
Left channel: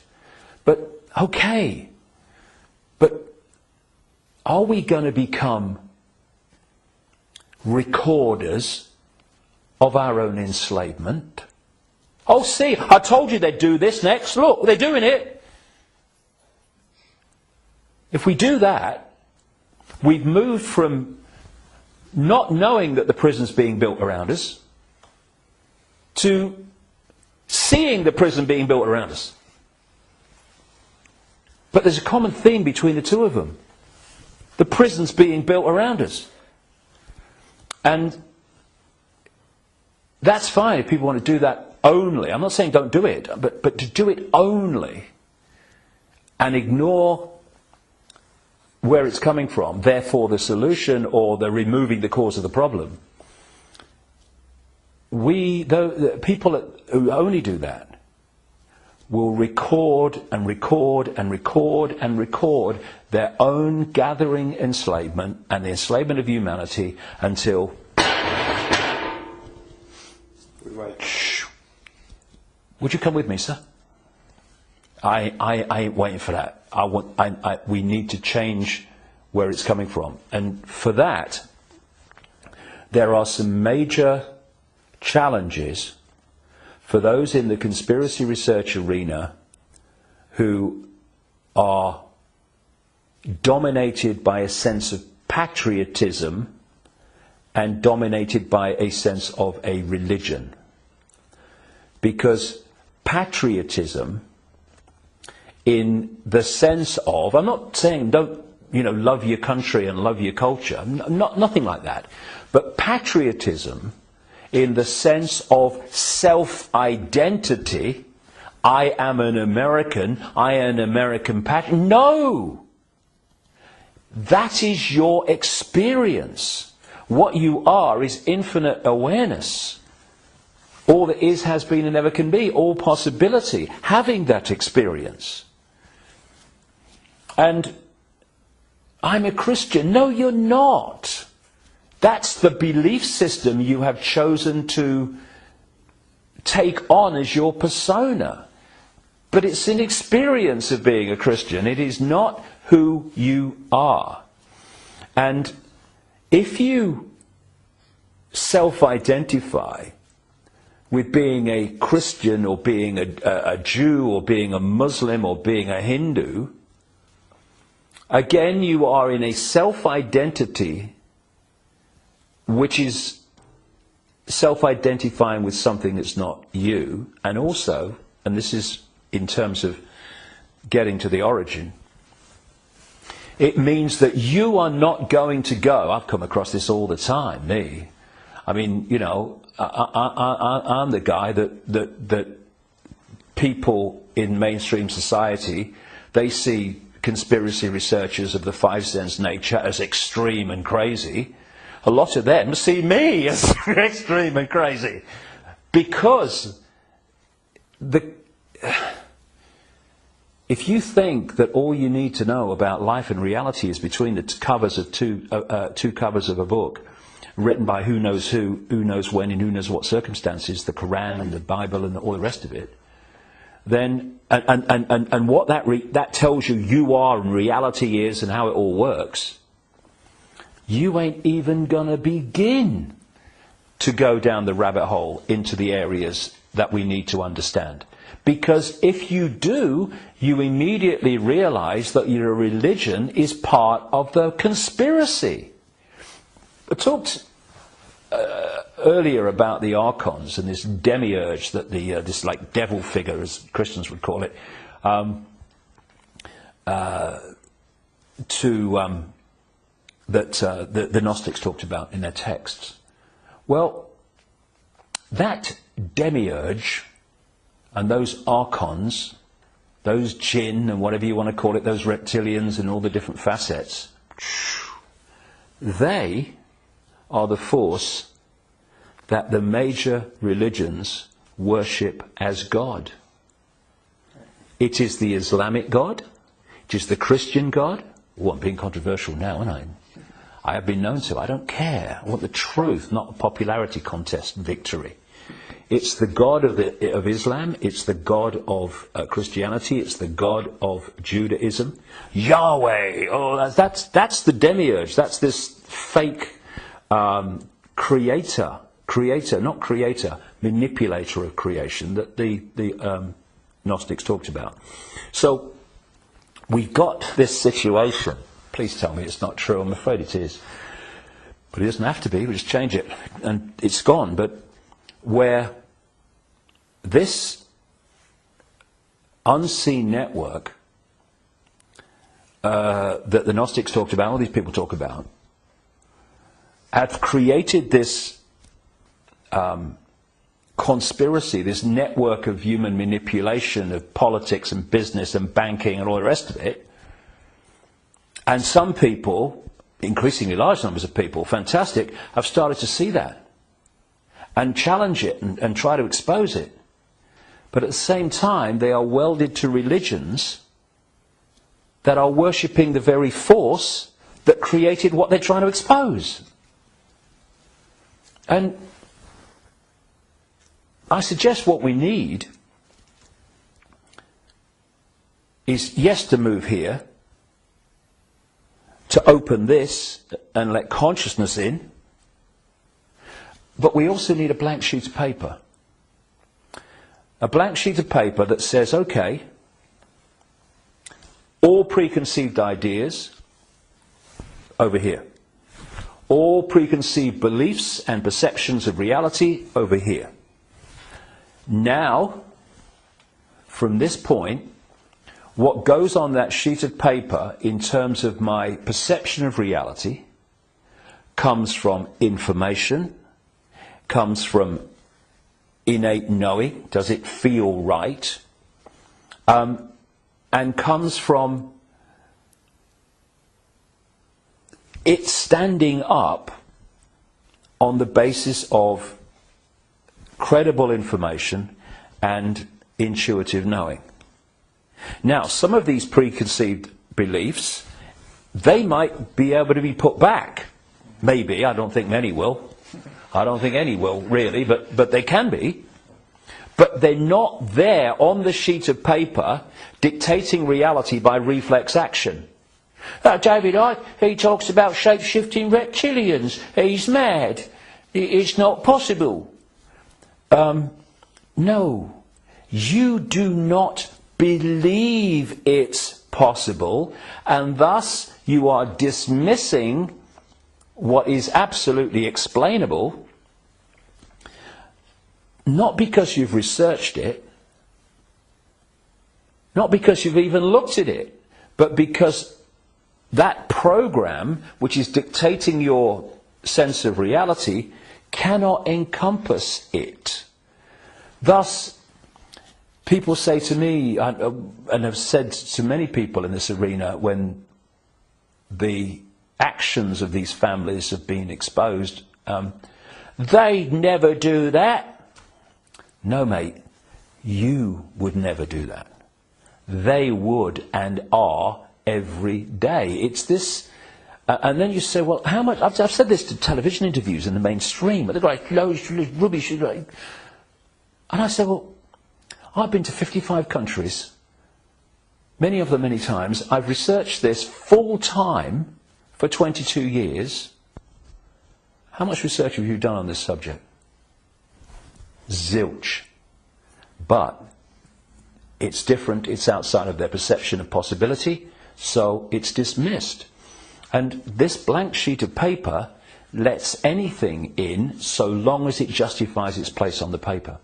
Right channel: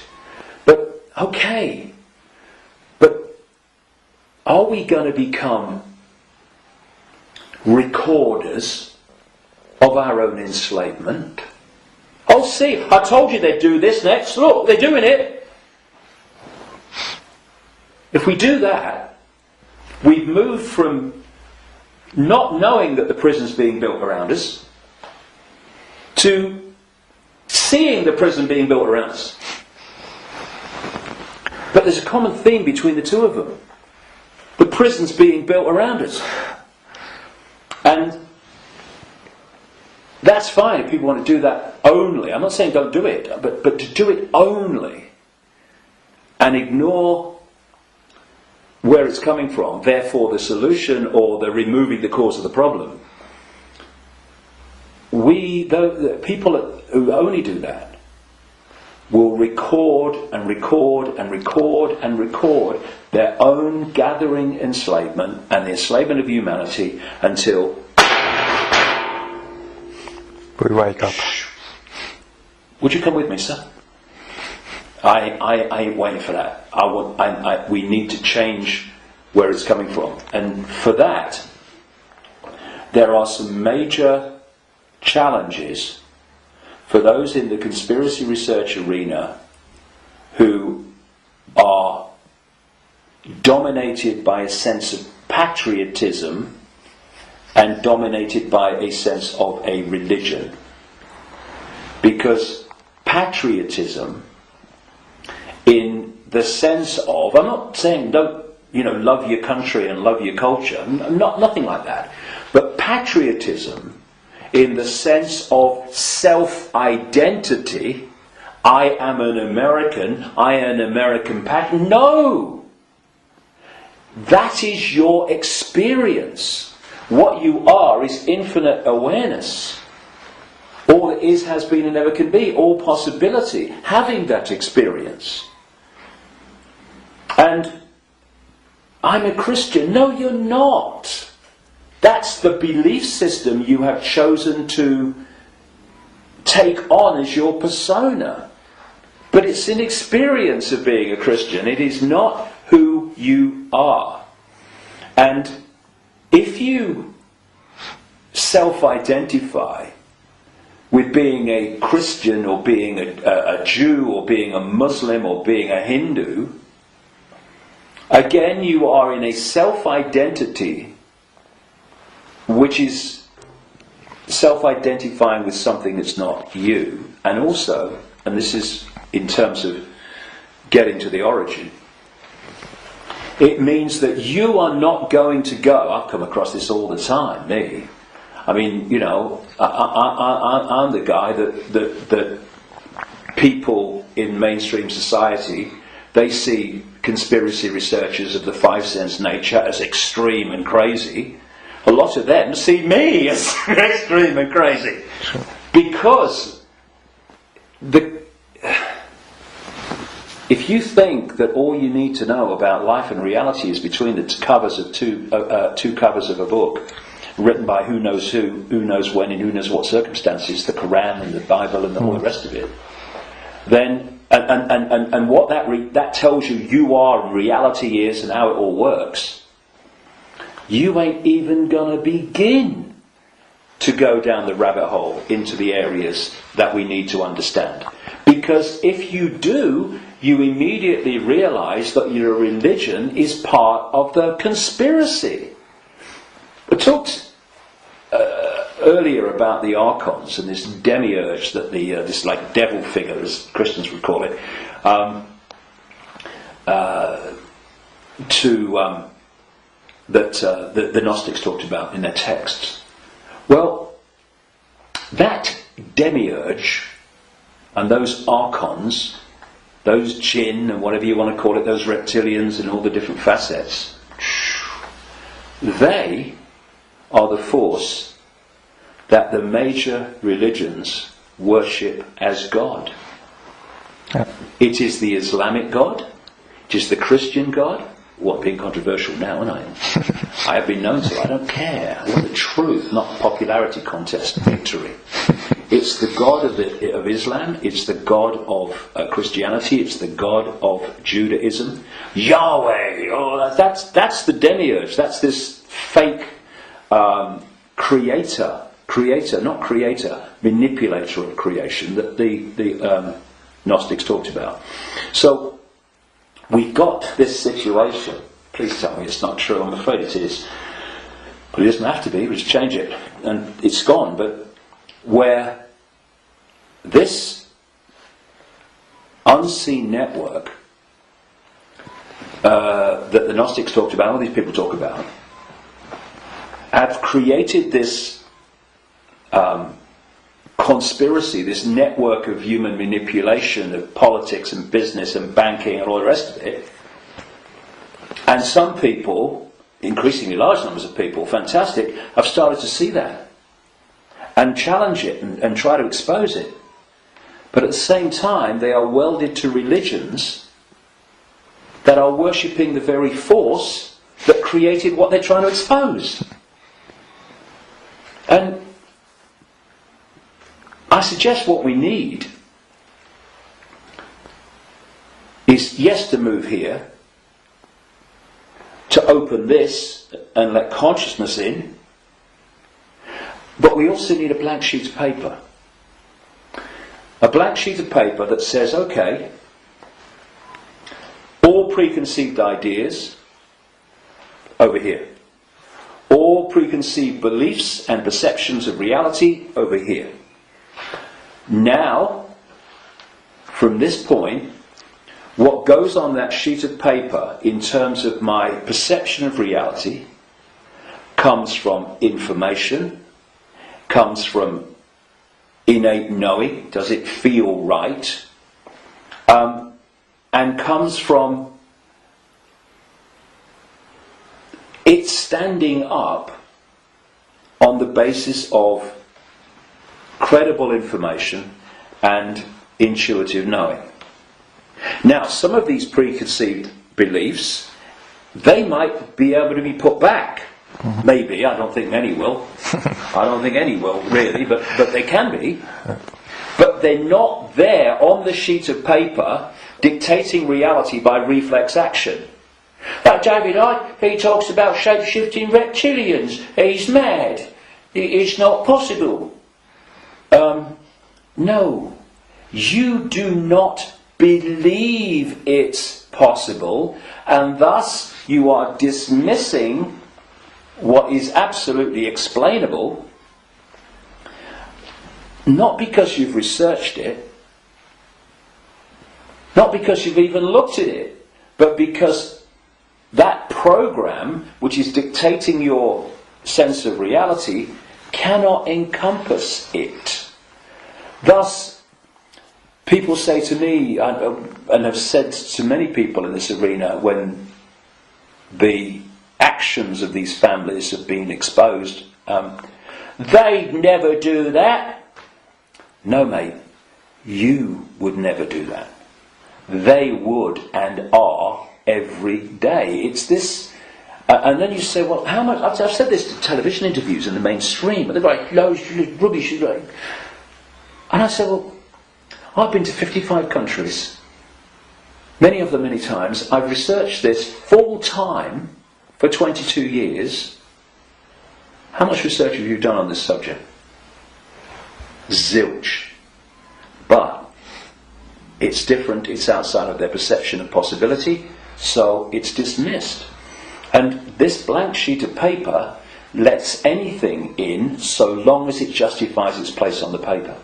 But, okay. But are we going to become recorders of our own enslavement? Oh, see, I told you they'd do this next. Look, they're doing it. If we do that, we've moved from not knowing that the prison's being built around us to seeing the prison being built around us. But there's a common theme between the two of them. The prison's being built around us. And that's fine if people want to do that only. I'm not saying don't do it, but to do it only and ignore where it's coming from, therefore the solution or the removing the cause of the problem. The people who only do that will record and record and record and record their own gathering enslavement and the enslavement of humanity until we wake up. Would you come with me, sir? I ain't waiting for that. We need to change where it's coming from. And for that, there are some major challenges for those in the conspiracy research arena who are dominated by a sense of patriotism and dominated by a sense of a religion. Because patriotism, in the sense of, I'm not saying don't, love your country and love your culture, nothing like that. But patriotism, in the sense of self-identity, I am an American, I am an American patriot. No! That is your experience. What you are is infinite awareness. All that is, has been, and never can be. All possibility. Having that experience. And I'm a Christian. No, you're not. That's the belief system you have chosen to take on as your persona. But it's an experience of being a Christian. It is not who you are. And if you self-identify with being a Christian or being a Jew or being a Muslim or being a Hindu, again you are in a self-identity which is self-identifying with something that's not you. And also, and this is in terms of getting to the origin, it means that you are not going to go, I've come across this all the time, me. I mean, I'm the guy that people in mainstream society, they see conspiracy researchers of the 5 sense nature as extreme and crazy. A lot of them see me as extreme and crazy. Because if you think that all you need to know about life and reality is between the covers of two covers of a book, written by who knows when, and who knows what circumstances, the Quran and the Bible and all the rest of it, then and what that tells you are and reality is and how it all works, you ain't even gonna begin to go down the rabbit hole into the areas that we need to understand. Because if you do, you immediately realise that your religion is part of the conspiracy. I talked earlier about the archons and this demiurge, that this like devil figure, as Christians would call it, that the Gnostics talked about in their texts. Well, that demiurge and those archons, those jinn and whatever you want to call it, those reptilians and all the different facets, they are the force that the major religions worship as God. Yeah. It is the Islamic God, it is the Christian God. Well, I'm being controversial now, aren't I? I have been known to. I don't care. I want the truth, not the popularity contest victory. It's the God of Islam, it's the God of Christianity, it's the God of Judaism. Yahweh! Oh, that's the demiurge. That's this fake manipulator of creation that the Gnostics talked about. So we've got this situation. Please tell me it's not true. I'm afraid it is. But it doesn't have to be. We just change it. And it's gone. But where this unseen network that the Gnostics talked about, all these people talk about, have created this conspiracy, this network of human manipulation of politics and business and banking and all the rest of it. And some people, increasingly large numbers of people, fantastic, have started to see that and challenge it and try to expose it. But at the same time, they are welded to religions that are worshipping the very force that created what they're trying to expose. And I suggest what we need is, yes, to move here, to open this and let consciousness in, but we also need a blank sheet of paper. A blank sheet of paper that says, okay, all preconceived ideas over here. All preconceived beliefs and perceptions of reality over here. Now, from this point, what goes on that sheet of paper in terms of my perception of reality comes from information, comes from innate knowing, does it feel right, and comes from it standing up on the basis of credible information and intuitive knowing. Now, some of these preconceived beliefs, they might be able to be put back. Mm-hmm. Maybe, I don't think many will. I don't think any will, really, but they can be. But they're not there on the sheet of paper dictating reality by reflex action. Now, David Icke, he talks about shape-shifting reptilians. He's mad. It's not possible. No, you do not believe it's possible, and thus you are dismissing what is absolutely explainable, not because you've researched it, not because you've even looked at it, but because that program, which is dictating your sense of reality, cannot encompass it. Thus, people say to me, and have said to many people in this arena, when the actions of these families have been exposed, they'd never do that. No, mate, you would never do that. They would and are every day. It's this, and then you say, well, how much? I've said this to television interviews in the mainstream, but they're like, loads of rubbish. And I say, well, I've been to 55 countries, many of them many times. I've researched this full time for 22 years. How much research have you done on this subject? zilch. But it's different, it's outside of their perception of possibility, so it's dismissed. And this blank sheet of paper lets anything in so long as it justifies its place on the paper.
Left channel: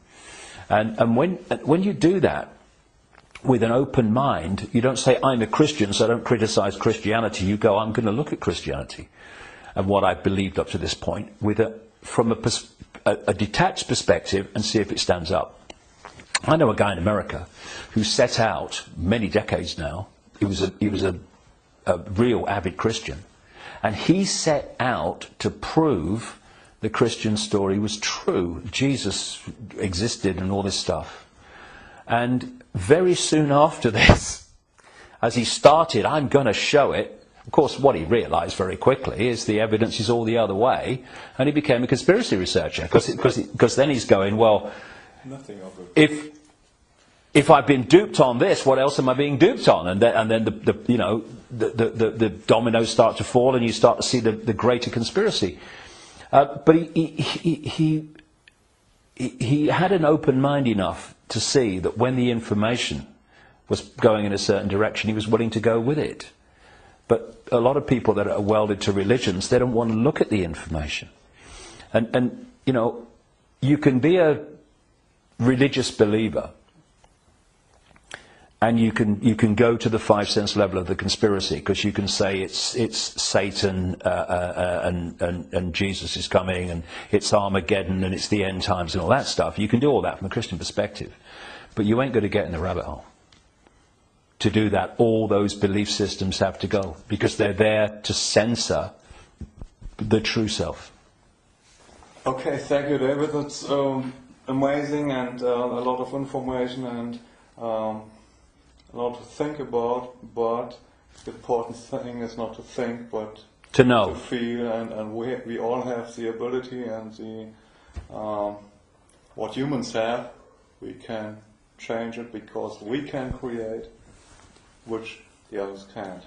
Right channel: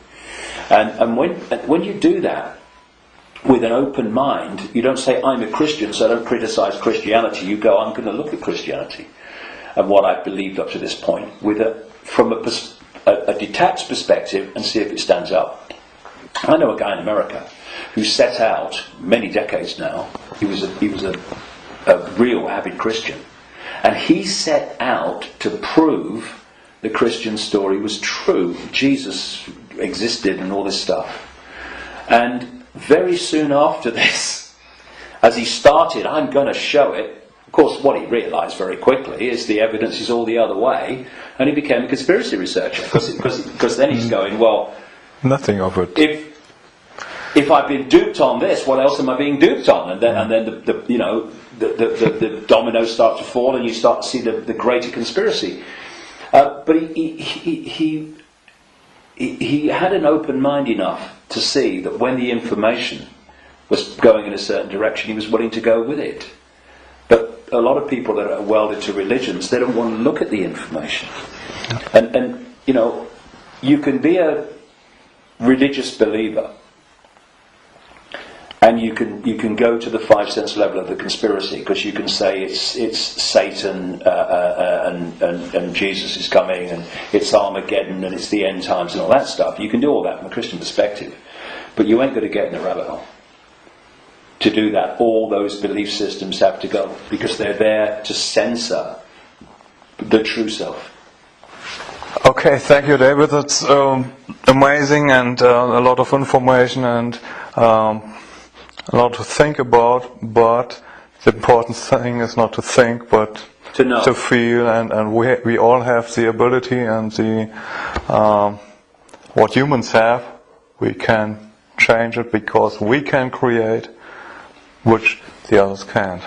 And when you do that with an open mind, you don't say, I'm a Christian, so I don't criticize Christianity. You go, I'm going to look at Christianity and what I've believed up to this point from a detached perspective and see if it stands up. I know a guy in America who set out, many decades now, he was a real avid Christian, and he set out to prove the Christian story was true. Jesus existed and all this stuff. And very soon after this, as he started, I'm going to show it, of course what he realised very quickly is the evidence is all the other way, and he became a conspiracy researcher, because then he's going, well, nothing of it. If I've been duped on this, what else am I being duped on? And then the dominoes start to fall, and you start to see the greater conspiracy. But he had an open mind enough to see that when the information was going in a certain direction, he was willing to go with it. But a lot of people that are welded to religions, they don't want to look at the information. And you can be a religious believer, and you can go to the 5 sense level of the conspiracy, because you can say it's Satan and Jesus is coming, and it's Armageddon, and it's the end times and all that stuff. You can do all that from a Christian perspective, but you ain't going to get in the rabbit hole. To do that, all those belief systems have to go, because they're there to censor the true self. Okay, thank you, David. That's amazing, and a lot of information, and a lot to think about. But the important thing is not to think, but to know, to feel, and we all have the ability and the what humans have. We can change it because we can create, which the others can't.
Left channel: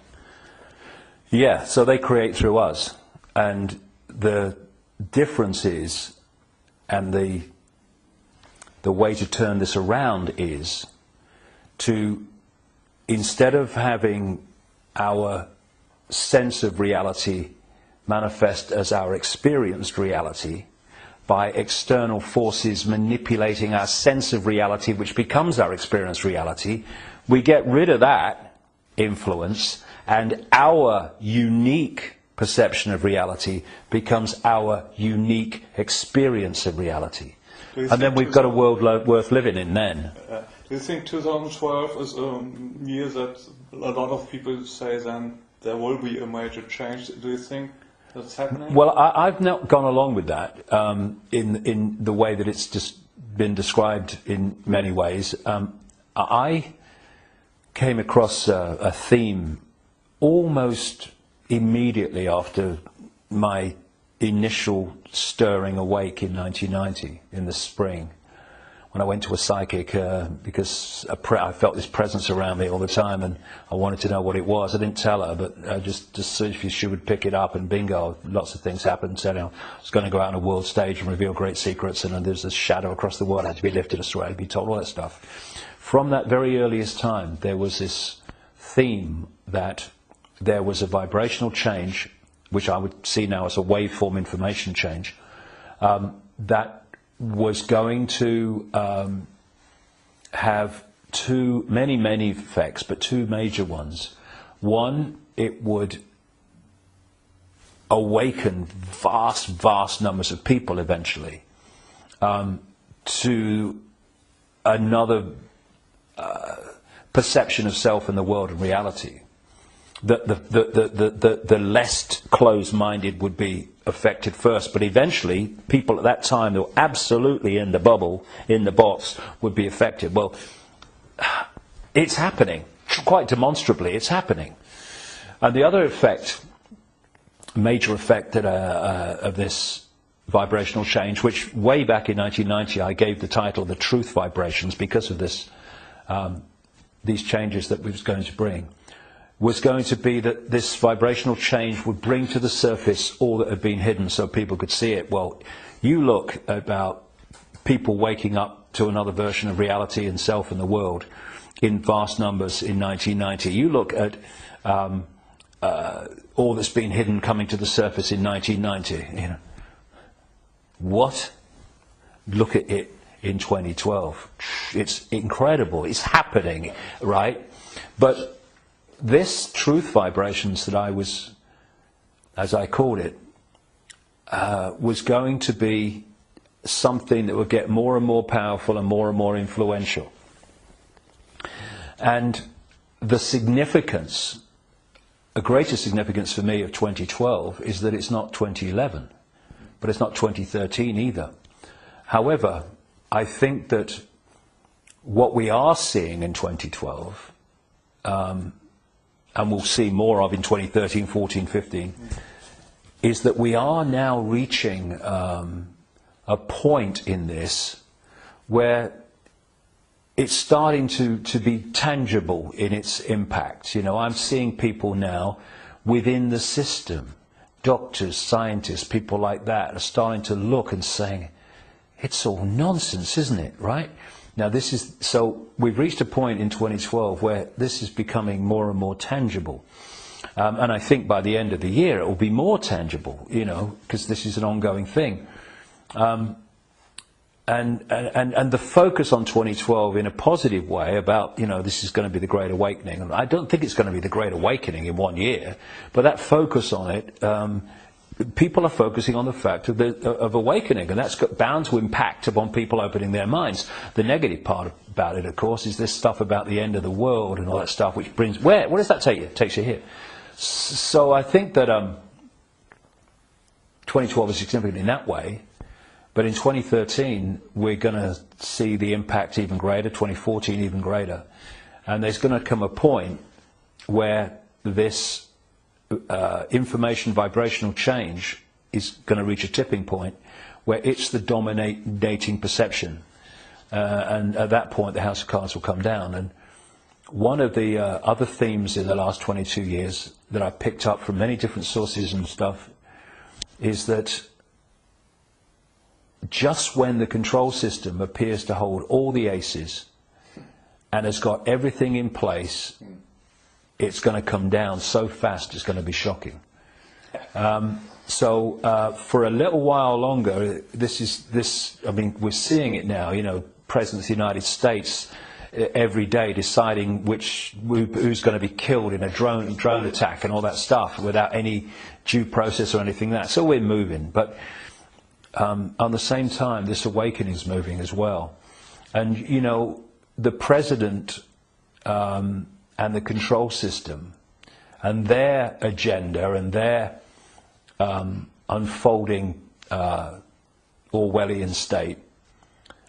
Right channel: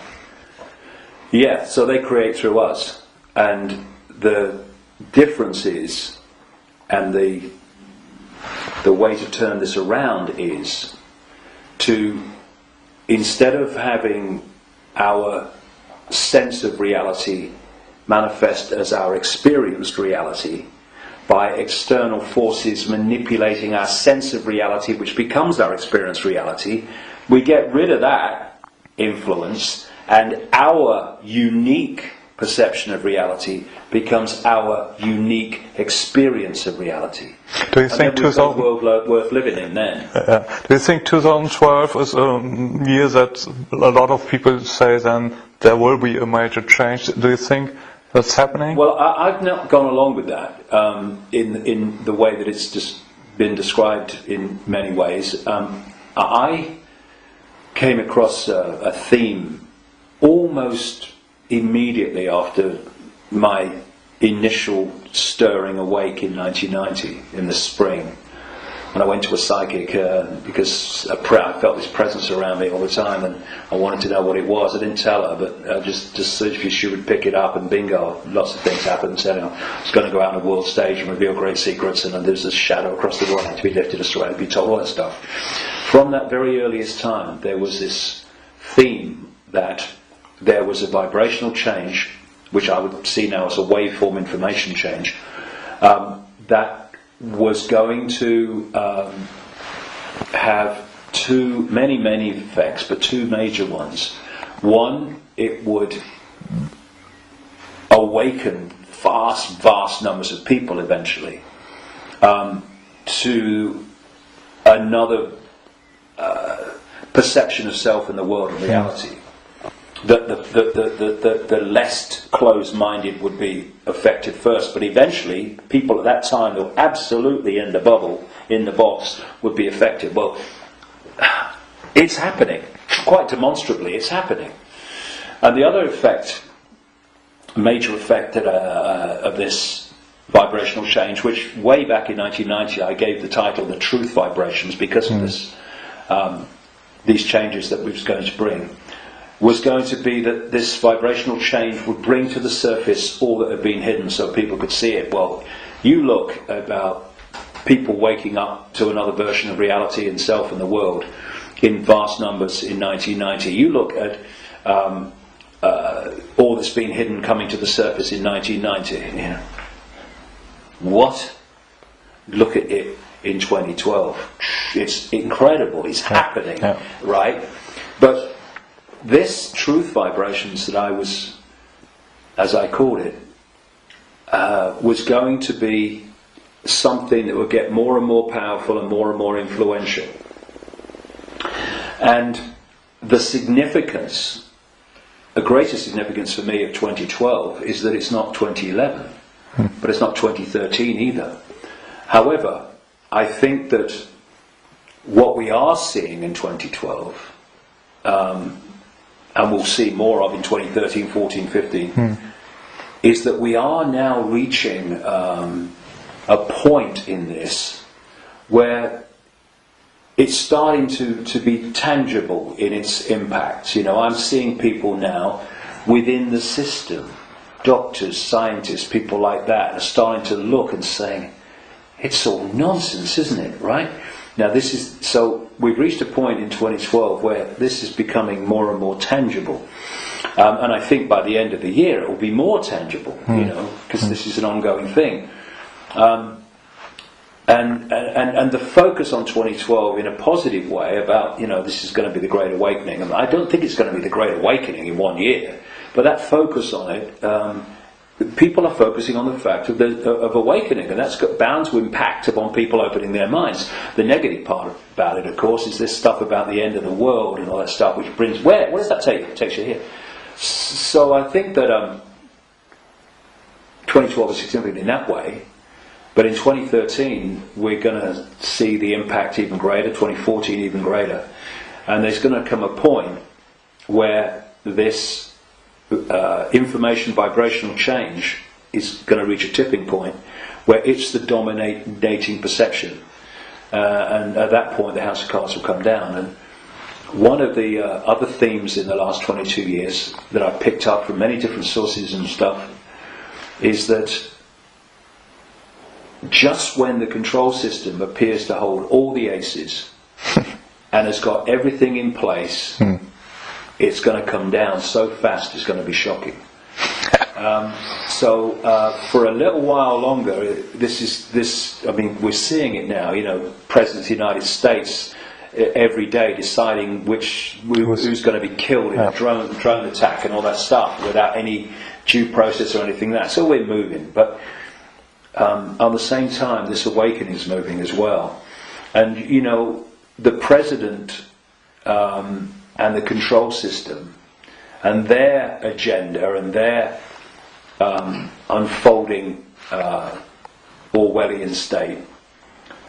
Yeah, so they create through us, and the difference is, and the way to turn this around is to, instead of having our sense of reality manifest as our experienced reality by external forces manipulating our sense of reality, which becomes our experienced reality, we get rid of that influence, and our unique perception of reality becomes our unique experience of reality. Do you think we've got a world worth living in then? Do you think 2012 is a year that a lot of people say then there will be a major change? Do you think that's happening? Well, I've not gone along with that in the way that it's just been described in many ways. I came across a theme almost immediately after my initial stirring awake in 1990, in the spring. And I went to a psychic because I felt this presence around me all the time, and I wanted to know what it was. I didn't tell her, but just so she would pick it up, and bingo, lots of things happened. So, I was going to go out on a world stage and reveal great secrets, and there's a shadow across the world, had to be lifted aside, be told all that stuff. From that very earliest time, there was this theme that there was a vibrational change, which I would see now as a waveform information change, that was going to have many effects, but two major ones. One, it would awaken vast numbers of people eventually to another perception of self in the world and reality. The less closed-minded would be affected first, but eventually people at that time who were absolutely in the bubble, in the box, would be affected. Well, it's happening. Quite demonstrably, it's happening. And the other effect, major effect of this vibrational change, which way back in 1990 I gave the title The Truth Vibrations because of this, these changes that we was going to bring, was going to be that this vibrational change would bring to the surface all that had been hidden so people could see it. Well, you look about people waking up to another version of reality and self and the world in vast numbers in 1990. You look at all that's been hidden coming to the surface in 1990. You know, what? Look at it in 2012. It's incredible. It's happening, right? But this truth vibrations that I was, as I called it, was going to be something that would get more and more powerful and more influential. And the significance, a greater significance for me of 2012 is that it's not 2011, but it's not 2013 either. However, I think that what we are seeing in 2012, and we'll see more of in 2013, 14, 15, is that we are now reaching a point in this where it's starting to be tangible in its impact. You know, I'm seeing people now within the system, doctors, scientists, people like that, are starting to look and saying, it's all nonsense, isn't it, right? Now so we've reached a point in 2012 where this is becoming more and more tangible. And I think by the end of the year it will be more tangible, you know, because this is an ongoing thing. And the focus on 2012 in a positive way about, you know, this is going to be the Great Awakening. I don't think it's going to be the Great Awakening in 1 year, but that focus on it, people are focusing on the fact of awakening, and that's bound to impact upon people opening their minds. The negative part about it, of course, is this stuff about the end of the world and all that stuff, which brings, where does that take you? It takes you here. So I think that 2012 is significant in that way. But in 2013, we're going to see the impact even greater, 2014 even greater. And there's going to come a point where this information vibrational change is going to reach a tipping point where it's the dominating perception. And at that point, the House of Cards will come down. And one of the other themes in the last 22 years that I picked up from many different sources and stuff is that just when the control system appears to hold all the aces and has got everything in place, it's going to come down so fast it's going to be shocking. So for a little while longer, I mean, we're seeing it now, you know, President of the United States every day deciding who's going to be killed in a drone attack and all that stuff without any due process or anything like that. So we're moving, but at the same time, this awakening is moving as well. And, you know, the president and the control system and their agenda and their unfolding Orwellian state,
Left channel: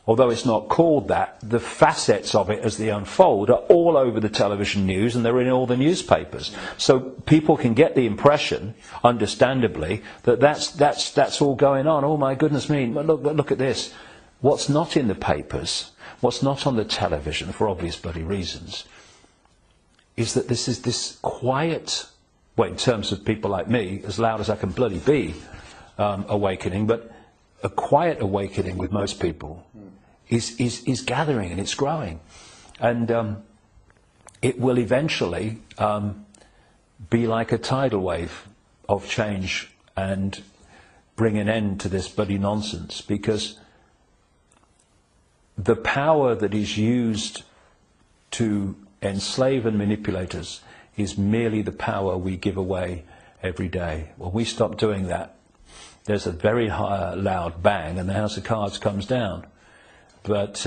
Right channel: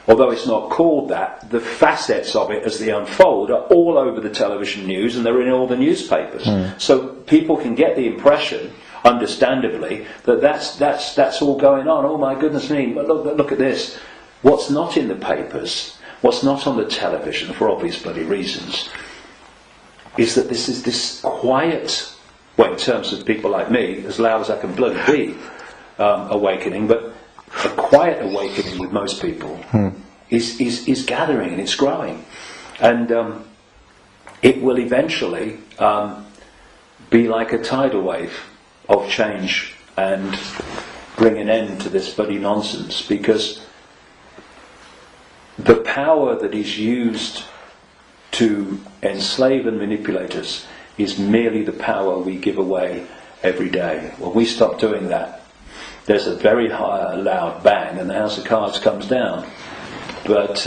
although it's not called that, the facets of it as they unfold are all over the television news and they're in all the newspapers. So people can get the impression, understandably, that's all going on. Oh my goodness me, look at this. What's not in the papers, what's not on the television, for obvious bloody reasons, is that this is this quiet, well, in terms of people like me, as loud as I can bloody be, awakening, but a quiet awakening with most people is gathering and it's growing. And it will eventually be like a tidal wave of change and bring an end to this bloody nonsense, because the power that is used to enslave and manipulate us is merely the power we give away every day. When we stop doing that, there's a very high, loud bang and the House of Cards comes down. But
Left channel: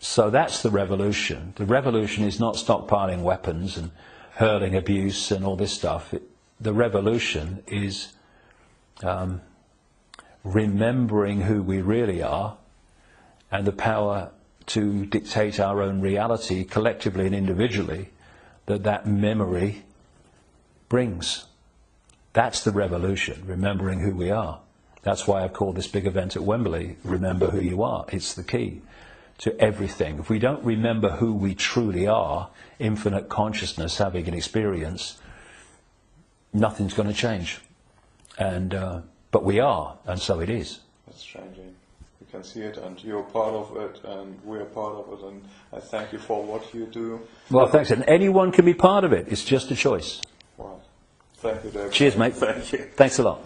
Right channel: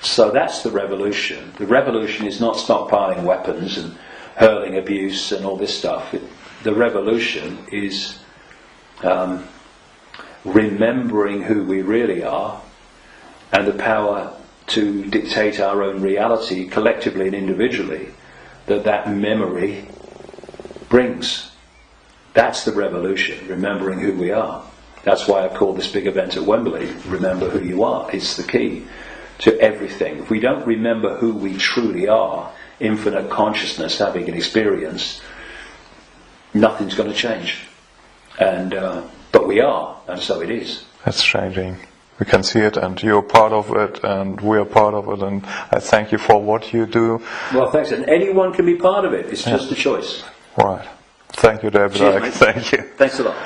so that's the revolution. The revolution is not stockpiling weapons and hurling abuse and all this stuff. The revolution is remembering who we really are and the power to dictate our own reality collectively and individually that memory brings. That's the revolution, remembering who we are. That's why I called this big event at Wembley, Remember Who You Are. It's the key to everything. If we don't remember who we truly are, infinite consciousness having an experience, nothing's going to change. And but we are, and so it is. That's changing. we can see it, and you're part of it, and we're part of it, and I thank you for what you do. Well, thanks. And anyone can be part of it. It's just a choice. Right. Thank you, David. Cheers, mate. Thank you. Thanks a lot.